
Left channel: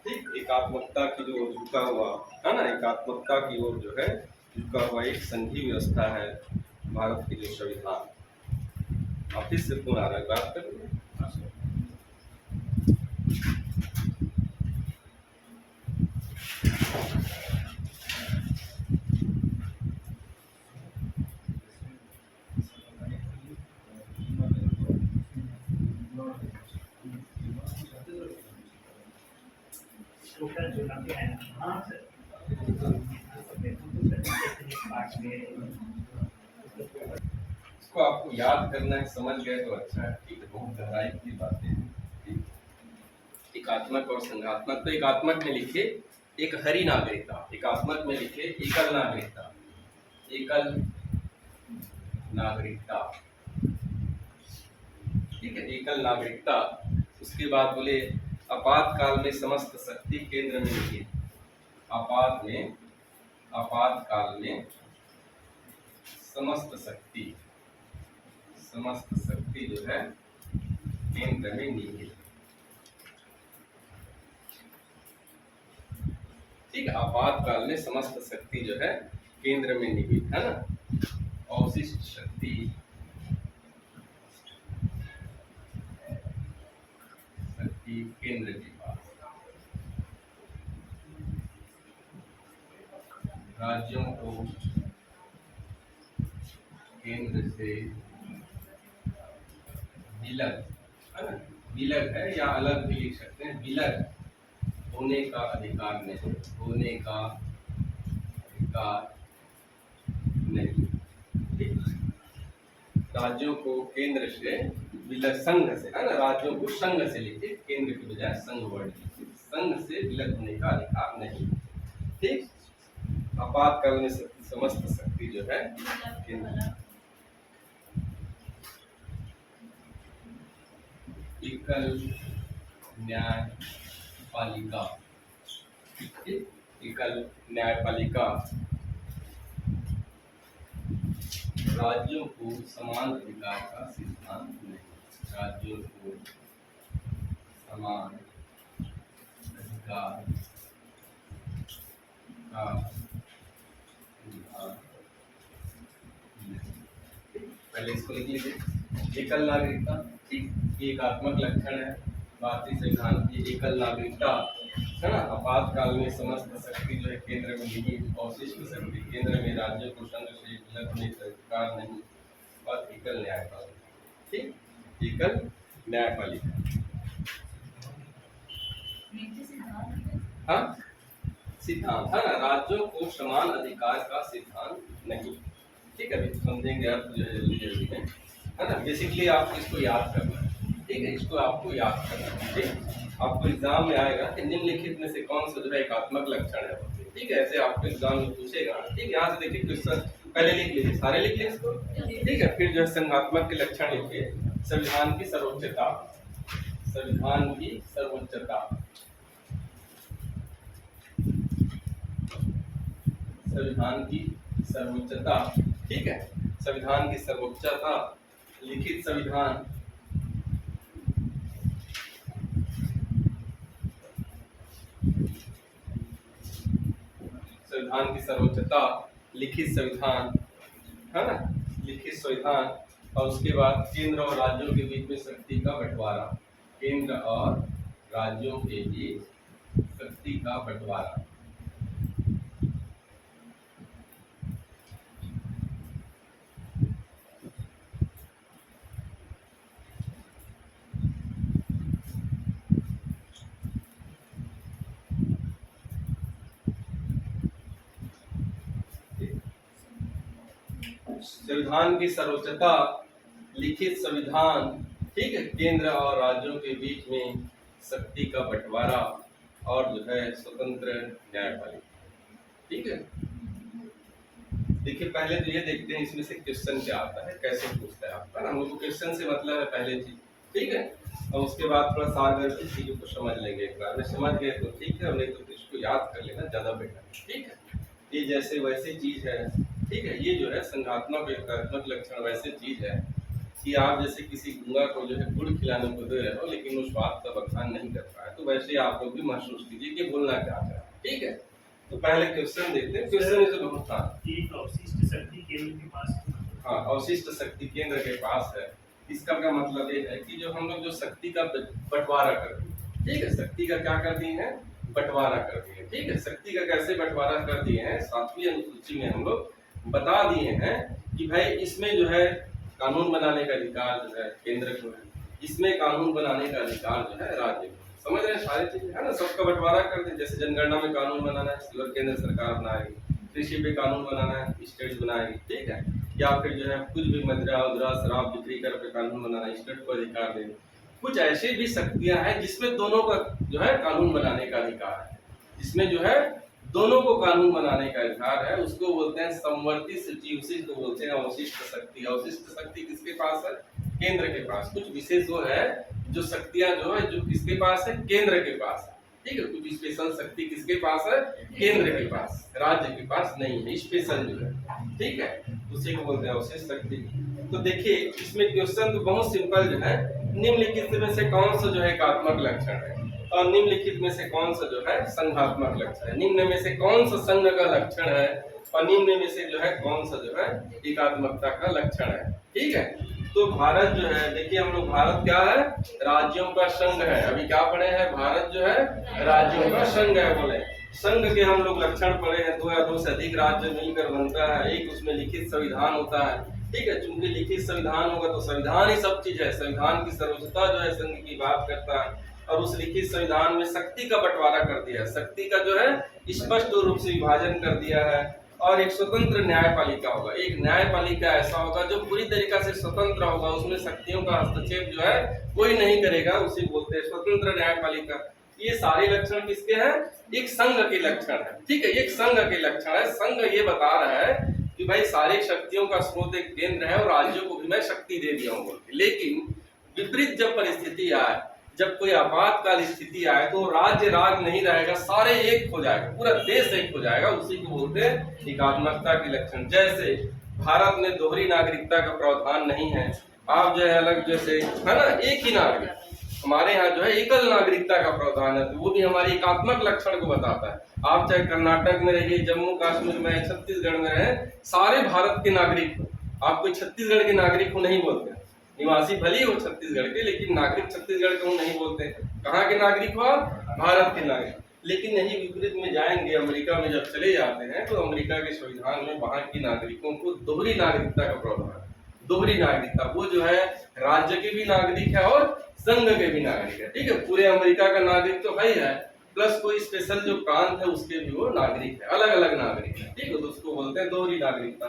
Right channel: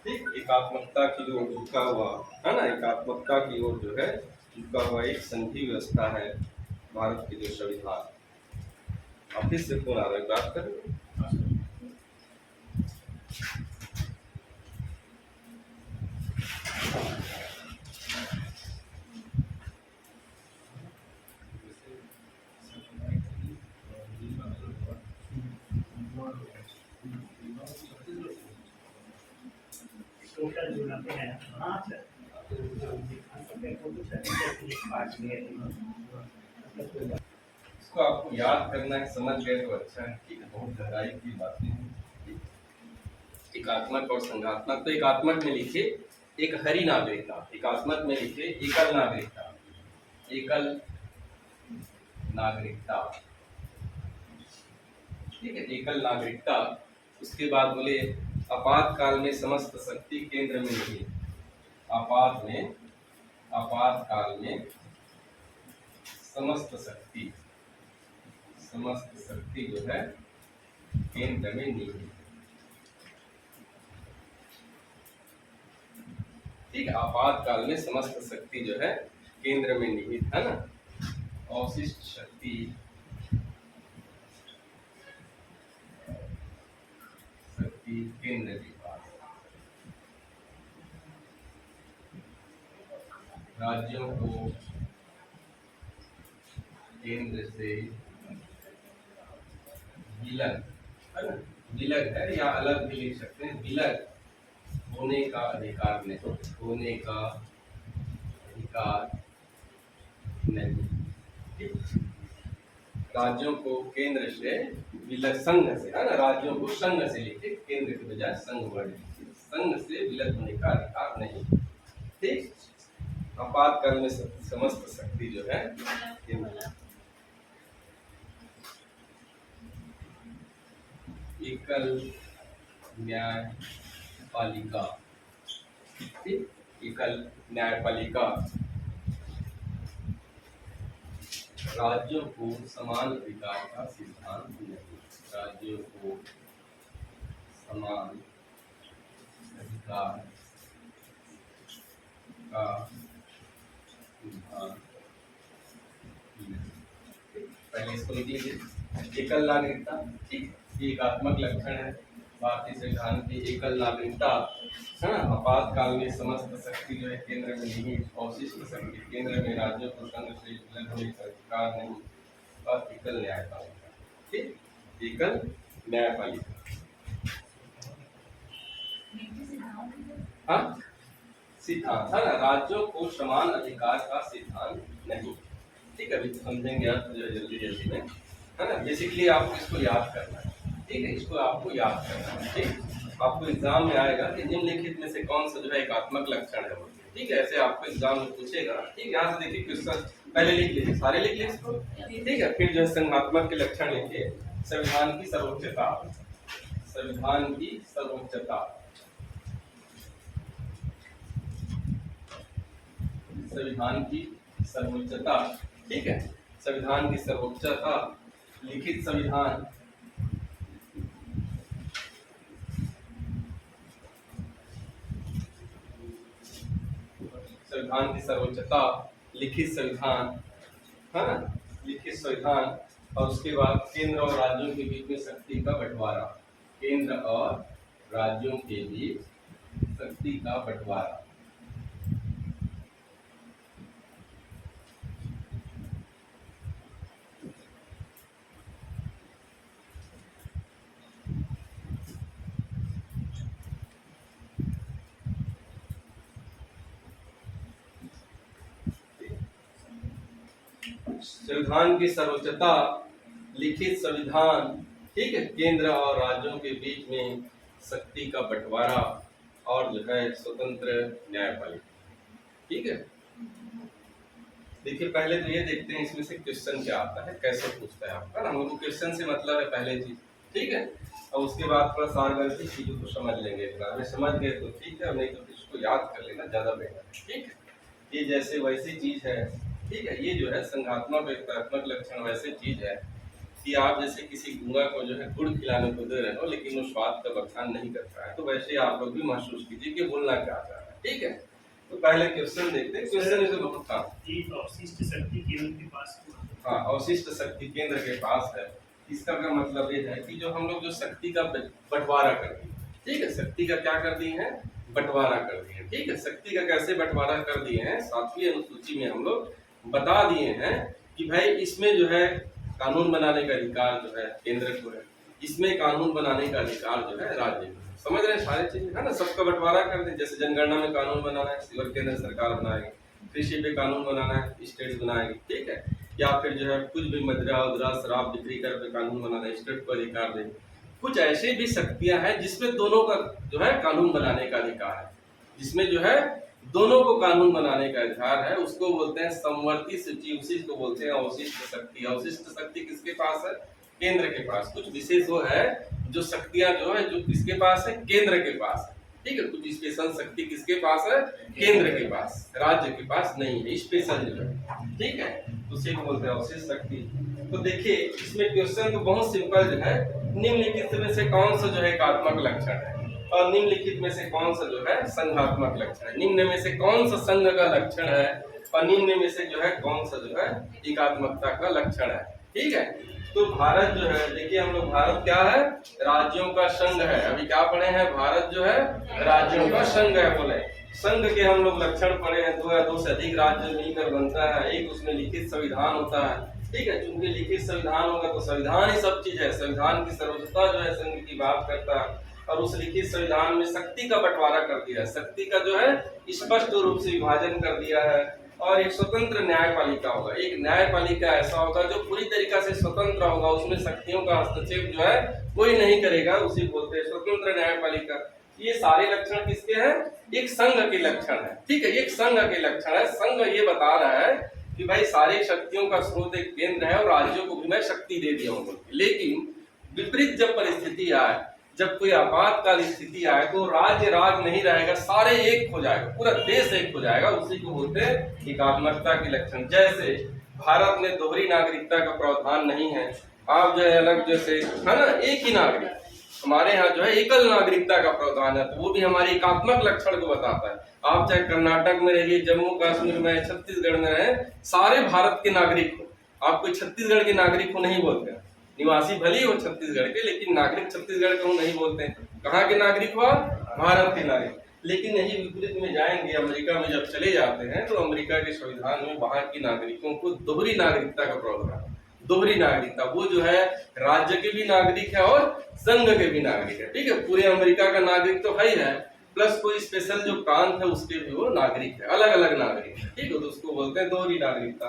ठीक, एकात्मकता की ओर झुका हुआ है ना, एकात्मकता की ओर जो है झुका हुआ एक संघीय व्यवस्था है भारत के जो संविधान। ऑफिस से फोन आ रहा है, बात करेंगे। इसको आपको याद करना है, समझ गए तो अच्छा है। ठीक है, बहुत गहराई की बातें हैं। एकात्मक और संघात्मक, तो एकात्मक में लिखिए एक हरी नागरिकता, एकात्मक में लिखिए एकल नागरिकता, एकल नागरिकता। ठीक है, एकल नागरिकता। उसके बाद बोले आपातकाल में समस्त शक्ति केंद्र में निहित। आपातकाल में समस्त शक्ति जो है केंद्र में निहित। ठीक, आपातकाल में समस्त शक्ति जो है केंद्र में निहित, है ना। अवशिष्ट शक्ति केंद्र के पास। राज्यों को केंद्र से विलग, है ना, विलग है या अलग भी लिख सकते हैं, विलग होने का अधिकार नहीं, होने का अधिकार नहीं। राज्यों को केंद्र से विलग, संघ से, है ना, राज्यों को संघ से लिखे, केंद्र के बजाय संघ वर्ड लिखे, संघ से विलग होने का अधिकार नहीं। ठीक, आपातकाल में समस्त शक्ति जो है केंद्र। एकल न्यायपालिका, एकल न्यायपालिका। राज्यों को समान अधिकार का सिद्धांत नहीं, राज्यों को समान अधिकार का सिद्धांत नहीं। पहले इसको लिख लीजिए, एकल नागरिकता। ठीक, एकात्मक लक्षण है भारतीय संविधान की, एकल नागरिकता, है ना। आपातकाल में समस्त शक्ति जो है केंद्र में निहित, अवशिष्ट शक्ति केंद्र में, राज्यों को संघ से विलग होने का अधिकार नहीं, और एकल न्यायपालिका। ठीक, एकल न्यायपालिका। हाँ, सिद्धांत, है ना, राज्यों को समान अधिकार का सिद्धांत नहीं। ठीक है, अभी समझेंगे आप जो है जल्दी जल्दी में, है ना। बेसिकली आपको इसको याद करना है। ठीक है, इसको आपको याद करना है। ठीक, आपको एग्जाम में आएगा कि निम्नलिखित में से कौन सा जो है एकात्मक लक्षण है। ठीक है, ऐसे आपको एग्जाम में पूछेगा। ठीक, यहाँ से देखिए क्वेश्चन पहले लिख लीजिए, सारे लिख लीजिए इसको। ठीक है, फिर जो है संघात्मक के लक्षण लिखिए, संविधान की सर्वोच्चता, संविधान की सर्वोच्चता, संविधान की सर्वोच्चता। ठीक है, संविधान की सर्वोच्चता, लिखित संविधान, संविधान की सर्वोच्चता, लिखित संविधान, है ना, लिखित संविधान। और उसके बाद केंद्र और राज्यों के बीच में शक्ति का बंटवारा, केंद्र और राज्यों के बीच शक्ति का बंटवारा। संविधान की सर्वोच्चता, लिखित संविधान, ठीक है, केंद्र और राज्यों के बीच में शक्ति का बंटवारा और जो है स्वतंत्र न्यायपालिका। ठीक है, देखिए पहले तो ये देखते हैं इसमें से क्वेश्चन क्या आता है, कैसे पूछता है आपका ना। हम लोग को क्वेश्चन से मतलब है पहले चीज, ठीक है, और उसके बाद थोड़ा सारगर्भित चीजों को समझ लेंगे। एक बार में समझ गए तो ठीक है, और नहीं तो इसको याद कर लेना ज्यादा बेटर है। ठीक है, ये जैसे वैसी चीज है, ठीक है, ये जो है संघात्मक एकात्मक लक्षण वैसे चीज है कि आप जैसे किसी गूंगा को जो है गुड़ खिलाने को दे रहे हो लेकिन वो स्वाद का बखान नहीं करता है, तो वैसे आप लोग भी महसूस कीजिए कि बोलना क्या चाह रहा है। ठीक है, तो पहले क्वेश्चन देखते हैं। क्वेश्चन से बहुत एक अवशिष्ट शक्ति केंद्र के पास। हाँ, अवशिष्ट शक्ति केंद्र के पास है। इसका क्या मतलब ये है कि जो हम लोग जो शक्ति का बंटवारा कर दिए, ठीक है, शक्ति का क्या कर दिए हैं, बंटवारा कर दिए। ठीक है, शक्ति का कैसे बंटवारा कर दिए हैं, 7वीं अनुसूची में हम लोग बता दिए हैं कि भाई इसमें जो है कानून बनाने का अधिकार जो है केंद्र को है, इसमें कानून बनाने का अधिकार जो है राज्य को। समझ रहे हैं सारी चीजें, है ना, सबका बंटवारा कर दें। जैसे जनगणना में कानून बनाना है, केवल केंद्र सरकार बनाएगी, कृषि पे कानून बनाना है, स्टेट बनाएगी। ठीक है, या फिर जो है कुछ भी मदिरा उदरा शराब बिक्री कर पे कानून बनाना है, स्टेट को अधिकार देंगे। कुछ ऐसे भी शक्तियां हैं जिसमें दोनों का जो है कानून बनाने का अधिकार है, जिसमें जो है दोनों को कानून बनाने का अधिकार है, उसको बोलते हैं समवर्ती सूची, उसी को बोलते हैं अवशिष्ट शक्ति। अवशिष्ट शक्ति किसके पास है, केंद्र के पास। कुछ विशेष वो है जो शक्तियां जो है जो किसके पास है, केंद्र के पास है। ठीक है, कुछ स्पेशल शक्ति किसके पास है, केंद्र के पास, राज्य के पास नहीं है, स्पेशल जो है। ठीक है, उसी को बोलते हैं अवशिष्ट शक्ति। तो देखिए इसमें क्वेश्चन तो बहुत सिंपल जो है, निम्नलिखित में से कौन सा जो है एकात्मक लक्षण है और निम्नलिखित में से कौन सा जो है संघात्मक लक्षण है, निम्न में से कौन सा संघ का लक्षण है और निम्न में से जो है कौन सा जो है एकात्मकता का लक्षण है। ठीक है, तो भारत जो है, देखिए हम लोग, भारत क्या है, राज्यों का संघ है। अभी क्या पढ़े हैं, भारत जो है राज्यों का संघ है। बोले संघ के हम लोग लक्षण पढ़े हैं, 2 या 2 से अधिक राज्य मिलकर बनता है, एक उसमें लिखित संविधान होता है। ठीक है, चूंकि लिखित संविधान होगा तो संविधान ही सब चीज है, संविधान की सर्वोच्चता जो है संघ की बात करता है, और उस लिखित संविधान में शक्ति का बंटवारा कर दिया है, शक्ति का जो है स्पष्ट रूप से विभाजन कर दिया है। और एक स्वतंत्र न्यायपालिका होगा, एक न्यायपालिका ऐसा होगा जो पूरी तरीका से स्वतंत्र होगा, उसमें शक्तियों का हस्तक्षेप जो है कोई नहीं करेगा, उसी बोलते हैं स्वतंत्र न्यायपालिका। ये सारे लक्षण किसके हैं, एक संघ के लक्षण है। ठीक है, एक संघ के लक्षण है। संघ ये बता रहा है कि भाई सारी शक्तियों का स्रोत एक केंद्र है और राज्यों को भी मैं शक्ति दे दिया हूँ। लेकिन विपरीत जब परिस्थिति आए, जब कोई आपातकाल स्थिति आए तो राज्य राग नहीं रहेगा, सारे एक हो जाएगा, पूरा देश एक हो जाएगा, उसी को बोलते हैं एकात्मकता के लक्षण। जैसे भारत में दोहरी नागरिकता का प्रावधान नहीं है, आप जो है अलग, जैसे है ना एक ही नागरिक, हमारे यहाँ जो है एकल नागरिकता का प्रावधान है, तो वो भी हमारे एकात्मक लक्षण को बताता है। आप चाहे कर्नाटक में रहिए, जम्मू कश्मीर में, छत्तीसगढ़ में रहे, सारे भारत के नागरिक हो, आप कोई छत्तीसगढ़ के नागरिक हो नहीं बोलते हैं, निवासी भले ही हो छत्तीसगढ़ के, लेकिन नागरिक छत्तीसगढ़ के हो नहीं बोलते हैं। कहाँ के नागरिक हो, भारत के नागरिक। लेकिन यही विपरीत में जाएंगे, अमेरिका में जब चले जाते हैं तो अमेरिका के संविधान में वहां के नागरिकों को दोहरी नागरिकता का प्रावधान, दोहरी नागरिकता, वो जो है राज्य के भी नागरिक है और संघ के भी नागरिक है। ठीक है, पूरे अमेरिका का नागरिक तो है ही है, प्लस कोई स्पेशल जो प्रांत है उसके भी वो नागरिक है, अलग अलग नागरिक है। ठीक है, तो उसको बोलते हैं दोहरी नागरिकता।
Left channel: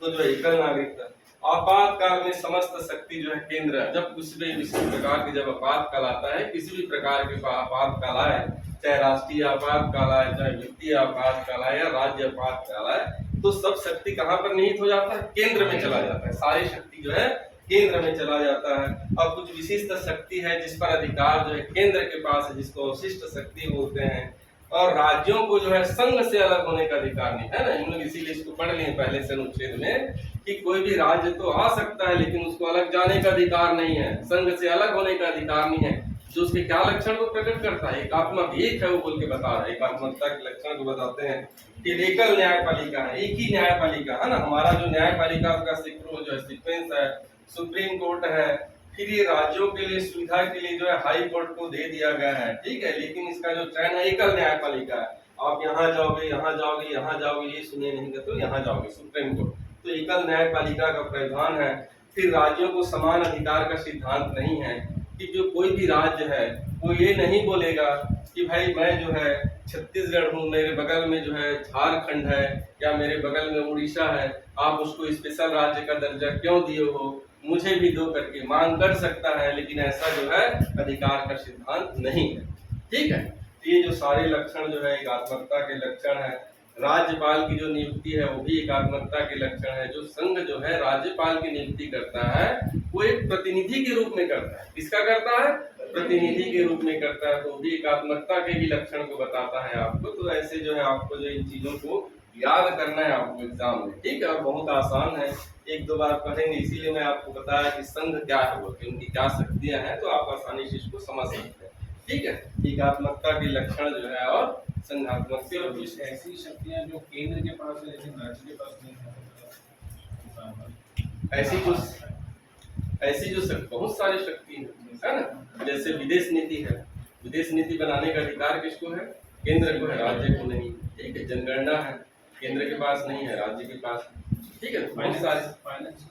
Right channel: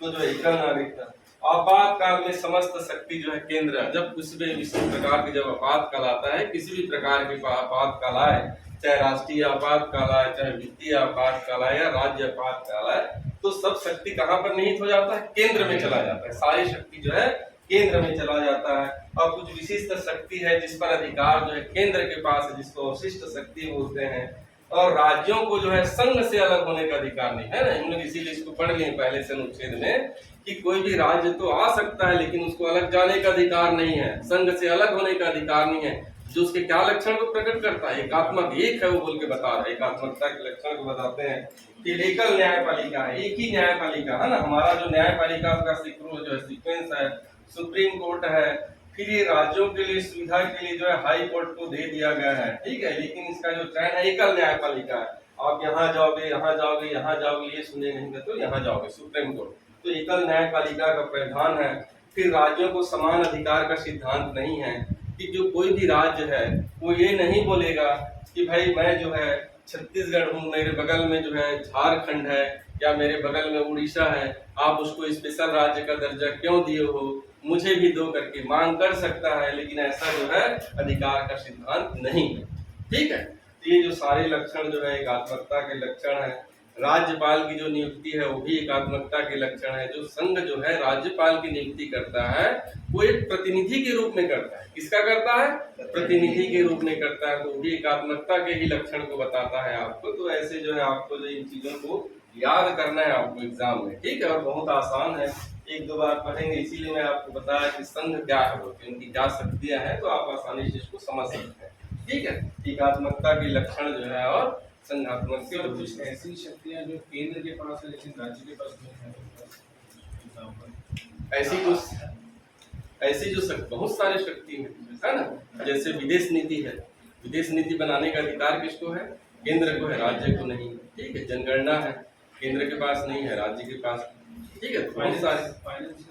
तो जो एकल नागरिकता, आपातकाल में समस्त शक्ति जो है केंद्र, जब किसी भी प्रकार के जब आपातकाल आता है, किसी भी प्रकार के आपातकाल आए, चाहे राष्ट्रीय आपातकाल आए, चाहे वित्तीय आपातकाल आए या राज्य आपातकाल आए, तो सब शक्ति कहाँ पर निहित हो जाता है, केंद्र में चला जाता है, सारी शक्ति जो है केंद्र में चला जाता है। और कुछ विशिष्ट शक्ति है जिस पर अधिकार जो है केंद्र के पास है, जिसको अवशिष्ट शक्ति बोलते हैं। और राज्यों को जो है संघ से अलग होने का अधिकार नहीं है ना, हम लोग इसीलिए इसको पढ़ लिए पहले से अनुच्छेद में कि कोई भी राज्य तो आ सकता है लेकिन उसको अलग जाने का अधिकार नहीं है, संघ से अलग होने का अधिकार नहीं है। जो उसके क्या लक्षण को प्रकट करता है, एकात्मक, एक है वो बोल के बता रहा है, एकात्मकता के लक्षण को बताते हैं कि एकल न्यायपालिका है, एक ही न्यायपालिका है ना, हमारा जो न्यायपालिका का जो है सीक्वेंस है, सुप्रीम कोर्ट है, फिर ये राज्यों के लिए सुविधा के लिए जो है हाई कोर्ट को दे दिया गया है। ठीक है, लेकिन इसका जो चयन है एकल न्यायपालिका है, आप यहाँ जाओगे, यहाँ जाओगे, यहाँ जाओगे, ये सुने नहीं तो यहाँ जाओगे सुप्रीम कोर्ट, तो एकल न्यायपालिका का प्रावधान है। फिर राज्यों को समान अधिकार का सिद्धांत नहीं है कि जो कोई भी राज्य है वो ये नहीं बोलेगा कि भाई मैं जो है छत्तीसगढ़ हूँ, मेरे बगल में जो है झारखंड है या मेरे बगल में उड़ीसा है, आप उसको स्पेशल राज्य का दर्जा क्यों दिए हो, मुझे भी दो करके मांग कर सकता है, लेकिन ऐसा जो है अधिकार का सिद्धांत नहीं है। ठीक है, ये जो सारे लक्षण जो है एकात्मकता के लक्षण है। राज्यपाल की जो नियुक्ति है वो भी एकात्मकता के लक्षण है। जो संघ जो है राज्यपाल की नियुक्ति करता है वो एक प्रतिनिधि के रूप में करता है। किसका करता है? प्रतिनिधि के रूप में करता है, तो भी एकात्मकता के ही लक्षण को बताता है आपको। तो ऐसे जो है आपको जो इन चीजों को याद करना है आपको एग्जाम में। ठीक है, और बहुत आसान है, एक दो बार पढ़ेंगे, इसीलिए मैं आपको बताया कि संघ क्या है वो, कि उनकी क्या शक्तियां हैं, तो आप आसानी से इसको समझ सकते हैं। ठीक है, एकात्मकता के लक्षण जो है और संघात्मक के सर कुछ ऐसी शक्तियां जो केंद्र के पास है लेकिन राज्य के पास नहीं है, एग्जाम्पल ऐसी जो बहुत सारी शक्ति है ना, जैसे विदेश नीति है। विदेश नीति बनाने का अधिकार किसको है? केंद्र को है, राज्य को नहीं। ठीक है, जनगणना है, केंद्र के पास नहीं है, राज्य के पास। ठीक है, बहुत सारे फाइनेंस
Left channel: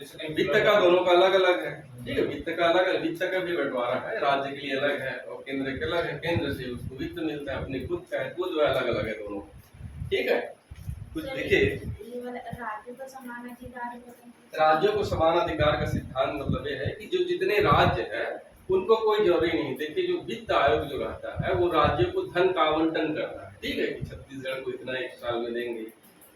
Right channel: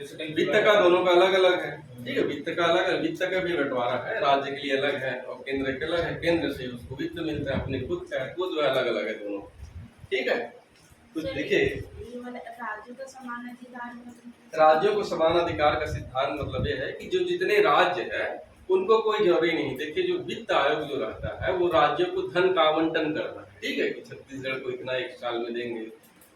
जैसे कहीं वित्त का दोनों का अलग अलग है। ठीक है, वित्त का अलग है, वित्त का भी बंटवारा है, राज्य के लिए अलग है और केंद्र के अलग है। केंद्र से उसको वित्त मिलता है, अपने खुद का है, वो जो है अलग अलग है दोनों। ठीक है, कुछ देखिए, ये वाला राज्यों का समान अधिकार है। राज्यों को समान अधिकार का सिद्धांत मतलब ये है कि जो जितने राज्य है उनको कोई जरूरी नहीं। देखिए, जो वित्त आयोग जो रहता है वो राज्यों को धन का आवंटन करता है। ठीक है, कि छत्तीसगढ़ को इतना एक साल में देंगे,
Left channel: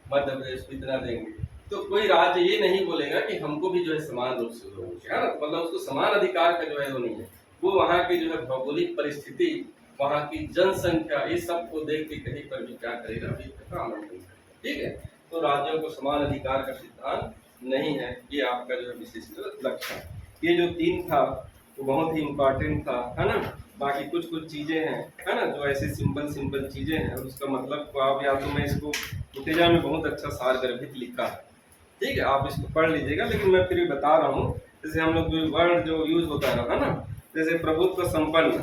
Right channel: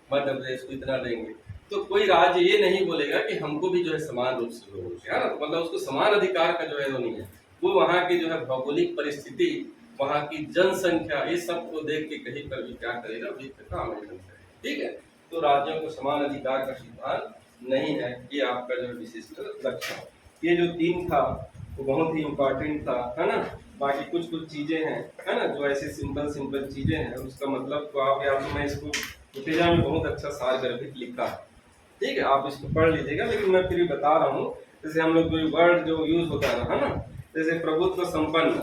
मध्य प्रदेश को इतना देंगे, तो कोई राज्य ये नहीं बोलेगा कि हमको भी जो है समान रूप से दो, है ना। मतलब उसको समान अधिकार का जो है वो नहीं है। वो वहाँ की जो है भौगोलिक परिस्थिति, वहाँ की जनसंख्या, ये सब को देख के कहीं पर भी क्या करेगा, वित्त का आवंटन करेगा। ठीक है, तो राज्यों को समान अधिकार का सिद्धांत नहीं है। ये आपका जो है विशिष्ट लक्षण। ये जो 3 था वो बहुत ही इम्पोर्टेंट था, है ना। बाकी कुछ चीजें हैं, है ना, जो ऐसे सिंपल चीजें हैं, और उसका मतलब को आप, या तो मैं इसको उत्तेजा में बहुत अच्छा सार गर्भित लिखा है। ठीक है, आप इसको पढ़ लीजिएगा, लेकिन मैं फिर भी बता रहा हूँ। जैसे हम लोग वर्ड जो यूज होता है ना, जैसे प्रभुत्व संपन्न,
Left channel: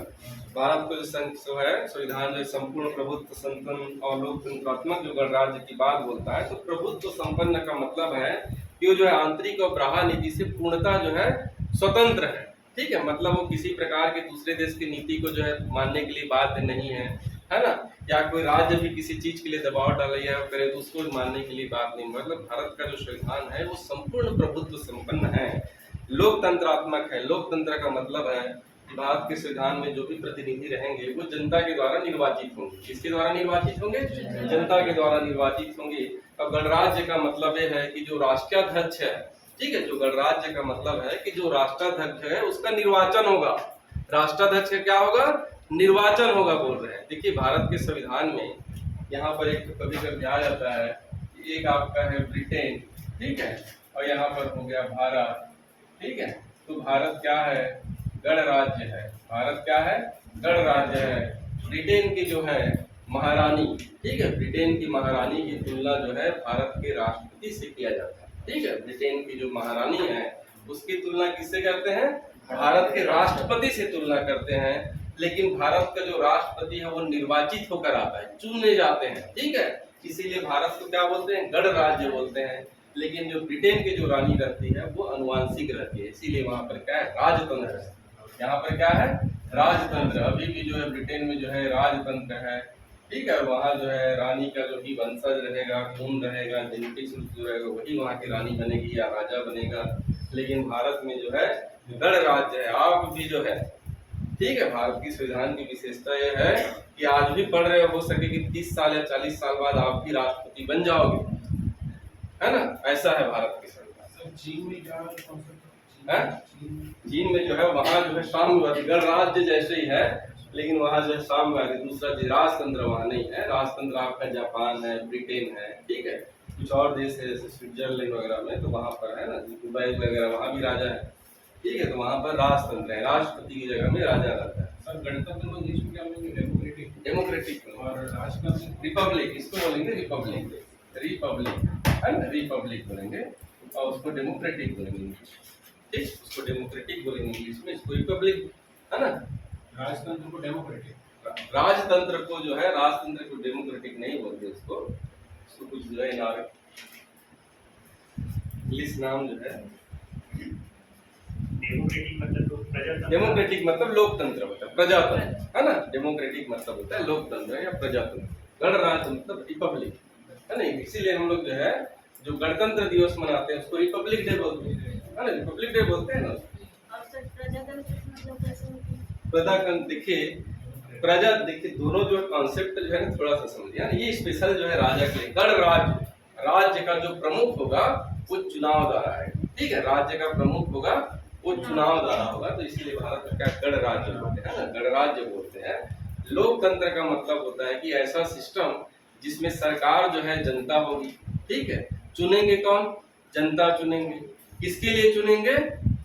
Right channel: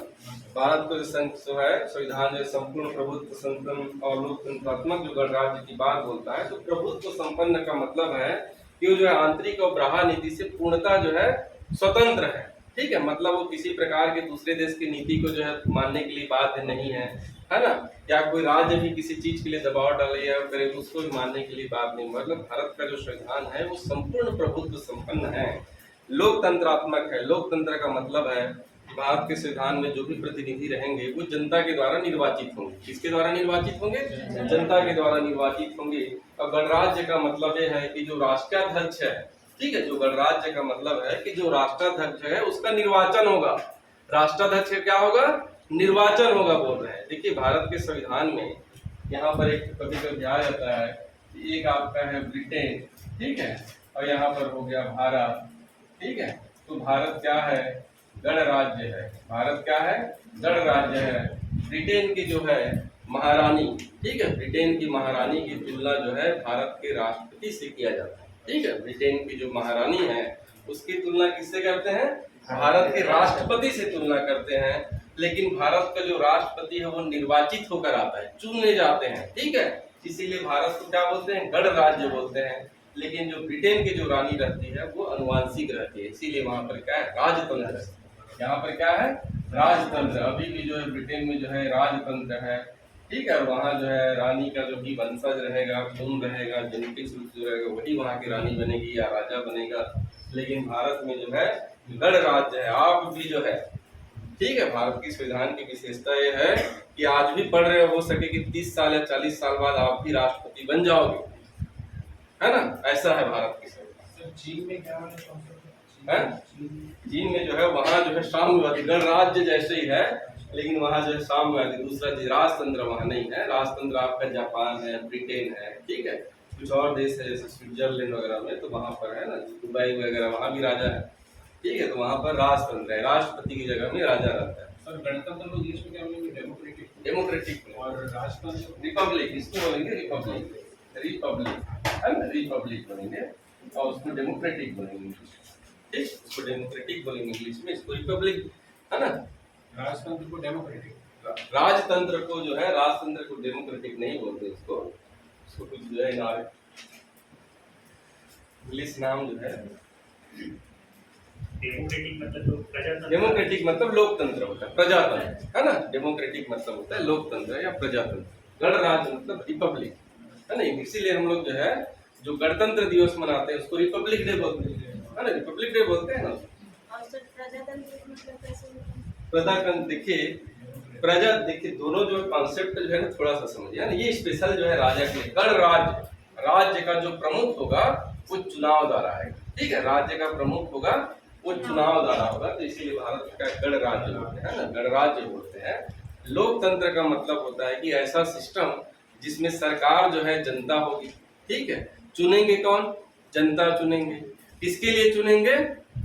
भारत को जो है संविधान जो संपूर्ण प्रभुत्व संपन्न और लोकतंत्रात्मक जो गणराज्य की बात बोलता है, तो प्रभुत्व संपन्न का मतलब है कि वो जो है आंतरिक और बाह्य नीति से पूर्णतः जो है स्वतंत्र है। ठीक है, मतलब वो किसी प्रकार के दूसरे देश की नीति को जो है मानने के लिए बाध्य नहीं है, है ना। या कोई राज्य भी किसी चीज के लिए दबाव डाले या करे तो उसको भी मानने के लिए बात नहीं। मतलब भारत का जो संविधान है वो संपूर्ण प्रभुत्व संपन्न है, लोकतंत्रात्मक है। लोकतंत्र का मतलब है भारत के संविधान में जो भी प्रतिनिधि रहेंगे वो जनता के द्वारा निर्वाचित होंगे। किसके द्वारा निर्वाचित होंगे? जनता के द्वारा निर्वाचित होंगे। और गणराज्य का मतलब ये है कि जो राष्ट्राध्यक्ष है, ठीक है, जो गणराज्य का मतलब है कि जो राष्ट्राध्यक्ष है उसका निर्वाचन होगा। राष्ट्राध्यक्ष का क्या होगा? निर्वाचन होगा बोल रहे हैं। देखिए, भारत के संविधान में यहाँ पर एक कभी कभी आ जाता है, एक आपका है ब्रिटेन, ठीक है, और यहाँ पर हो गया भारत। ठीक है, तो भारत क्या है? गणराज्य है। भारत क्या है? गणराज्य है। ब्रिटेन की जो है महारानी, ठीक है, ब्रिटेन की महारानी की तुलना जो है भारत के राष्ट्रपति से किया जाता है। ठीक है, ब्रिटेन की जो महारानी है उसकी तुलना किससे करते हैं? भारत के राष्ट्रपति से तुलना करते हैं। लेकिन भारत का जो राष्ट्रपति है वो निर्वाचित होकर आता है, चुने जाते हैं। ठीक है, इसीलिए भारत को क्या बोलते हैं? गणराज्य बोलते हैं। लेकिन जो ब्रिटेन की जो रानी रहती है वो अनुवांशिक रहती है, इसीलिए वहां पर क्या है? राजतंत्र है। यहाँ पर क्या है? राजतंत्र। अभी भी जो है ब्रिटेन में जो है राजतंत्र है। ठीक है, वहाँ जो है रानी का जो भी वंशज रहेगा, खून रहेगा, जेनेटिक्स जो रहेगा वही वहाँ की रानी बनेगी या राजा बनेगा। लेकिन भारत में जो है गणराज्य है। आप भी जो है, ठीक है, भारत की संविधान की विशेषता ये है कि आज भी पढ़ रहे हो सके कि 30 साल या 40 साल बाद आप भी राष्ट्रपति बन जाओगे, है ना। ऐसा है भारत की संविधान। चीन में क्या है? चीन में जो है वहाँ जो है साम्यवादी, गणराज्य जैसे ही है, लेकिन वहाँ जो है साम्यवादी, दूसरा राजतंत्र वहाँ नहीं है। राजतंत्र आपका जापान है, ब्रिटेन है, ठीक है, कुछ और देश है जैसे स्विट्जरलैंड वगैरह में, तो वहाँ पर है ना, दुबई वगैरह, वहाँ भी राजा है। ठीक है, तो वहाँ पर राजतंत्र है, राष्ट्रपति की जगह में राजा रहता है। सर गणतंत्र को इंग्लिश में क्या बोलेंगे? डेमोक्रेटिक। डेमोक्रेटिक और राजतंत्र रिपब्लिक, इसको बोलेंगे रिपब्लिक, रिपब्लिक है ना, रिपब्लिक बोलेंगे, और उसको डेमोक्रेटिक बोलेंगे। ठीक, उसको डेमोक्रेटिक बोलेंगे इंग्लिश में, इसको रिपब्लिक, है ना। राजतंत्र को डेमोक्रेटिक, राजतंत्र को जो है, राजतंत्र को डेमोक्रेटिक नहीं बोलते उसको कुछ जो है इंग्लिश नाम जो है डेमोक्रेटिक मतलब तो प्रजातंत्र। डेमोक्रेटिक मतलब लोकतंत्र होता है, प्रजातंत्र है ना। डेमोक्रेटिक मतलब होता है लोकतंत्र या प्रजातंत्र। गणराज्य मतलब रिपब्लिक है ना। इसीलिए हम लोग जो है जो गणतंत्र दिवस मनाते हैं उसको रिपब्लिक डे बोलते हैं, है ना। रिपब्लिक डे बोलते हैं ना। और सर प्रजातंत्र मतलब कैसे होता है? प्रजातंत्र देखिए दोनों जो कॉन्सेप्ट जो है ना थोड़ा सा समझिए ना। ये स्पेशल जो है राजा के लिए। गणराज्य, राज्य का जो प्रमुख होगा वो चुनाव द्वारा आएगा, ठीक है। राज्य का प्रमुख होगा वो चुनाव द्वारा होगा, तो इसीलिए भारत का गणराज्य बोलते हैं ना, गणराज्य बोलते हैं। लोकतंत्र का मतलब होता है कि ऐसा सिस्टम जिसमें सरकार जो है जनता होगी, ठीक है। चुनेंगे कौन? जनता चुनेंगे। किसके लिए चुनेंगे?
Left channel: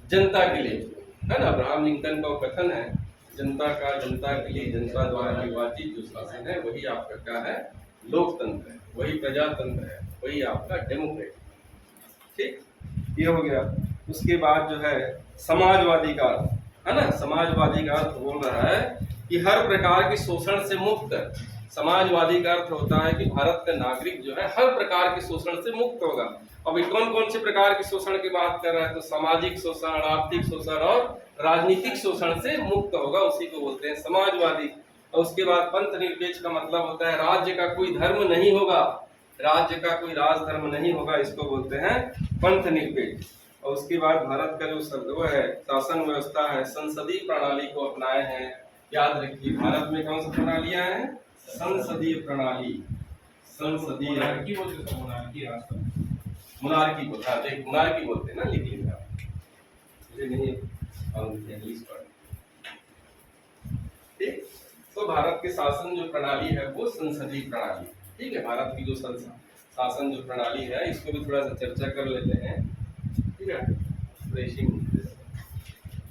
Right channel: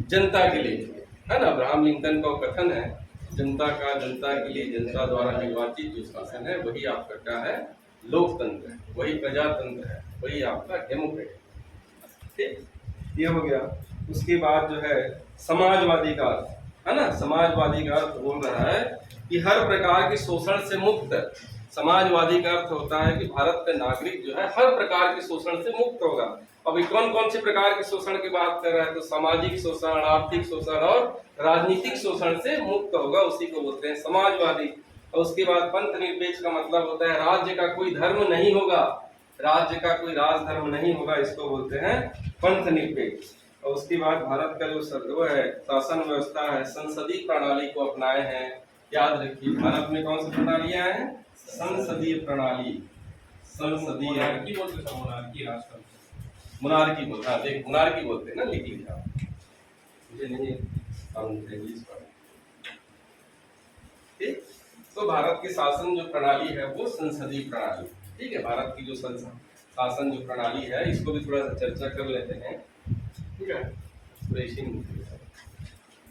जनता के लिए चुनेंगे, है ना। अब्राहम लिंकन का कथन है, जनता के लिए जनता द्वारा निर्वाचित जो शासन है वही आपका क्या है? लोकतंत्र है, वही प्रजातंत्र है, वही आपका डेमोक्रेट, ठीक। ये हो गया। उसके बाद जो है समाजवादी का अर्थ, है ना। समाजवादी का अर्थ बोल रहा है कि हर प्रकार के शोषण से मुक्त। समाजवादी का अर्थ होता है कि भारत का नागरिक जो है हर प्रकार के शोषण से मुक्त होगा। अभी कौन कौन से प्रकार के शोषण की बात कर रहा है? तो सामाजिक शोषण, आर्थिक शोषण और राजनीतिक शोषण से मुक्त होगा, उसी को बोलते हैं समाजवादी। और उसके बाद पंथ निरपेक्ष का मतलब होता है राज्य का कोई धर्म नहीं होगा, राज्य का कोई राज धर्म नहीं होगा, इसको बोलते हैं पंथ निरपेक्ष। और उसके बाद भारत का जो वो है शासन व्यवस्था है, संसदीय प्रणाली को अपनाए हैं। याद रखिए भारत में कौन सी प्रणालियां हैं? संसदीय प्रणाली, संसदीय मोनार्की बोलते हैं, मोनार्की राष्ट्रपति। मोनार्की बोलते हैं, देख मोनार्की बोलते हैं ना, लिख लीजिए आप, मुझे नहीं हम इंग्लिश पढ़, ठीक। तो भारत के शासन जो प्रणाली है वो संसदीय प्रणाली, ठीक है। भारत की जो शासन जो प्रणाली है इसको भी थोड़ा सा चर्चा कर लेते हैं, ठीक है।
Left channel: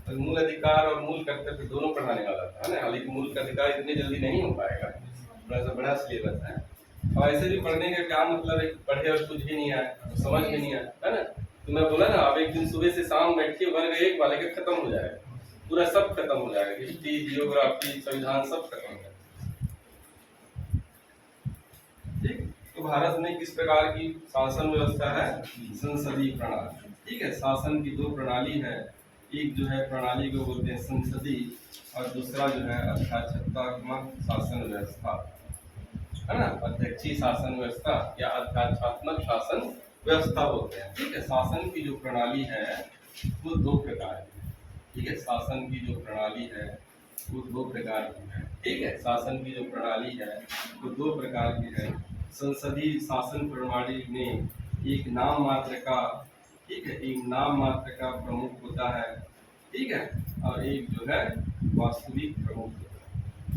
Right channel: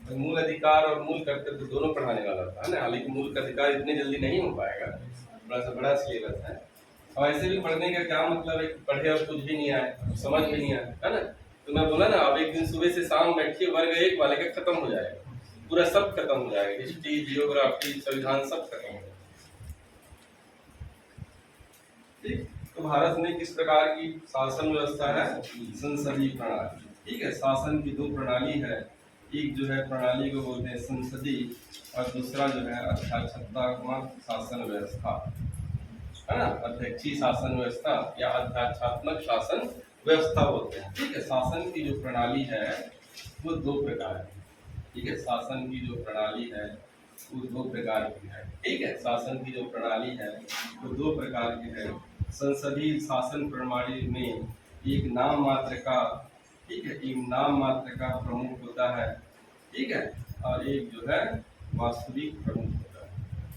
तो मूल अधिकार और मूल कर्तव्य दोनों पढ़ाने वाला था ना, हालांकि मूल का अधिकार इतने जल्दी नहीं हो पाएगा, थोड़ा सा बड़ा सिलेबस है। और ऐसे भी पढ़ने का क्या मतलब है कि पढ़े और कुछ भी नहीं आए, समझ भी नहीं आया, है ना। तो मैं बोला ना अब एक दिन सुबह से शाम बैठिए वर्ग 1 वाले का खत्म हो जाएगा, पूरा सब खत्म हो जाएगा, हिस्ट्री, जियोग्राफी, संविधान सब खत्म हो जाएगा, ठीक। तो भारत में किस प्रकार की शासन व्यवस्था है? संसदीय प्रणाली, ठीक है। शासन की 2 प्रणाली है, एक जो है प्रणाली को बोलते हैं संसदीय और दूसरा जो है अध्यक्षात्मक शासन व्यवस्था, है ना। अध्यक्षीय शासन व्यवस्था या अध्यक्षात्मक शासन व्यवस्था बोलते हैं, ठीक है। शासन की जो प्रणाली है वो 2 प्रकार की, ठीक है। शासन की जो प्रणाली है वो 2 प्रकार की है, ठीक है। शासन की जो प्रणाली है वो 2 प्रकार की है। संसदीय शासन प्रणाली में एक नाम मात्र का, ठीक है, एक नाम मात्र का प्रमुख होता है, ठीक है, और एक जो है वास्तविक प्रमुख होता है,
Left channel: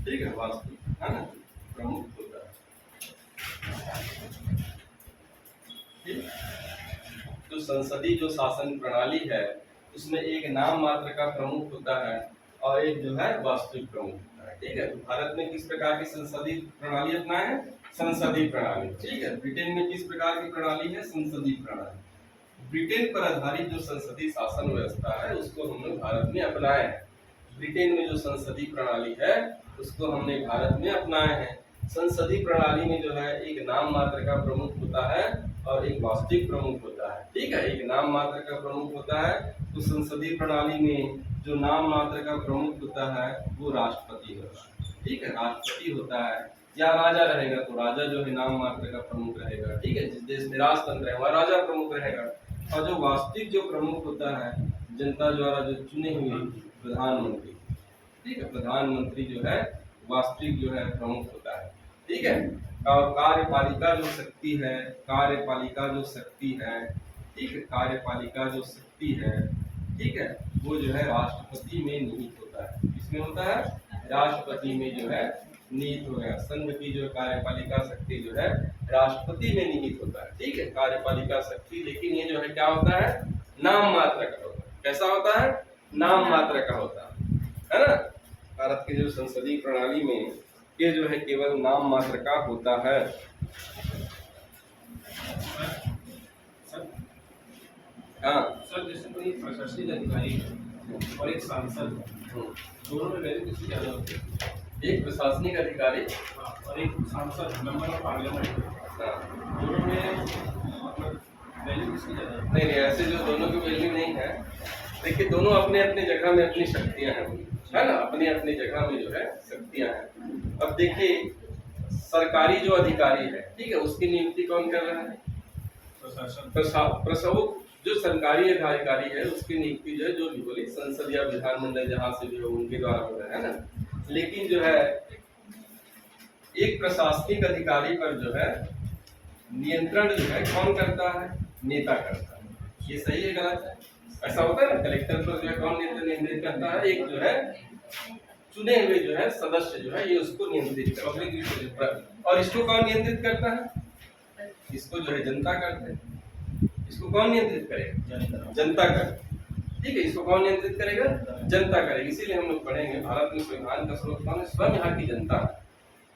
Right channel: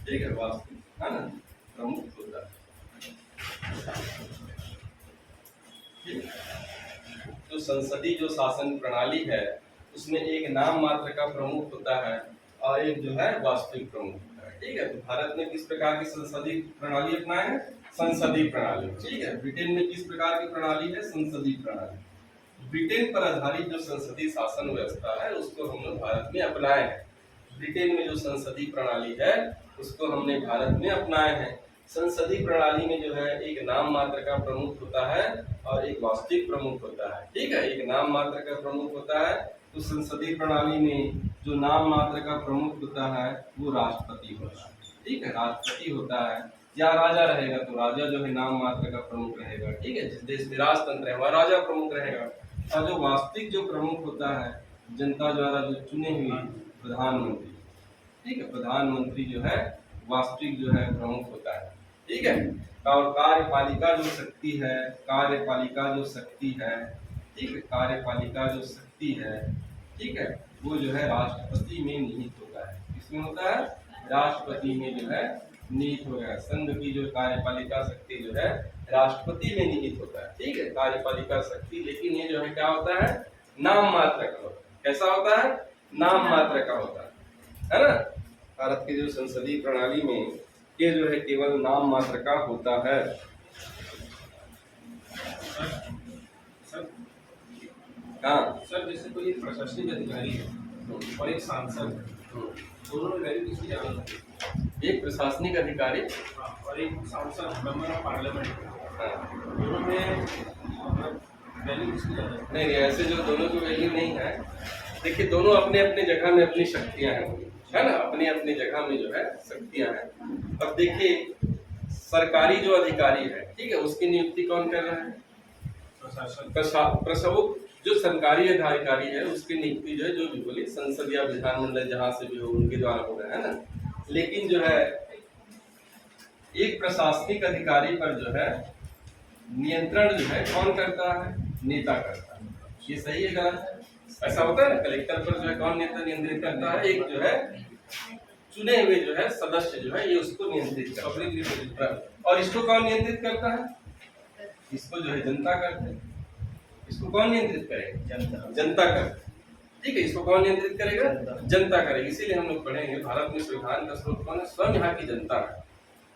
ठीक है, वास्तविक, है ना, प्रमुख होता है, ठीक। तो संसदीय जो शासन प्रणाली है उसमें एक नाम मात्र का प्रमुख होता है और एक जो है वास्तविक प्रमुख होता है, ठीक है। तो भारत में किस प्रकार की संसदीय प्रणाली अपनाए हैं? संसदीय प्रणाली, ठीक है। ब्रिटेन में किस प्रकार की प्रणाली है? संसदीय प्रणाली। ब्रिटेन पर आधारित जो संसदीय शासन व्यवस्था है उसको हम लोग भारत में अपनाए हैं। ब्रिटेन में जो संसदीय प्रणाली है उसको हमने भारत में अपनाए हैं। संसदीय प्रणाली में जो है एक नाम मात्र का प्रमुख होता है और एक वास्तविक प्रमुख होता है, ठीक है। एक नाम मात्र का प्रमुख होता है, तो संसदीय प्रणाली में जो नाम मात्र का प्रमुख होता है वो राष्ट्रपति होता है, ठीक है, राष्ट्रपति होता है। या राजा रहेगा तो राजा जो है नाम मात्र का प्रमुख रहेगा, ठीक है। जिस देश में राजतंत्र है वहाँ राजा प्रमुख रहेगा। और जो वास्तविक जो प्रमुख होता है जनता द्वारा जो चुने हुए प्रधानमंत्री, ठीक है, प्रधानमंत्री जो है वास्तविक जो है प्रमुख होता है, ठीक है। और कार्यपालिका जो शक्ति है, कार्यपालिका जो शक्ति है, ठीक है, कार्यपालिका जो शक्ति है, ठीक है, वो जो है राष्ट्रपति में निहित होता है। किसमें होता है? राष्ट्रपति में जो है निहित हो गया। संघ की जो कार्यपालिका शक्ति जो है राष्ट्रपति में निहित होता है, ठीक है, कार्यपालिका शक्ति। लेकिन ये जो है क्या होता है? नाम मात्र का होता है। कैसा होता है? नाम मात्र का होता है ना। भारत की जो संसदीय प्रणाली में ये जो है केवल नाम मात्र का होता है। हाँ सर, जैसे कोई प्रशासनिक अधिकारी है और एक सांसद है, दोनों में वैल्यू किसकी ज्यादा होती है? एक प्रशासनिक अधिकारी और एक सांसद, मेंबर ऑफ पार्लियामेंट, दोनों में मतलब वैल्यू किसकी ज्यादा होती है? नहीं, ऐसे जो दोनों की वैल्यू नहीं है, देखिए दोनों अपने अपने जगह में अपनी शक्तियां हैं, है ना, अपनी अपनी जगह में जो है शक्तियां हैं। अब देखिए सरकारी जो अधिकारी है, ठीक है, उसकी नियुक्ति कौन कर रहा है? प्रशासन प्रशासक जो सरकारी अधिकारी है उसकी नियुक्ति जो है, जो भी बोली संसद या विधानमंडल जहां से भी हो उनके द्वारा हो रहा है ना। लेकिन जो है एक प्रशासनिक अधिकारी पर जो है नियंत्रण जो है कौन करता है? नेता करता है। ये सही है गलत है? ऐसा होता है ना, कलेक्टर पर जो है कौन नेता नियंत्रित करता है? एक जो है चुने हुए जो है सदस्य जो है ये उसको नियंत्रित करता है। और इसको कौन नियंत्रित करता है? इसको जो है जनता करते हैं। इसको कौन नियंत्रित करेगा? जनता कर, ठीक है। इसको कौन नियंत्रित करेगा? जनता करेगी। इसीलिए हम लोग पढ़ेंगे भारत में संविधान का स्रोत कौन है? स्वयं यहाँ की जनता है,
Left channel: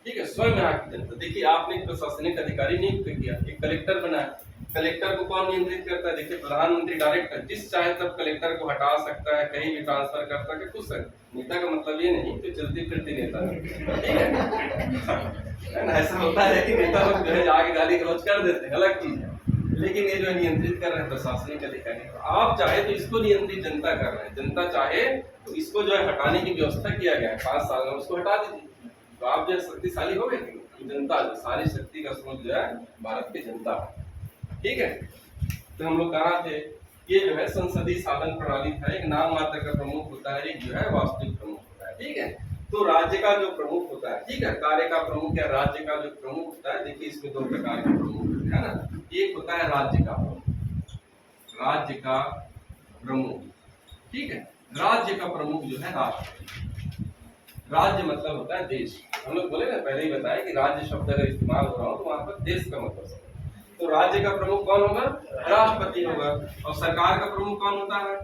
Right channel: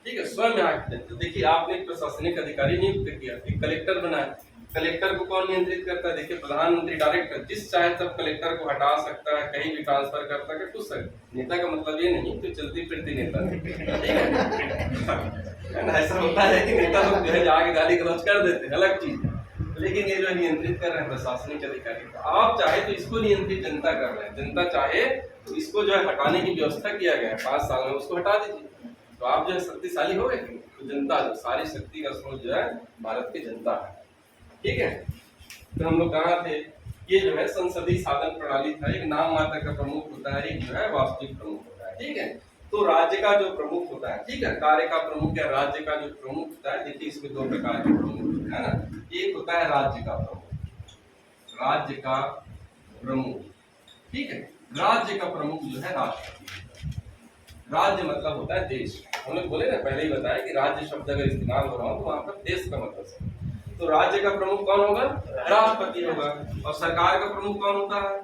ठीक है, स्वयं यहाँ की जनता। देखिए आपने एक प्रशासनिक अधिकारी नियुक्त किया, एक कलेक्टर बनाया, कलेक्टर को कौन नियंत्रित करता है? देखिए प्रधानमंत्री डायरेक्टर, जिस चाहे तब कलेक्टर को हटा सकता है, कहीं भी ट्रांसफर कर सकता है, कुछ नेता का मतलब ये नहीं तो चलती फिरती नेता, ठीक है ना। ऐसा होता है कि नेता लोग जो है आगे गाली गलौज कर देते हैं, अलग चीज है, लेकिन ये जो नियंत्रित कर रहे हैं प्रशासनिक अधिकारी को। आप चाहे तो इसको नियंत्रित जनता कर रहे हैं, जनता चाहे तो इसको जो है हटाने की व्यवस्था किया गया है 5 साल में, उसको हटा दीजिए तो आप जो है शक्तिशाली हो गए। तो जनता जो सारी शक्ति का स्रोत जो है भारत की जनता है, ठीक है। तो हम लोग कहाँ थे? ये जो है संसदीय शासन प्रणाली था। एक नाम मात्र का प्रमुख होता है, एक जो है वास्तविक प्रमुख होता है, ठीक है। तो राज्य का जो प्रमुख होता है, ठीक है, कार्य का प्रमुख या राज्य का जो प्रमुख होता है, देखिए इसमें 2 प्रकार के प्रमुख होते हैं ना। एक होता है राज्य का प्रमुख, राज्य का प्रमुख, ठीक है। राज्य का प्रमुख जो है राष्ट्रपति। राज्य मतलब होता है देश। हम लोग बोले ना, पहले ही बताया कि राज्य शब्द अगर इस्तेमाल हो रहा हो तो वहां पर देश का मतलब समझ। तो राज्य का प्रमुख कौन होगा? राष्ट्रपति होगा। और सरकार का प्रमुख कौन होता है?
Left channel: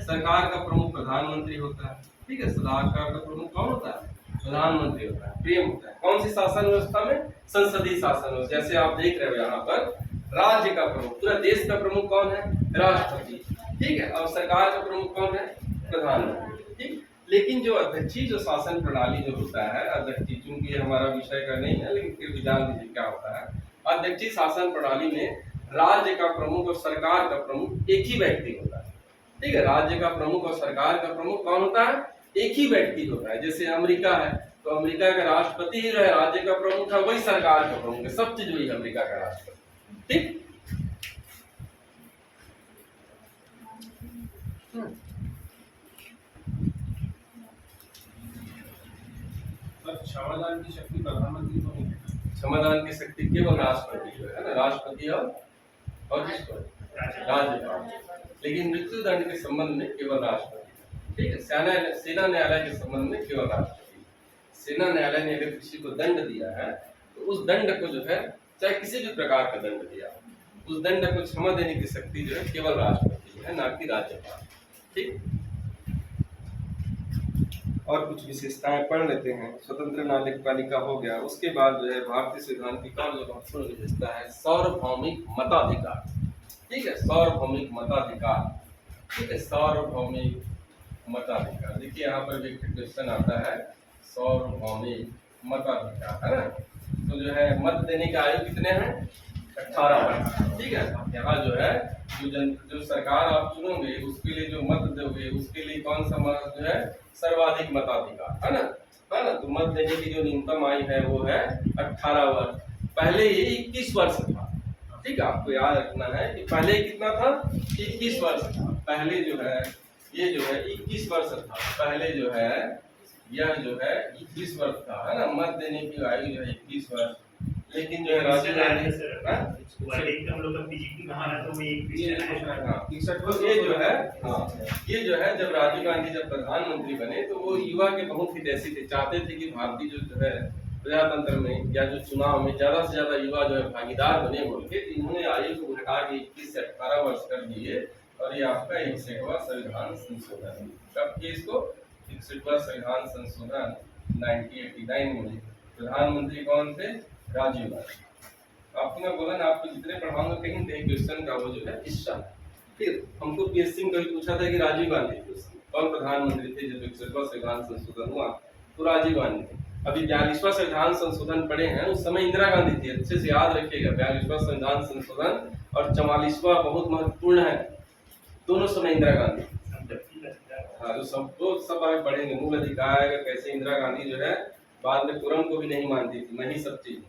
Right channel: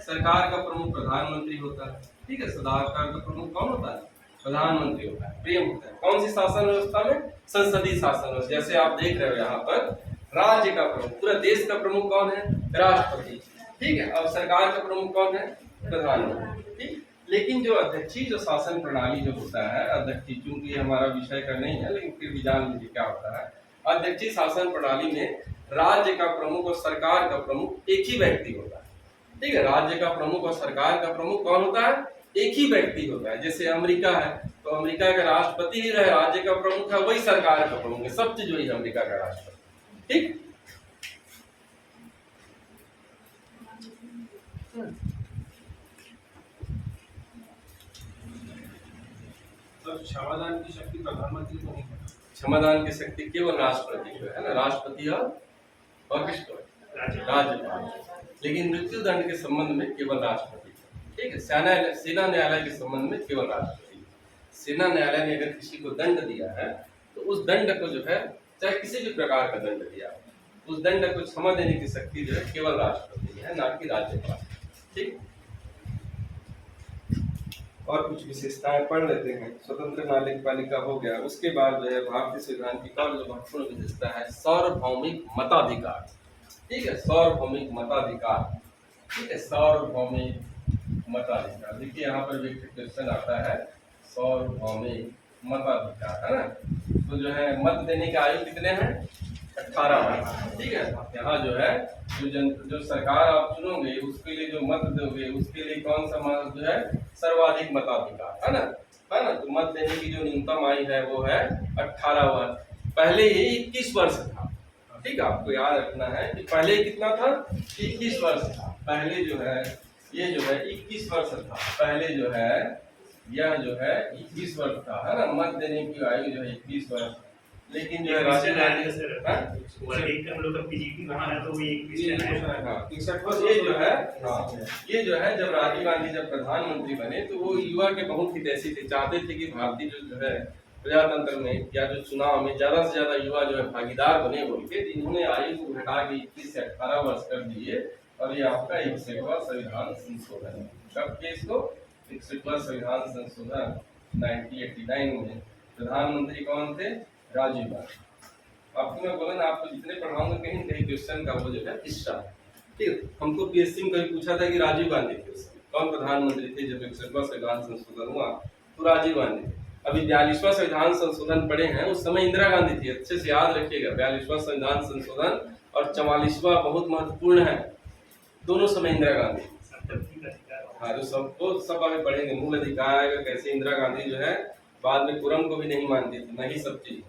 सरकार का प्रमुख प्रधानमंत्री होता है, ठीक है। सरकार का प्रमुख कौन होता है? प्रधानमंत्री होता है, प्रेम होता है। कौन सी शासन व्यवस्था में? संसदीय शासन व्यवस्था। जैसे आप देख रहे हो यहाँ पर राज्य का प्रमुख, पूरा देश का प्रमुख कौन है? राष्ट्रपति, ठीक है। और सरकार का प्रमुख कौन है? प्रधानमंत्री, ठीक। लेकिन जो अध्यक्षीय जो शासन प्रणाली जो होता है, अध्यक्षीय, चूंकि हमारा विषय का नहीं है लेकिन फिर भी जान लीजिए क्या होता है। अध्यक्षीय शासन प्रणाली में राज्य का प्रमुख और सरकार का प्रमुख एक ही व्यक्ति होता है, ठीक है। राज्य का प्रमुख और सरकार का प्रमुख कौन होता है? एक ही व्यक्ति होता है। जैसे अमेरिका है तो अमेरिका का राष्ट्रपति ही है, राज्य का प्रमुख है, वही सरकार का प्रमुख है, सब चीज वही अमेरिका का राष्ट्रपति, ठीक। क्षमादान की शक्ति प्रधानमंत्री को नहीं है। क्षमादान की शक्ति केवल राष्ट्रपति को है ना, राष्ट्रपति और किसको? राज्यपाल। लेकिन मृत्यु दंड के संबंध में केवल राष्ट्रपति, ठीक है। सेना न्यायालय के संबंध में केवल राष्ट्रपति। सेना न्यायालय ने अगर किसी को दंड दिया है तो उस दंड को जो है, चाहे किसी भी प्रकार का दंड दिया, उस दंड को क्षमा देने की शक्ति जो है केवल राष्ट्रपति है, ना कि राज्यपाल, ठीक। और कुछ विशेषताएं पढ़ लेते हैं। स्वतंत्र न्यायपालिका हो गया। उसके बाद जो है भारतीय संविधान की कौन जो महत्वपूर्ण विशेषता है? सार्वभौमिक मताधिकार, ठीक है, सार्वभौमिक मताधिकार, ठीक है, सार्वभौमिक मताधिकार। देखिए यहाँ पर भी क्वेश्चन आता है, सार्वभौमिक मताधिकार, है ना। तो जो है मत देने की आयु कितने हैं? 18 वर्ष, ठीक है। यहाँ जो है जो सरकार आप चुनोगे उसके लिए जो मत दोगे उसके लिए कौन सा मत जो है? सर्वाधिक मताधिकार, है ना, है ना। तो मत देने की जो न्यूनतम आयु है वो है 18 वर्ष। पहले ये 21 वर्ष था, ठीक है। आपको याद रखना है कि पहले कितना था? 21 वर्ष था। पहले जो है ये जो है 21 वर्ष था, पहले जो है यह जो है 21 वर्ष था, है ना। मत देने की आयु जो है 21 वर्ष। लेकिन जो है राजीव गांधी हम लोग का पीजीटी कहाँ है तो वो एक ये जो है, हाँ, ये जो है जब राजीव गांधी जब प्रधानमंत्री बने तो वो युवा के बहुत हितैषी थे, चाहते थे कि भारतीय जो है प्रजातंत्र में या जो चुनाव में ज्यादा से ज्यादा युवा जो है भागीदार बने बोल के। इन्होंने आयु को घटा के 21 से 18 वर्ष कर दिए। और ये आपका 61वां संविधान संशोधन। कब किए इसको? 61वां संविधान संशोधन 1989 में। प्रधानमंत्री कौन थे? राजीव गांधी। आपको मैं बोला ना, आपको जितने पढ़ाऊंगा कहीं कहीं क्वेश्चन का वो जो है हिस्सा, ठीक। हमको पीएससी में कभी पूछा था कि राजीव गांधी थे कौन प्रधानमंत्री थे जब 61वां संविधान संशोधन हुआ? तो राजीव गांधी थे। अभी 42वां संविधान संशोधन पढ़े हैं, उस समय इंदिरा गांधी थी। अच्छे से याद रखिएगा, 42वां संविधान संशोधन और 44वां बहुत महत्वपूर्ण है। दोनों समय इंदिरा गांधी। संपत्ति का अधिकार। हाँ तो सब आगे पढ़ेंगे। मूल अधिकार आएगा कैसे इंदिरा गांधी जो है बाद में कुरम को भी नहीं मानती थी, मैं ही सब चीज,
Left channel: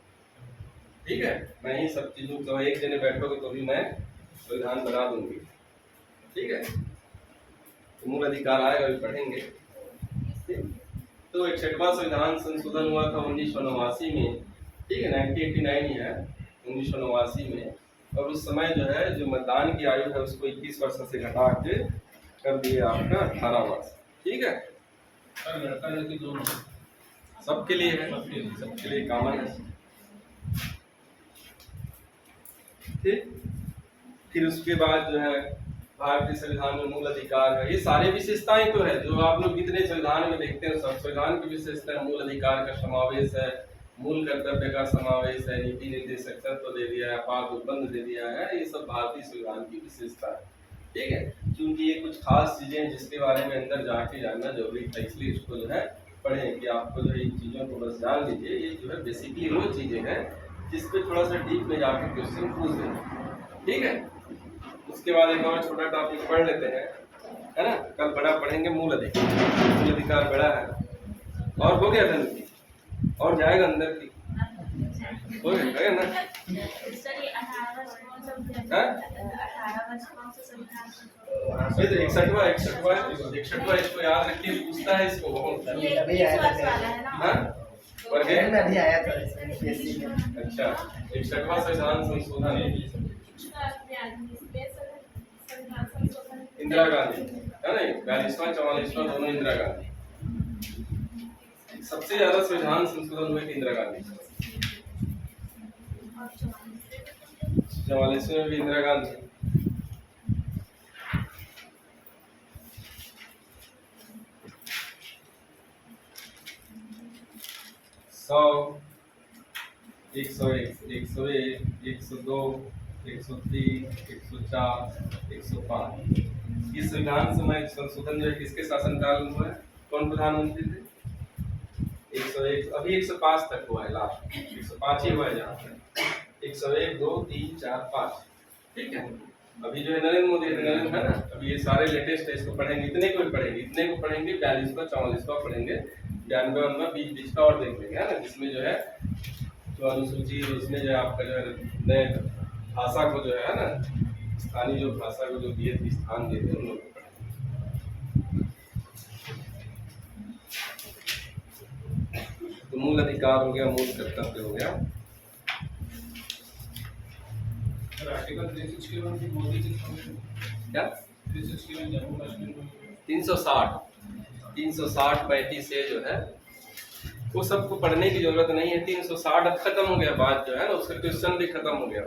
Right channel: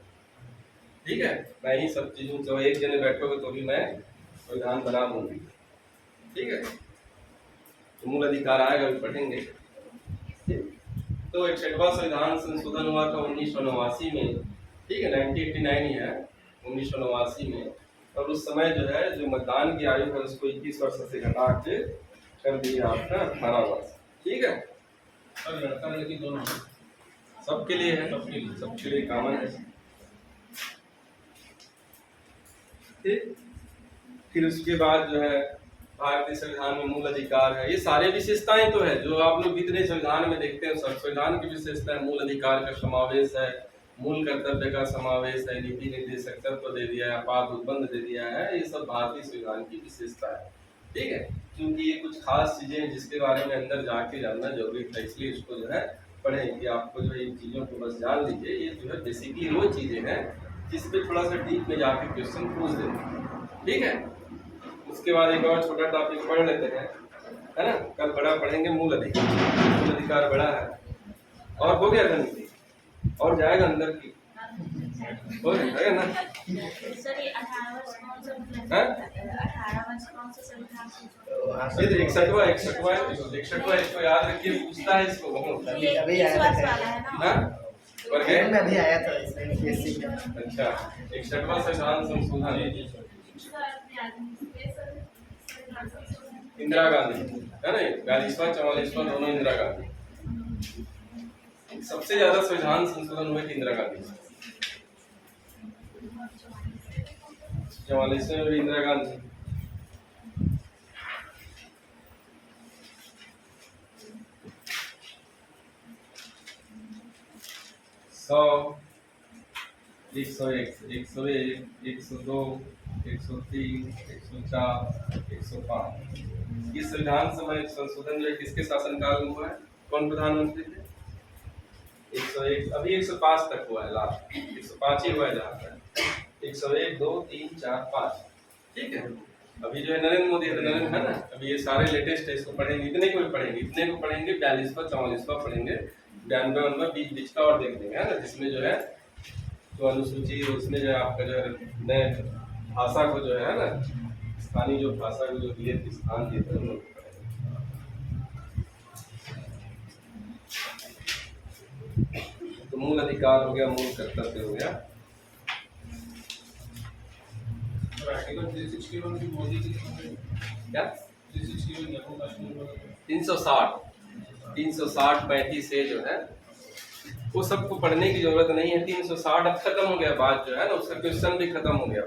ठीक है, मैं ही सब चीज हूँ, तो एक जने बैठोगे तो भी मैं संविधान बना दूंगी, ठीक है। तो मूल अधिकार आएगा भी पढ़ेंगे। तो 61वां संविधान संशोधन हुआ था 1989 में, ठीक है, 1989 ही है, 1989 में। और उस समय जो है जो मतदान की आयु है उसको 21 वर्ष से घटा के कर दिया आपका 18 वर्ष, ठीक है। सर लड़का लड़की दोनों सबके लिए है, सबके लिए। सबके लिए कॉमन है, ठीक। फिर उसके बाद जो है भारतीय संविधान में मूल अधिकार है, ये सारे विशेषताएं तो है जो आप लोग जितने संविधान में देखते हैं, सब संविधान की विशेषता है। मूल अधिकार का समावेश है, मूल कर्तव्य का समावेश है, नीति निर्देशक तत्व दे दिया है, आपात उपबंध दे दिया है, ये सब भारतीय संविधान की विशेषता है, ठीक है। क्योंकि ये कुछ खास चीजें हैं जिसके बारे में अंदर जाके जानना जरूरी था, इसलिए इसको जो है पढ़ें कि आपको जो है इन चीजों को बस जान लीजिए। ये जो है बेसिकली वो चीजें हैं जिसपे थोड़ा सा डीप में जाके क्वेश्चन पूछ देंगे, ठीक है। उसके बाद एक और छोटा टॉपिक पढ़ लेते हैं, है ना, कल बड़ा पढ़ेंगे मूल अधिकार। मूल अधिकार बड़ा है और हो गया धन की और जाएगा अंदर की, हो गया ना। सर ये 18 वर्ष कौन सा संविधान? हाँ? 18 वर्ष कौन सा संविधान? ये तो 61वां इसको याद रखिए, पूछता है इसको बहुत। ये अभी 20 आया वर्ष था। वाला है ना? हाँ? पर गए? में अभी आया था इसमें PSC में। अच्छा, 61वां संविधान संशोधन इंदिरा गांधी है ना, 42वां 44वां दोनों इंदिरा गांधी। सबसे ज्यादा संविधान संशोधन हुए थे इंदिरा गांधी, 44वें में भी इंदिरा गांधी। सौ 101 101 102 103 104 105 ये संविधान समय संशोधन जो है किसके शासनकाल में हुआ है? कौन प्रधानमंत्री थे? 101 अभी 105 तक हुआ है, लास्ट 105 ही हुआ है जहाँ तक। 101 2 3 4 5, ठीक है। अभी जो है नरेंद्र मोदी है, नरेंद्र है ना, अभी ये सारे लेटेस्ट है, इसको पढ़ेंगे, इतने को भी पढ़ेंगे, इतने को पढ़ेंगे, 42वां 44वां पढ़ेंगे, 92वां बीच का और देख लेंगे, है ना, जिसमें जो है जो अनुसूची उसमें जो है आपका जो है नए भाषा को जो है ना, स्थानीय जो भाषा को जो दिए थे स्थान दिए थे उन लोग को पढ़ेंगे। तो मूल अधिकार हो गया, मूल कर्तव्य हो गया। आर्टिकल 361 की मोदी जी क्या 361 जम्मू कश्मीर में 360 35 से जो है वो सबको पढ़ने की जरूरत नहीं है। 360 अब खत्म हो गया, बात जो है ना उसका क्वेश्चन भी खत्म हो गया,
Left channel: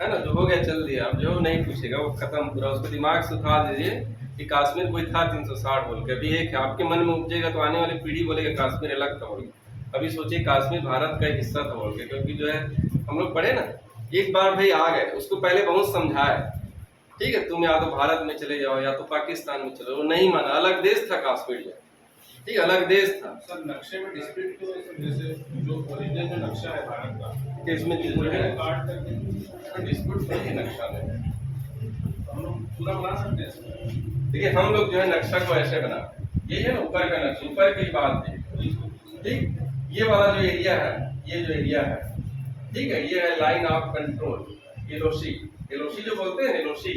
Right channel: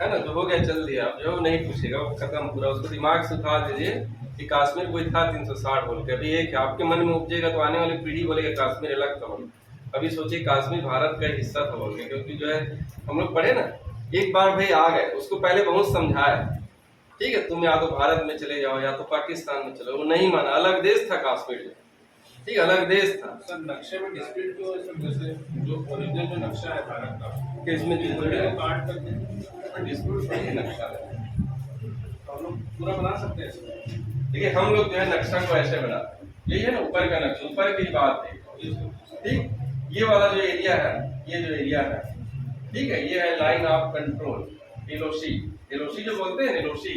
है ना, जो हो गया चल दिया, अब जो नहीं पूछेगा वो खत्म पूरा। उसको दिमाग से उठा दीजिए कि कश्मीर कोई था 360 बोल के। अभी एक आपके मन में उपजेगा तो आने वाली पीढ़ी बोलेगा कश्मीर अलग था बोल। अभी सोचिए कश्मीर भारत का एक हिस्सा था बोल के, क्योंकि जो है हम लोग पढ़े ना, एक बार भाई आ गए, उसको पहले बहुत समझाए, ठीक है, तुम या तो भारत में चले जाओ या तो पाकिस्तान में चलो, वो नहीं माना, अलग देश था कश्मीर जो, ठीक, अलग देश था। सर नक्शे में डिस्प्यूट क्यों है सर? जैसे जो ओरिजिनल जो नक्शा है भारत का कि इसमें जो है काट करके डिस्प्यूट पर ही नक्शा है, तो हम लोग पूरा बना सकते हैं सर। देखिए हम लोग जो है नक्शा को ऐसे बनाते हैं, यही है ना ऊपर का नक्शा, ऊपर की बात है, ठीक, ये वाला जो एरिया है, ये जो एरिया है, ठीक है, ये है line of control, LOC, LOC जो बोलते हैं एलओसी,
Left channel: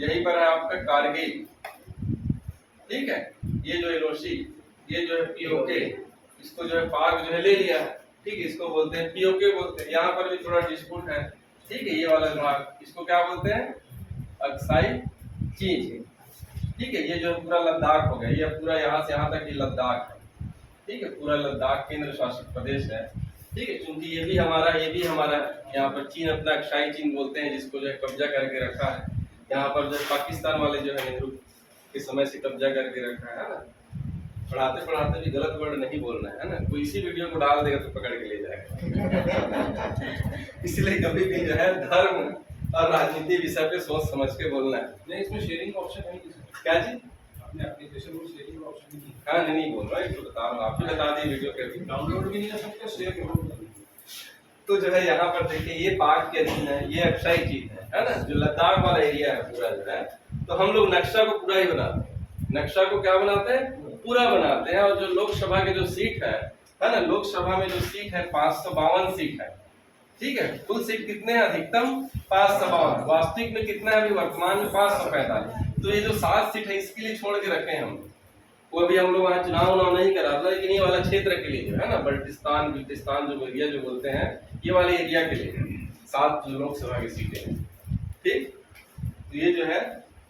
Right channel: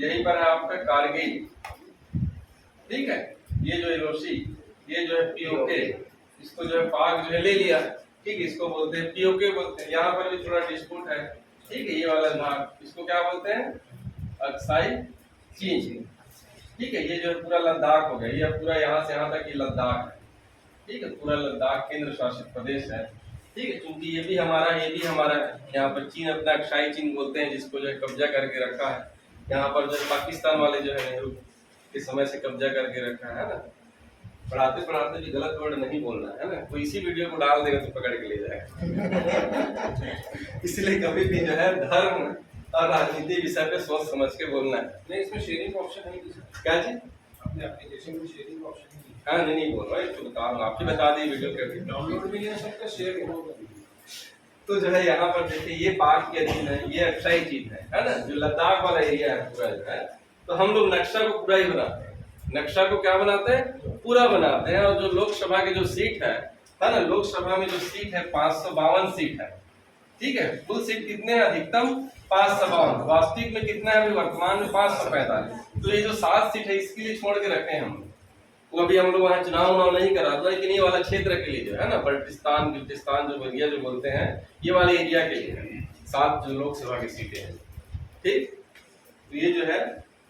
यही पर है आपका कारगिल, ठीक है। ये जो एलओसी, ये जो है पीओके, इसको जो है पाक जो है ले लिया, ठीक है, इसको बोलते हैं पीओके बोलते हैं। यहाँ पर भी थोड़ा डिस्प्यूट है, ठीक है, ये वाला भाग इसको क्या बोलते हैं? अक्साई चीन, ठीक है। ये जो पूरा लद्दाख हो गया, ये पूरा यहाँ से यहाँ तक ये लद्दाख है, ठीक है, पूरा लद्दाख केंद्र शासित प्रदेश है, ठीक है। क्योंकि ये भी हमारा है। यहाँ पर चीन अपना अक्साई चीन बोलते हैं, जिसको जो है कब्जा करके रखा है। यहाँ पर जो पाकिस्तान वाले जो है नेहरू के समय से कब्जा करके रखा है ना। पढ़ाते पढ़ाते भी गलत वर्ड नहीं बोलना है ना, कोई इसी वीडियो को डाल देगा तो पकड़ के ले जाएगा। इसलिए कभी भी जो है धर्म और राजनीति विषय पे सोच समझ के बोलना है। नहीं, इसमें शेयरिंग का ऑप्शन है नहीं सर? क्या जी? अपने एप्लीकेशन में शेयरिंग का ऑप्शन नहीं है। हाँ नहीं बोल रहा है, बता रहा हूँ, आपको बता दी वीडियो के अभी। डाउनलोड भी नहीं हो सकता, शेयर करो। तो जो है यहाँ पर देखिए ये पाक के अधीन है, ये अक्षय चीज है ना, जो लद्दाख वाला एरिया है पूरा जो है, तो हम लोग नक्शा को पूरा ही बनाते हैं। नक्शा को क्या बनाते हैं? पूरा बनाते हैं। और जो लोकसभा के जो सीट है ना, लोकसभा में जो सीट है 552 सीट है, ठीक है। कुल सीट कितने हैं? अधिकतम 552, वास्तविक में कितना है अभी वर्तमान में? 545। तो ये जो 7 सीट है इसके लिए छोड़ के रखे हैं हम, वो अभी हम लोग वहाँ चुनाव नहीं करा था, लेकिन ये वाला क्षेत्र के लिए जो है ना, बल्टिस्तान जो एरिया जो बोलते हैं, ये वाले एरिया के लिए 7 जो लोकसभा की सीटें हैं, ठीक। तो ये जो है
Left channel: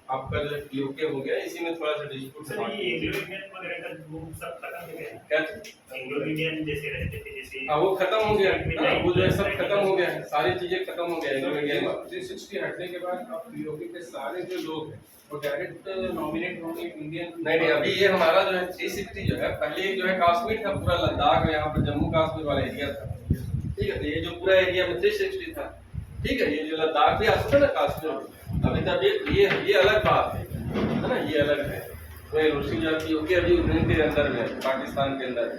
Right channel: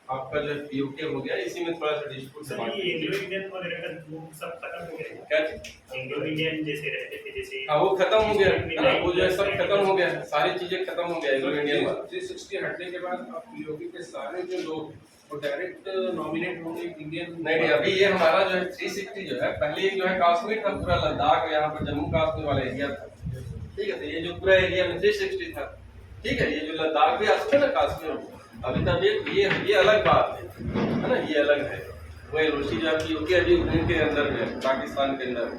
आपका जो पीओके हो गया, इसी में थोड़ा सा डिस्प्यूट सर ये एंग्लो इंडियन वगैरह का ग्रुप सब खत्म हो गया है। क्या? एंग्लो इंडियन जैसे रहते थे, जैसे हाँ वो खत्म हो गया है ना, वो जो है सब खत्म हो गया है, सारी चीजें खत्म हो गया एंग्लो इंडियन में। 360 हटने के बाद अब पीओके के सारे जो लोग हैं वो डायरेक्ट नॉमिनेट होंगे इंडियन। नहीं, अभी ये हमारा जो है 360 जो है, पहले जो है कश्मीर था, पूरा लद्दाख और यहाँ पर जम्मू कश्मीर वाला एरिया था, ठीक है। तो ये जो पूरा एरिया में 360 था, ठीक है। ये जो लद्दाख भी आता था ना कश्मीर, अभी तब ये अलग बात है ना, ये अलग है। वो एलओसी जो आपकी होगी अभी उनके अंदर में है, पाकिस्तान के अंदर है,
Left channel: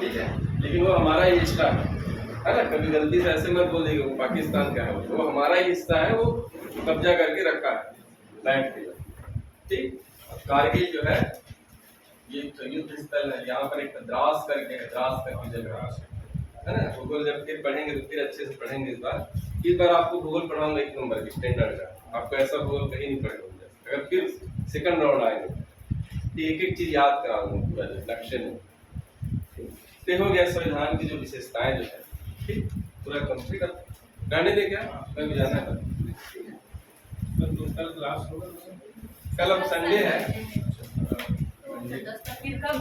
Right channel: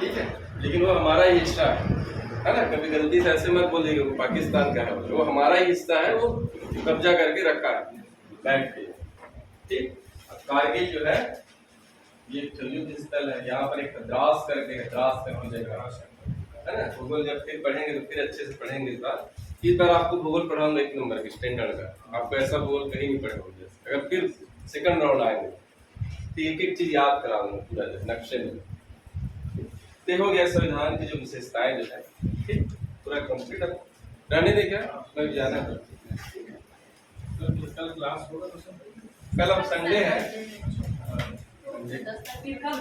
ठीक है। लेकिन वो हमारा ही हिस्सा है ना, कभी गलती से ऐसे मत बोलिएगा वो पाकिस्तान का है, वो हमारा ही हिस्सा है, वो कब्जा करके रखा है बैठ के, ठीक। कारगिल जो है ये युद्ध स्थल है, यहाँ पर एक द्रास करके है, द्रास करके जगह है ना। भूगोल जब फिर पढ़ेंगे तो फिर अच्छे से पढ़ेंगे। इस बार आपको भूगोल पढ़ाऊंगा 1 नंबर की स्टैंडर्ड का, आपको ऐसा भूगोल कहीं नहीं पढ़ेंगे। अगर फिर सेकंड राउंड आएंगे तो एक चीज याद कराऊंगा पूरा जो नक्शे में। तो हो गया संविधान की जो विशेषताएं जो है, ठीक, पूरा कंप्लीट। अब रहने दे क्या, कल जाना है कल क्लास होगा तो सर? कल अब संडे है। फिर कब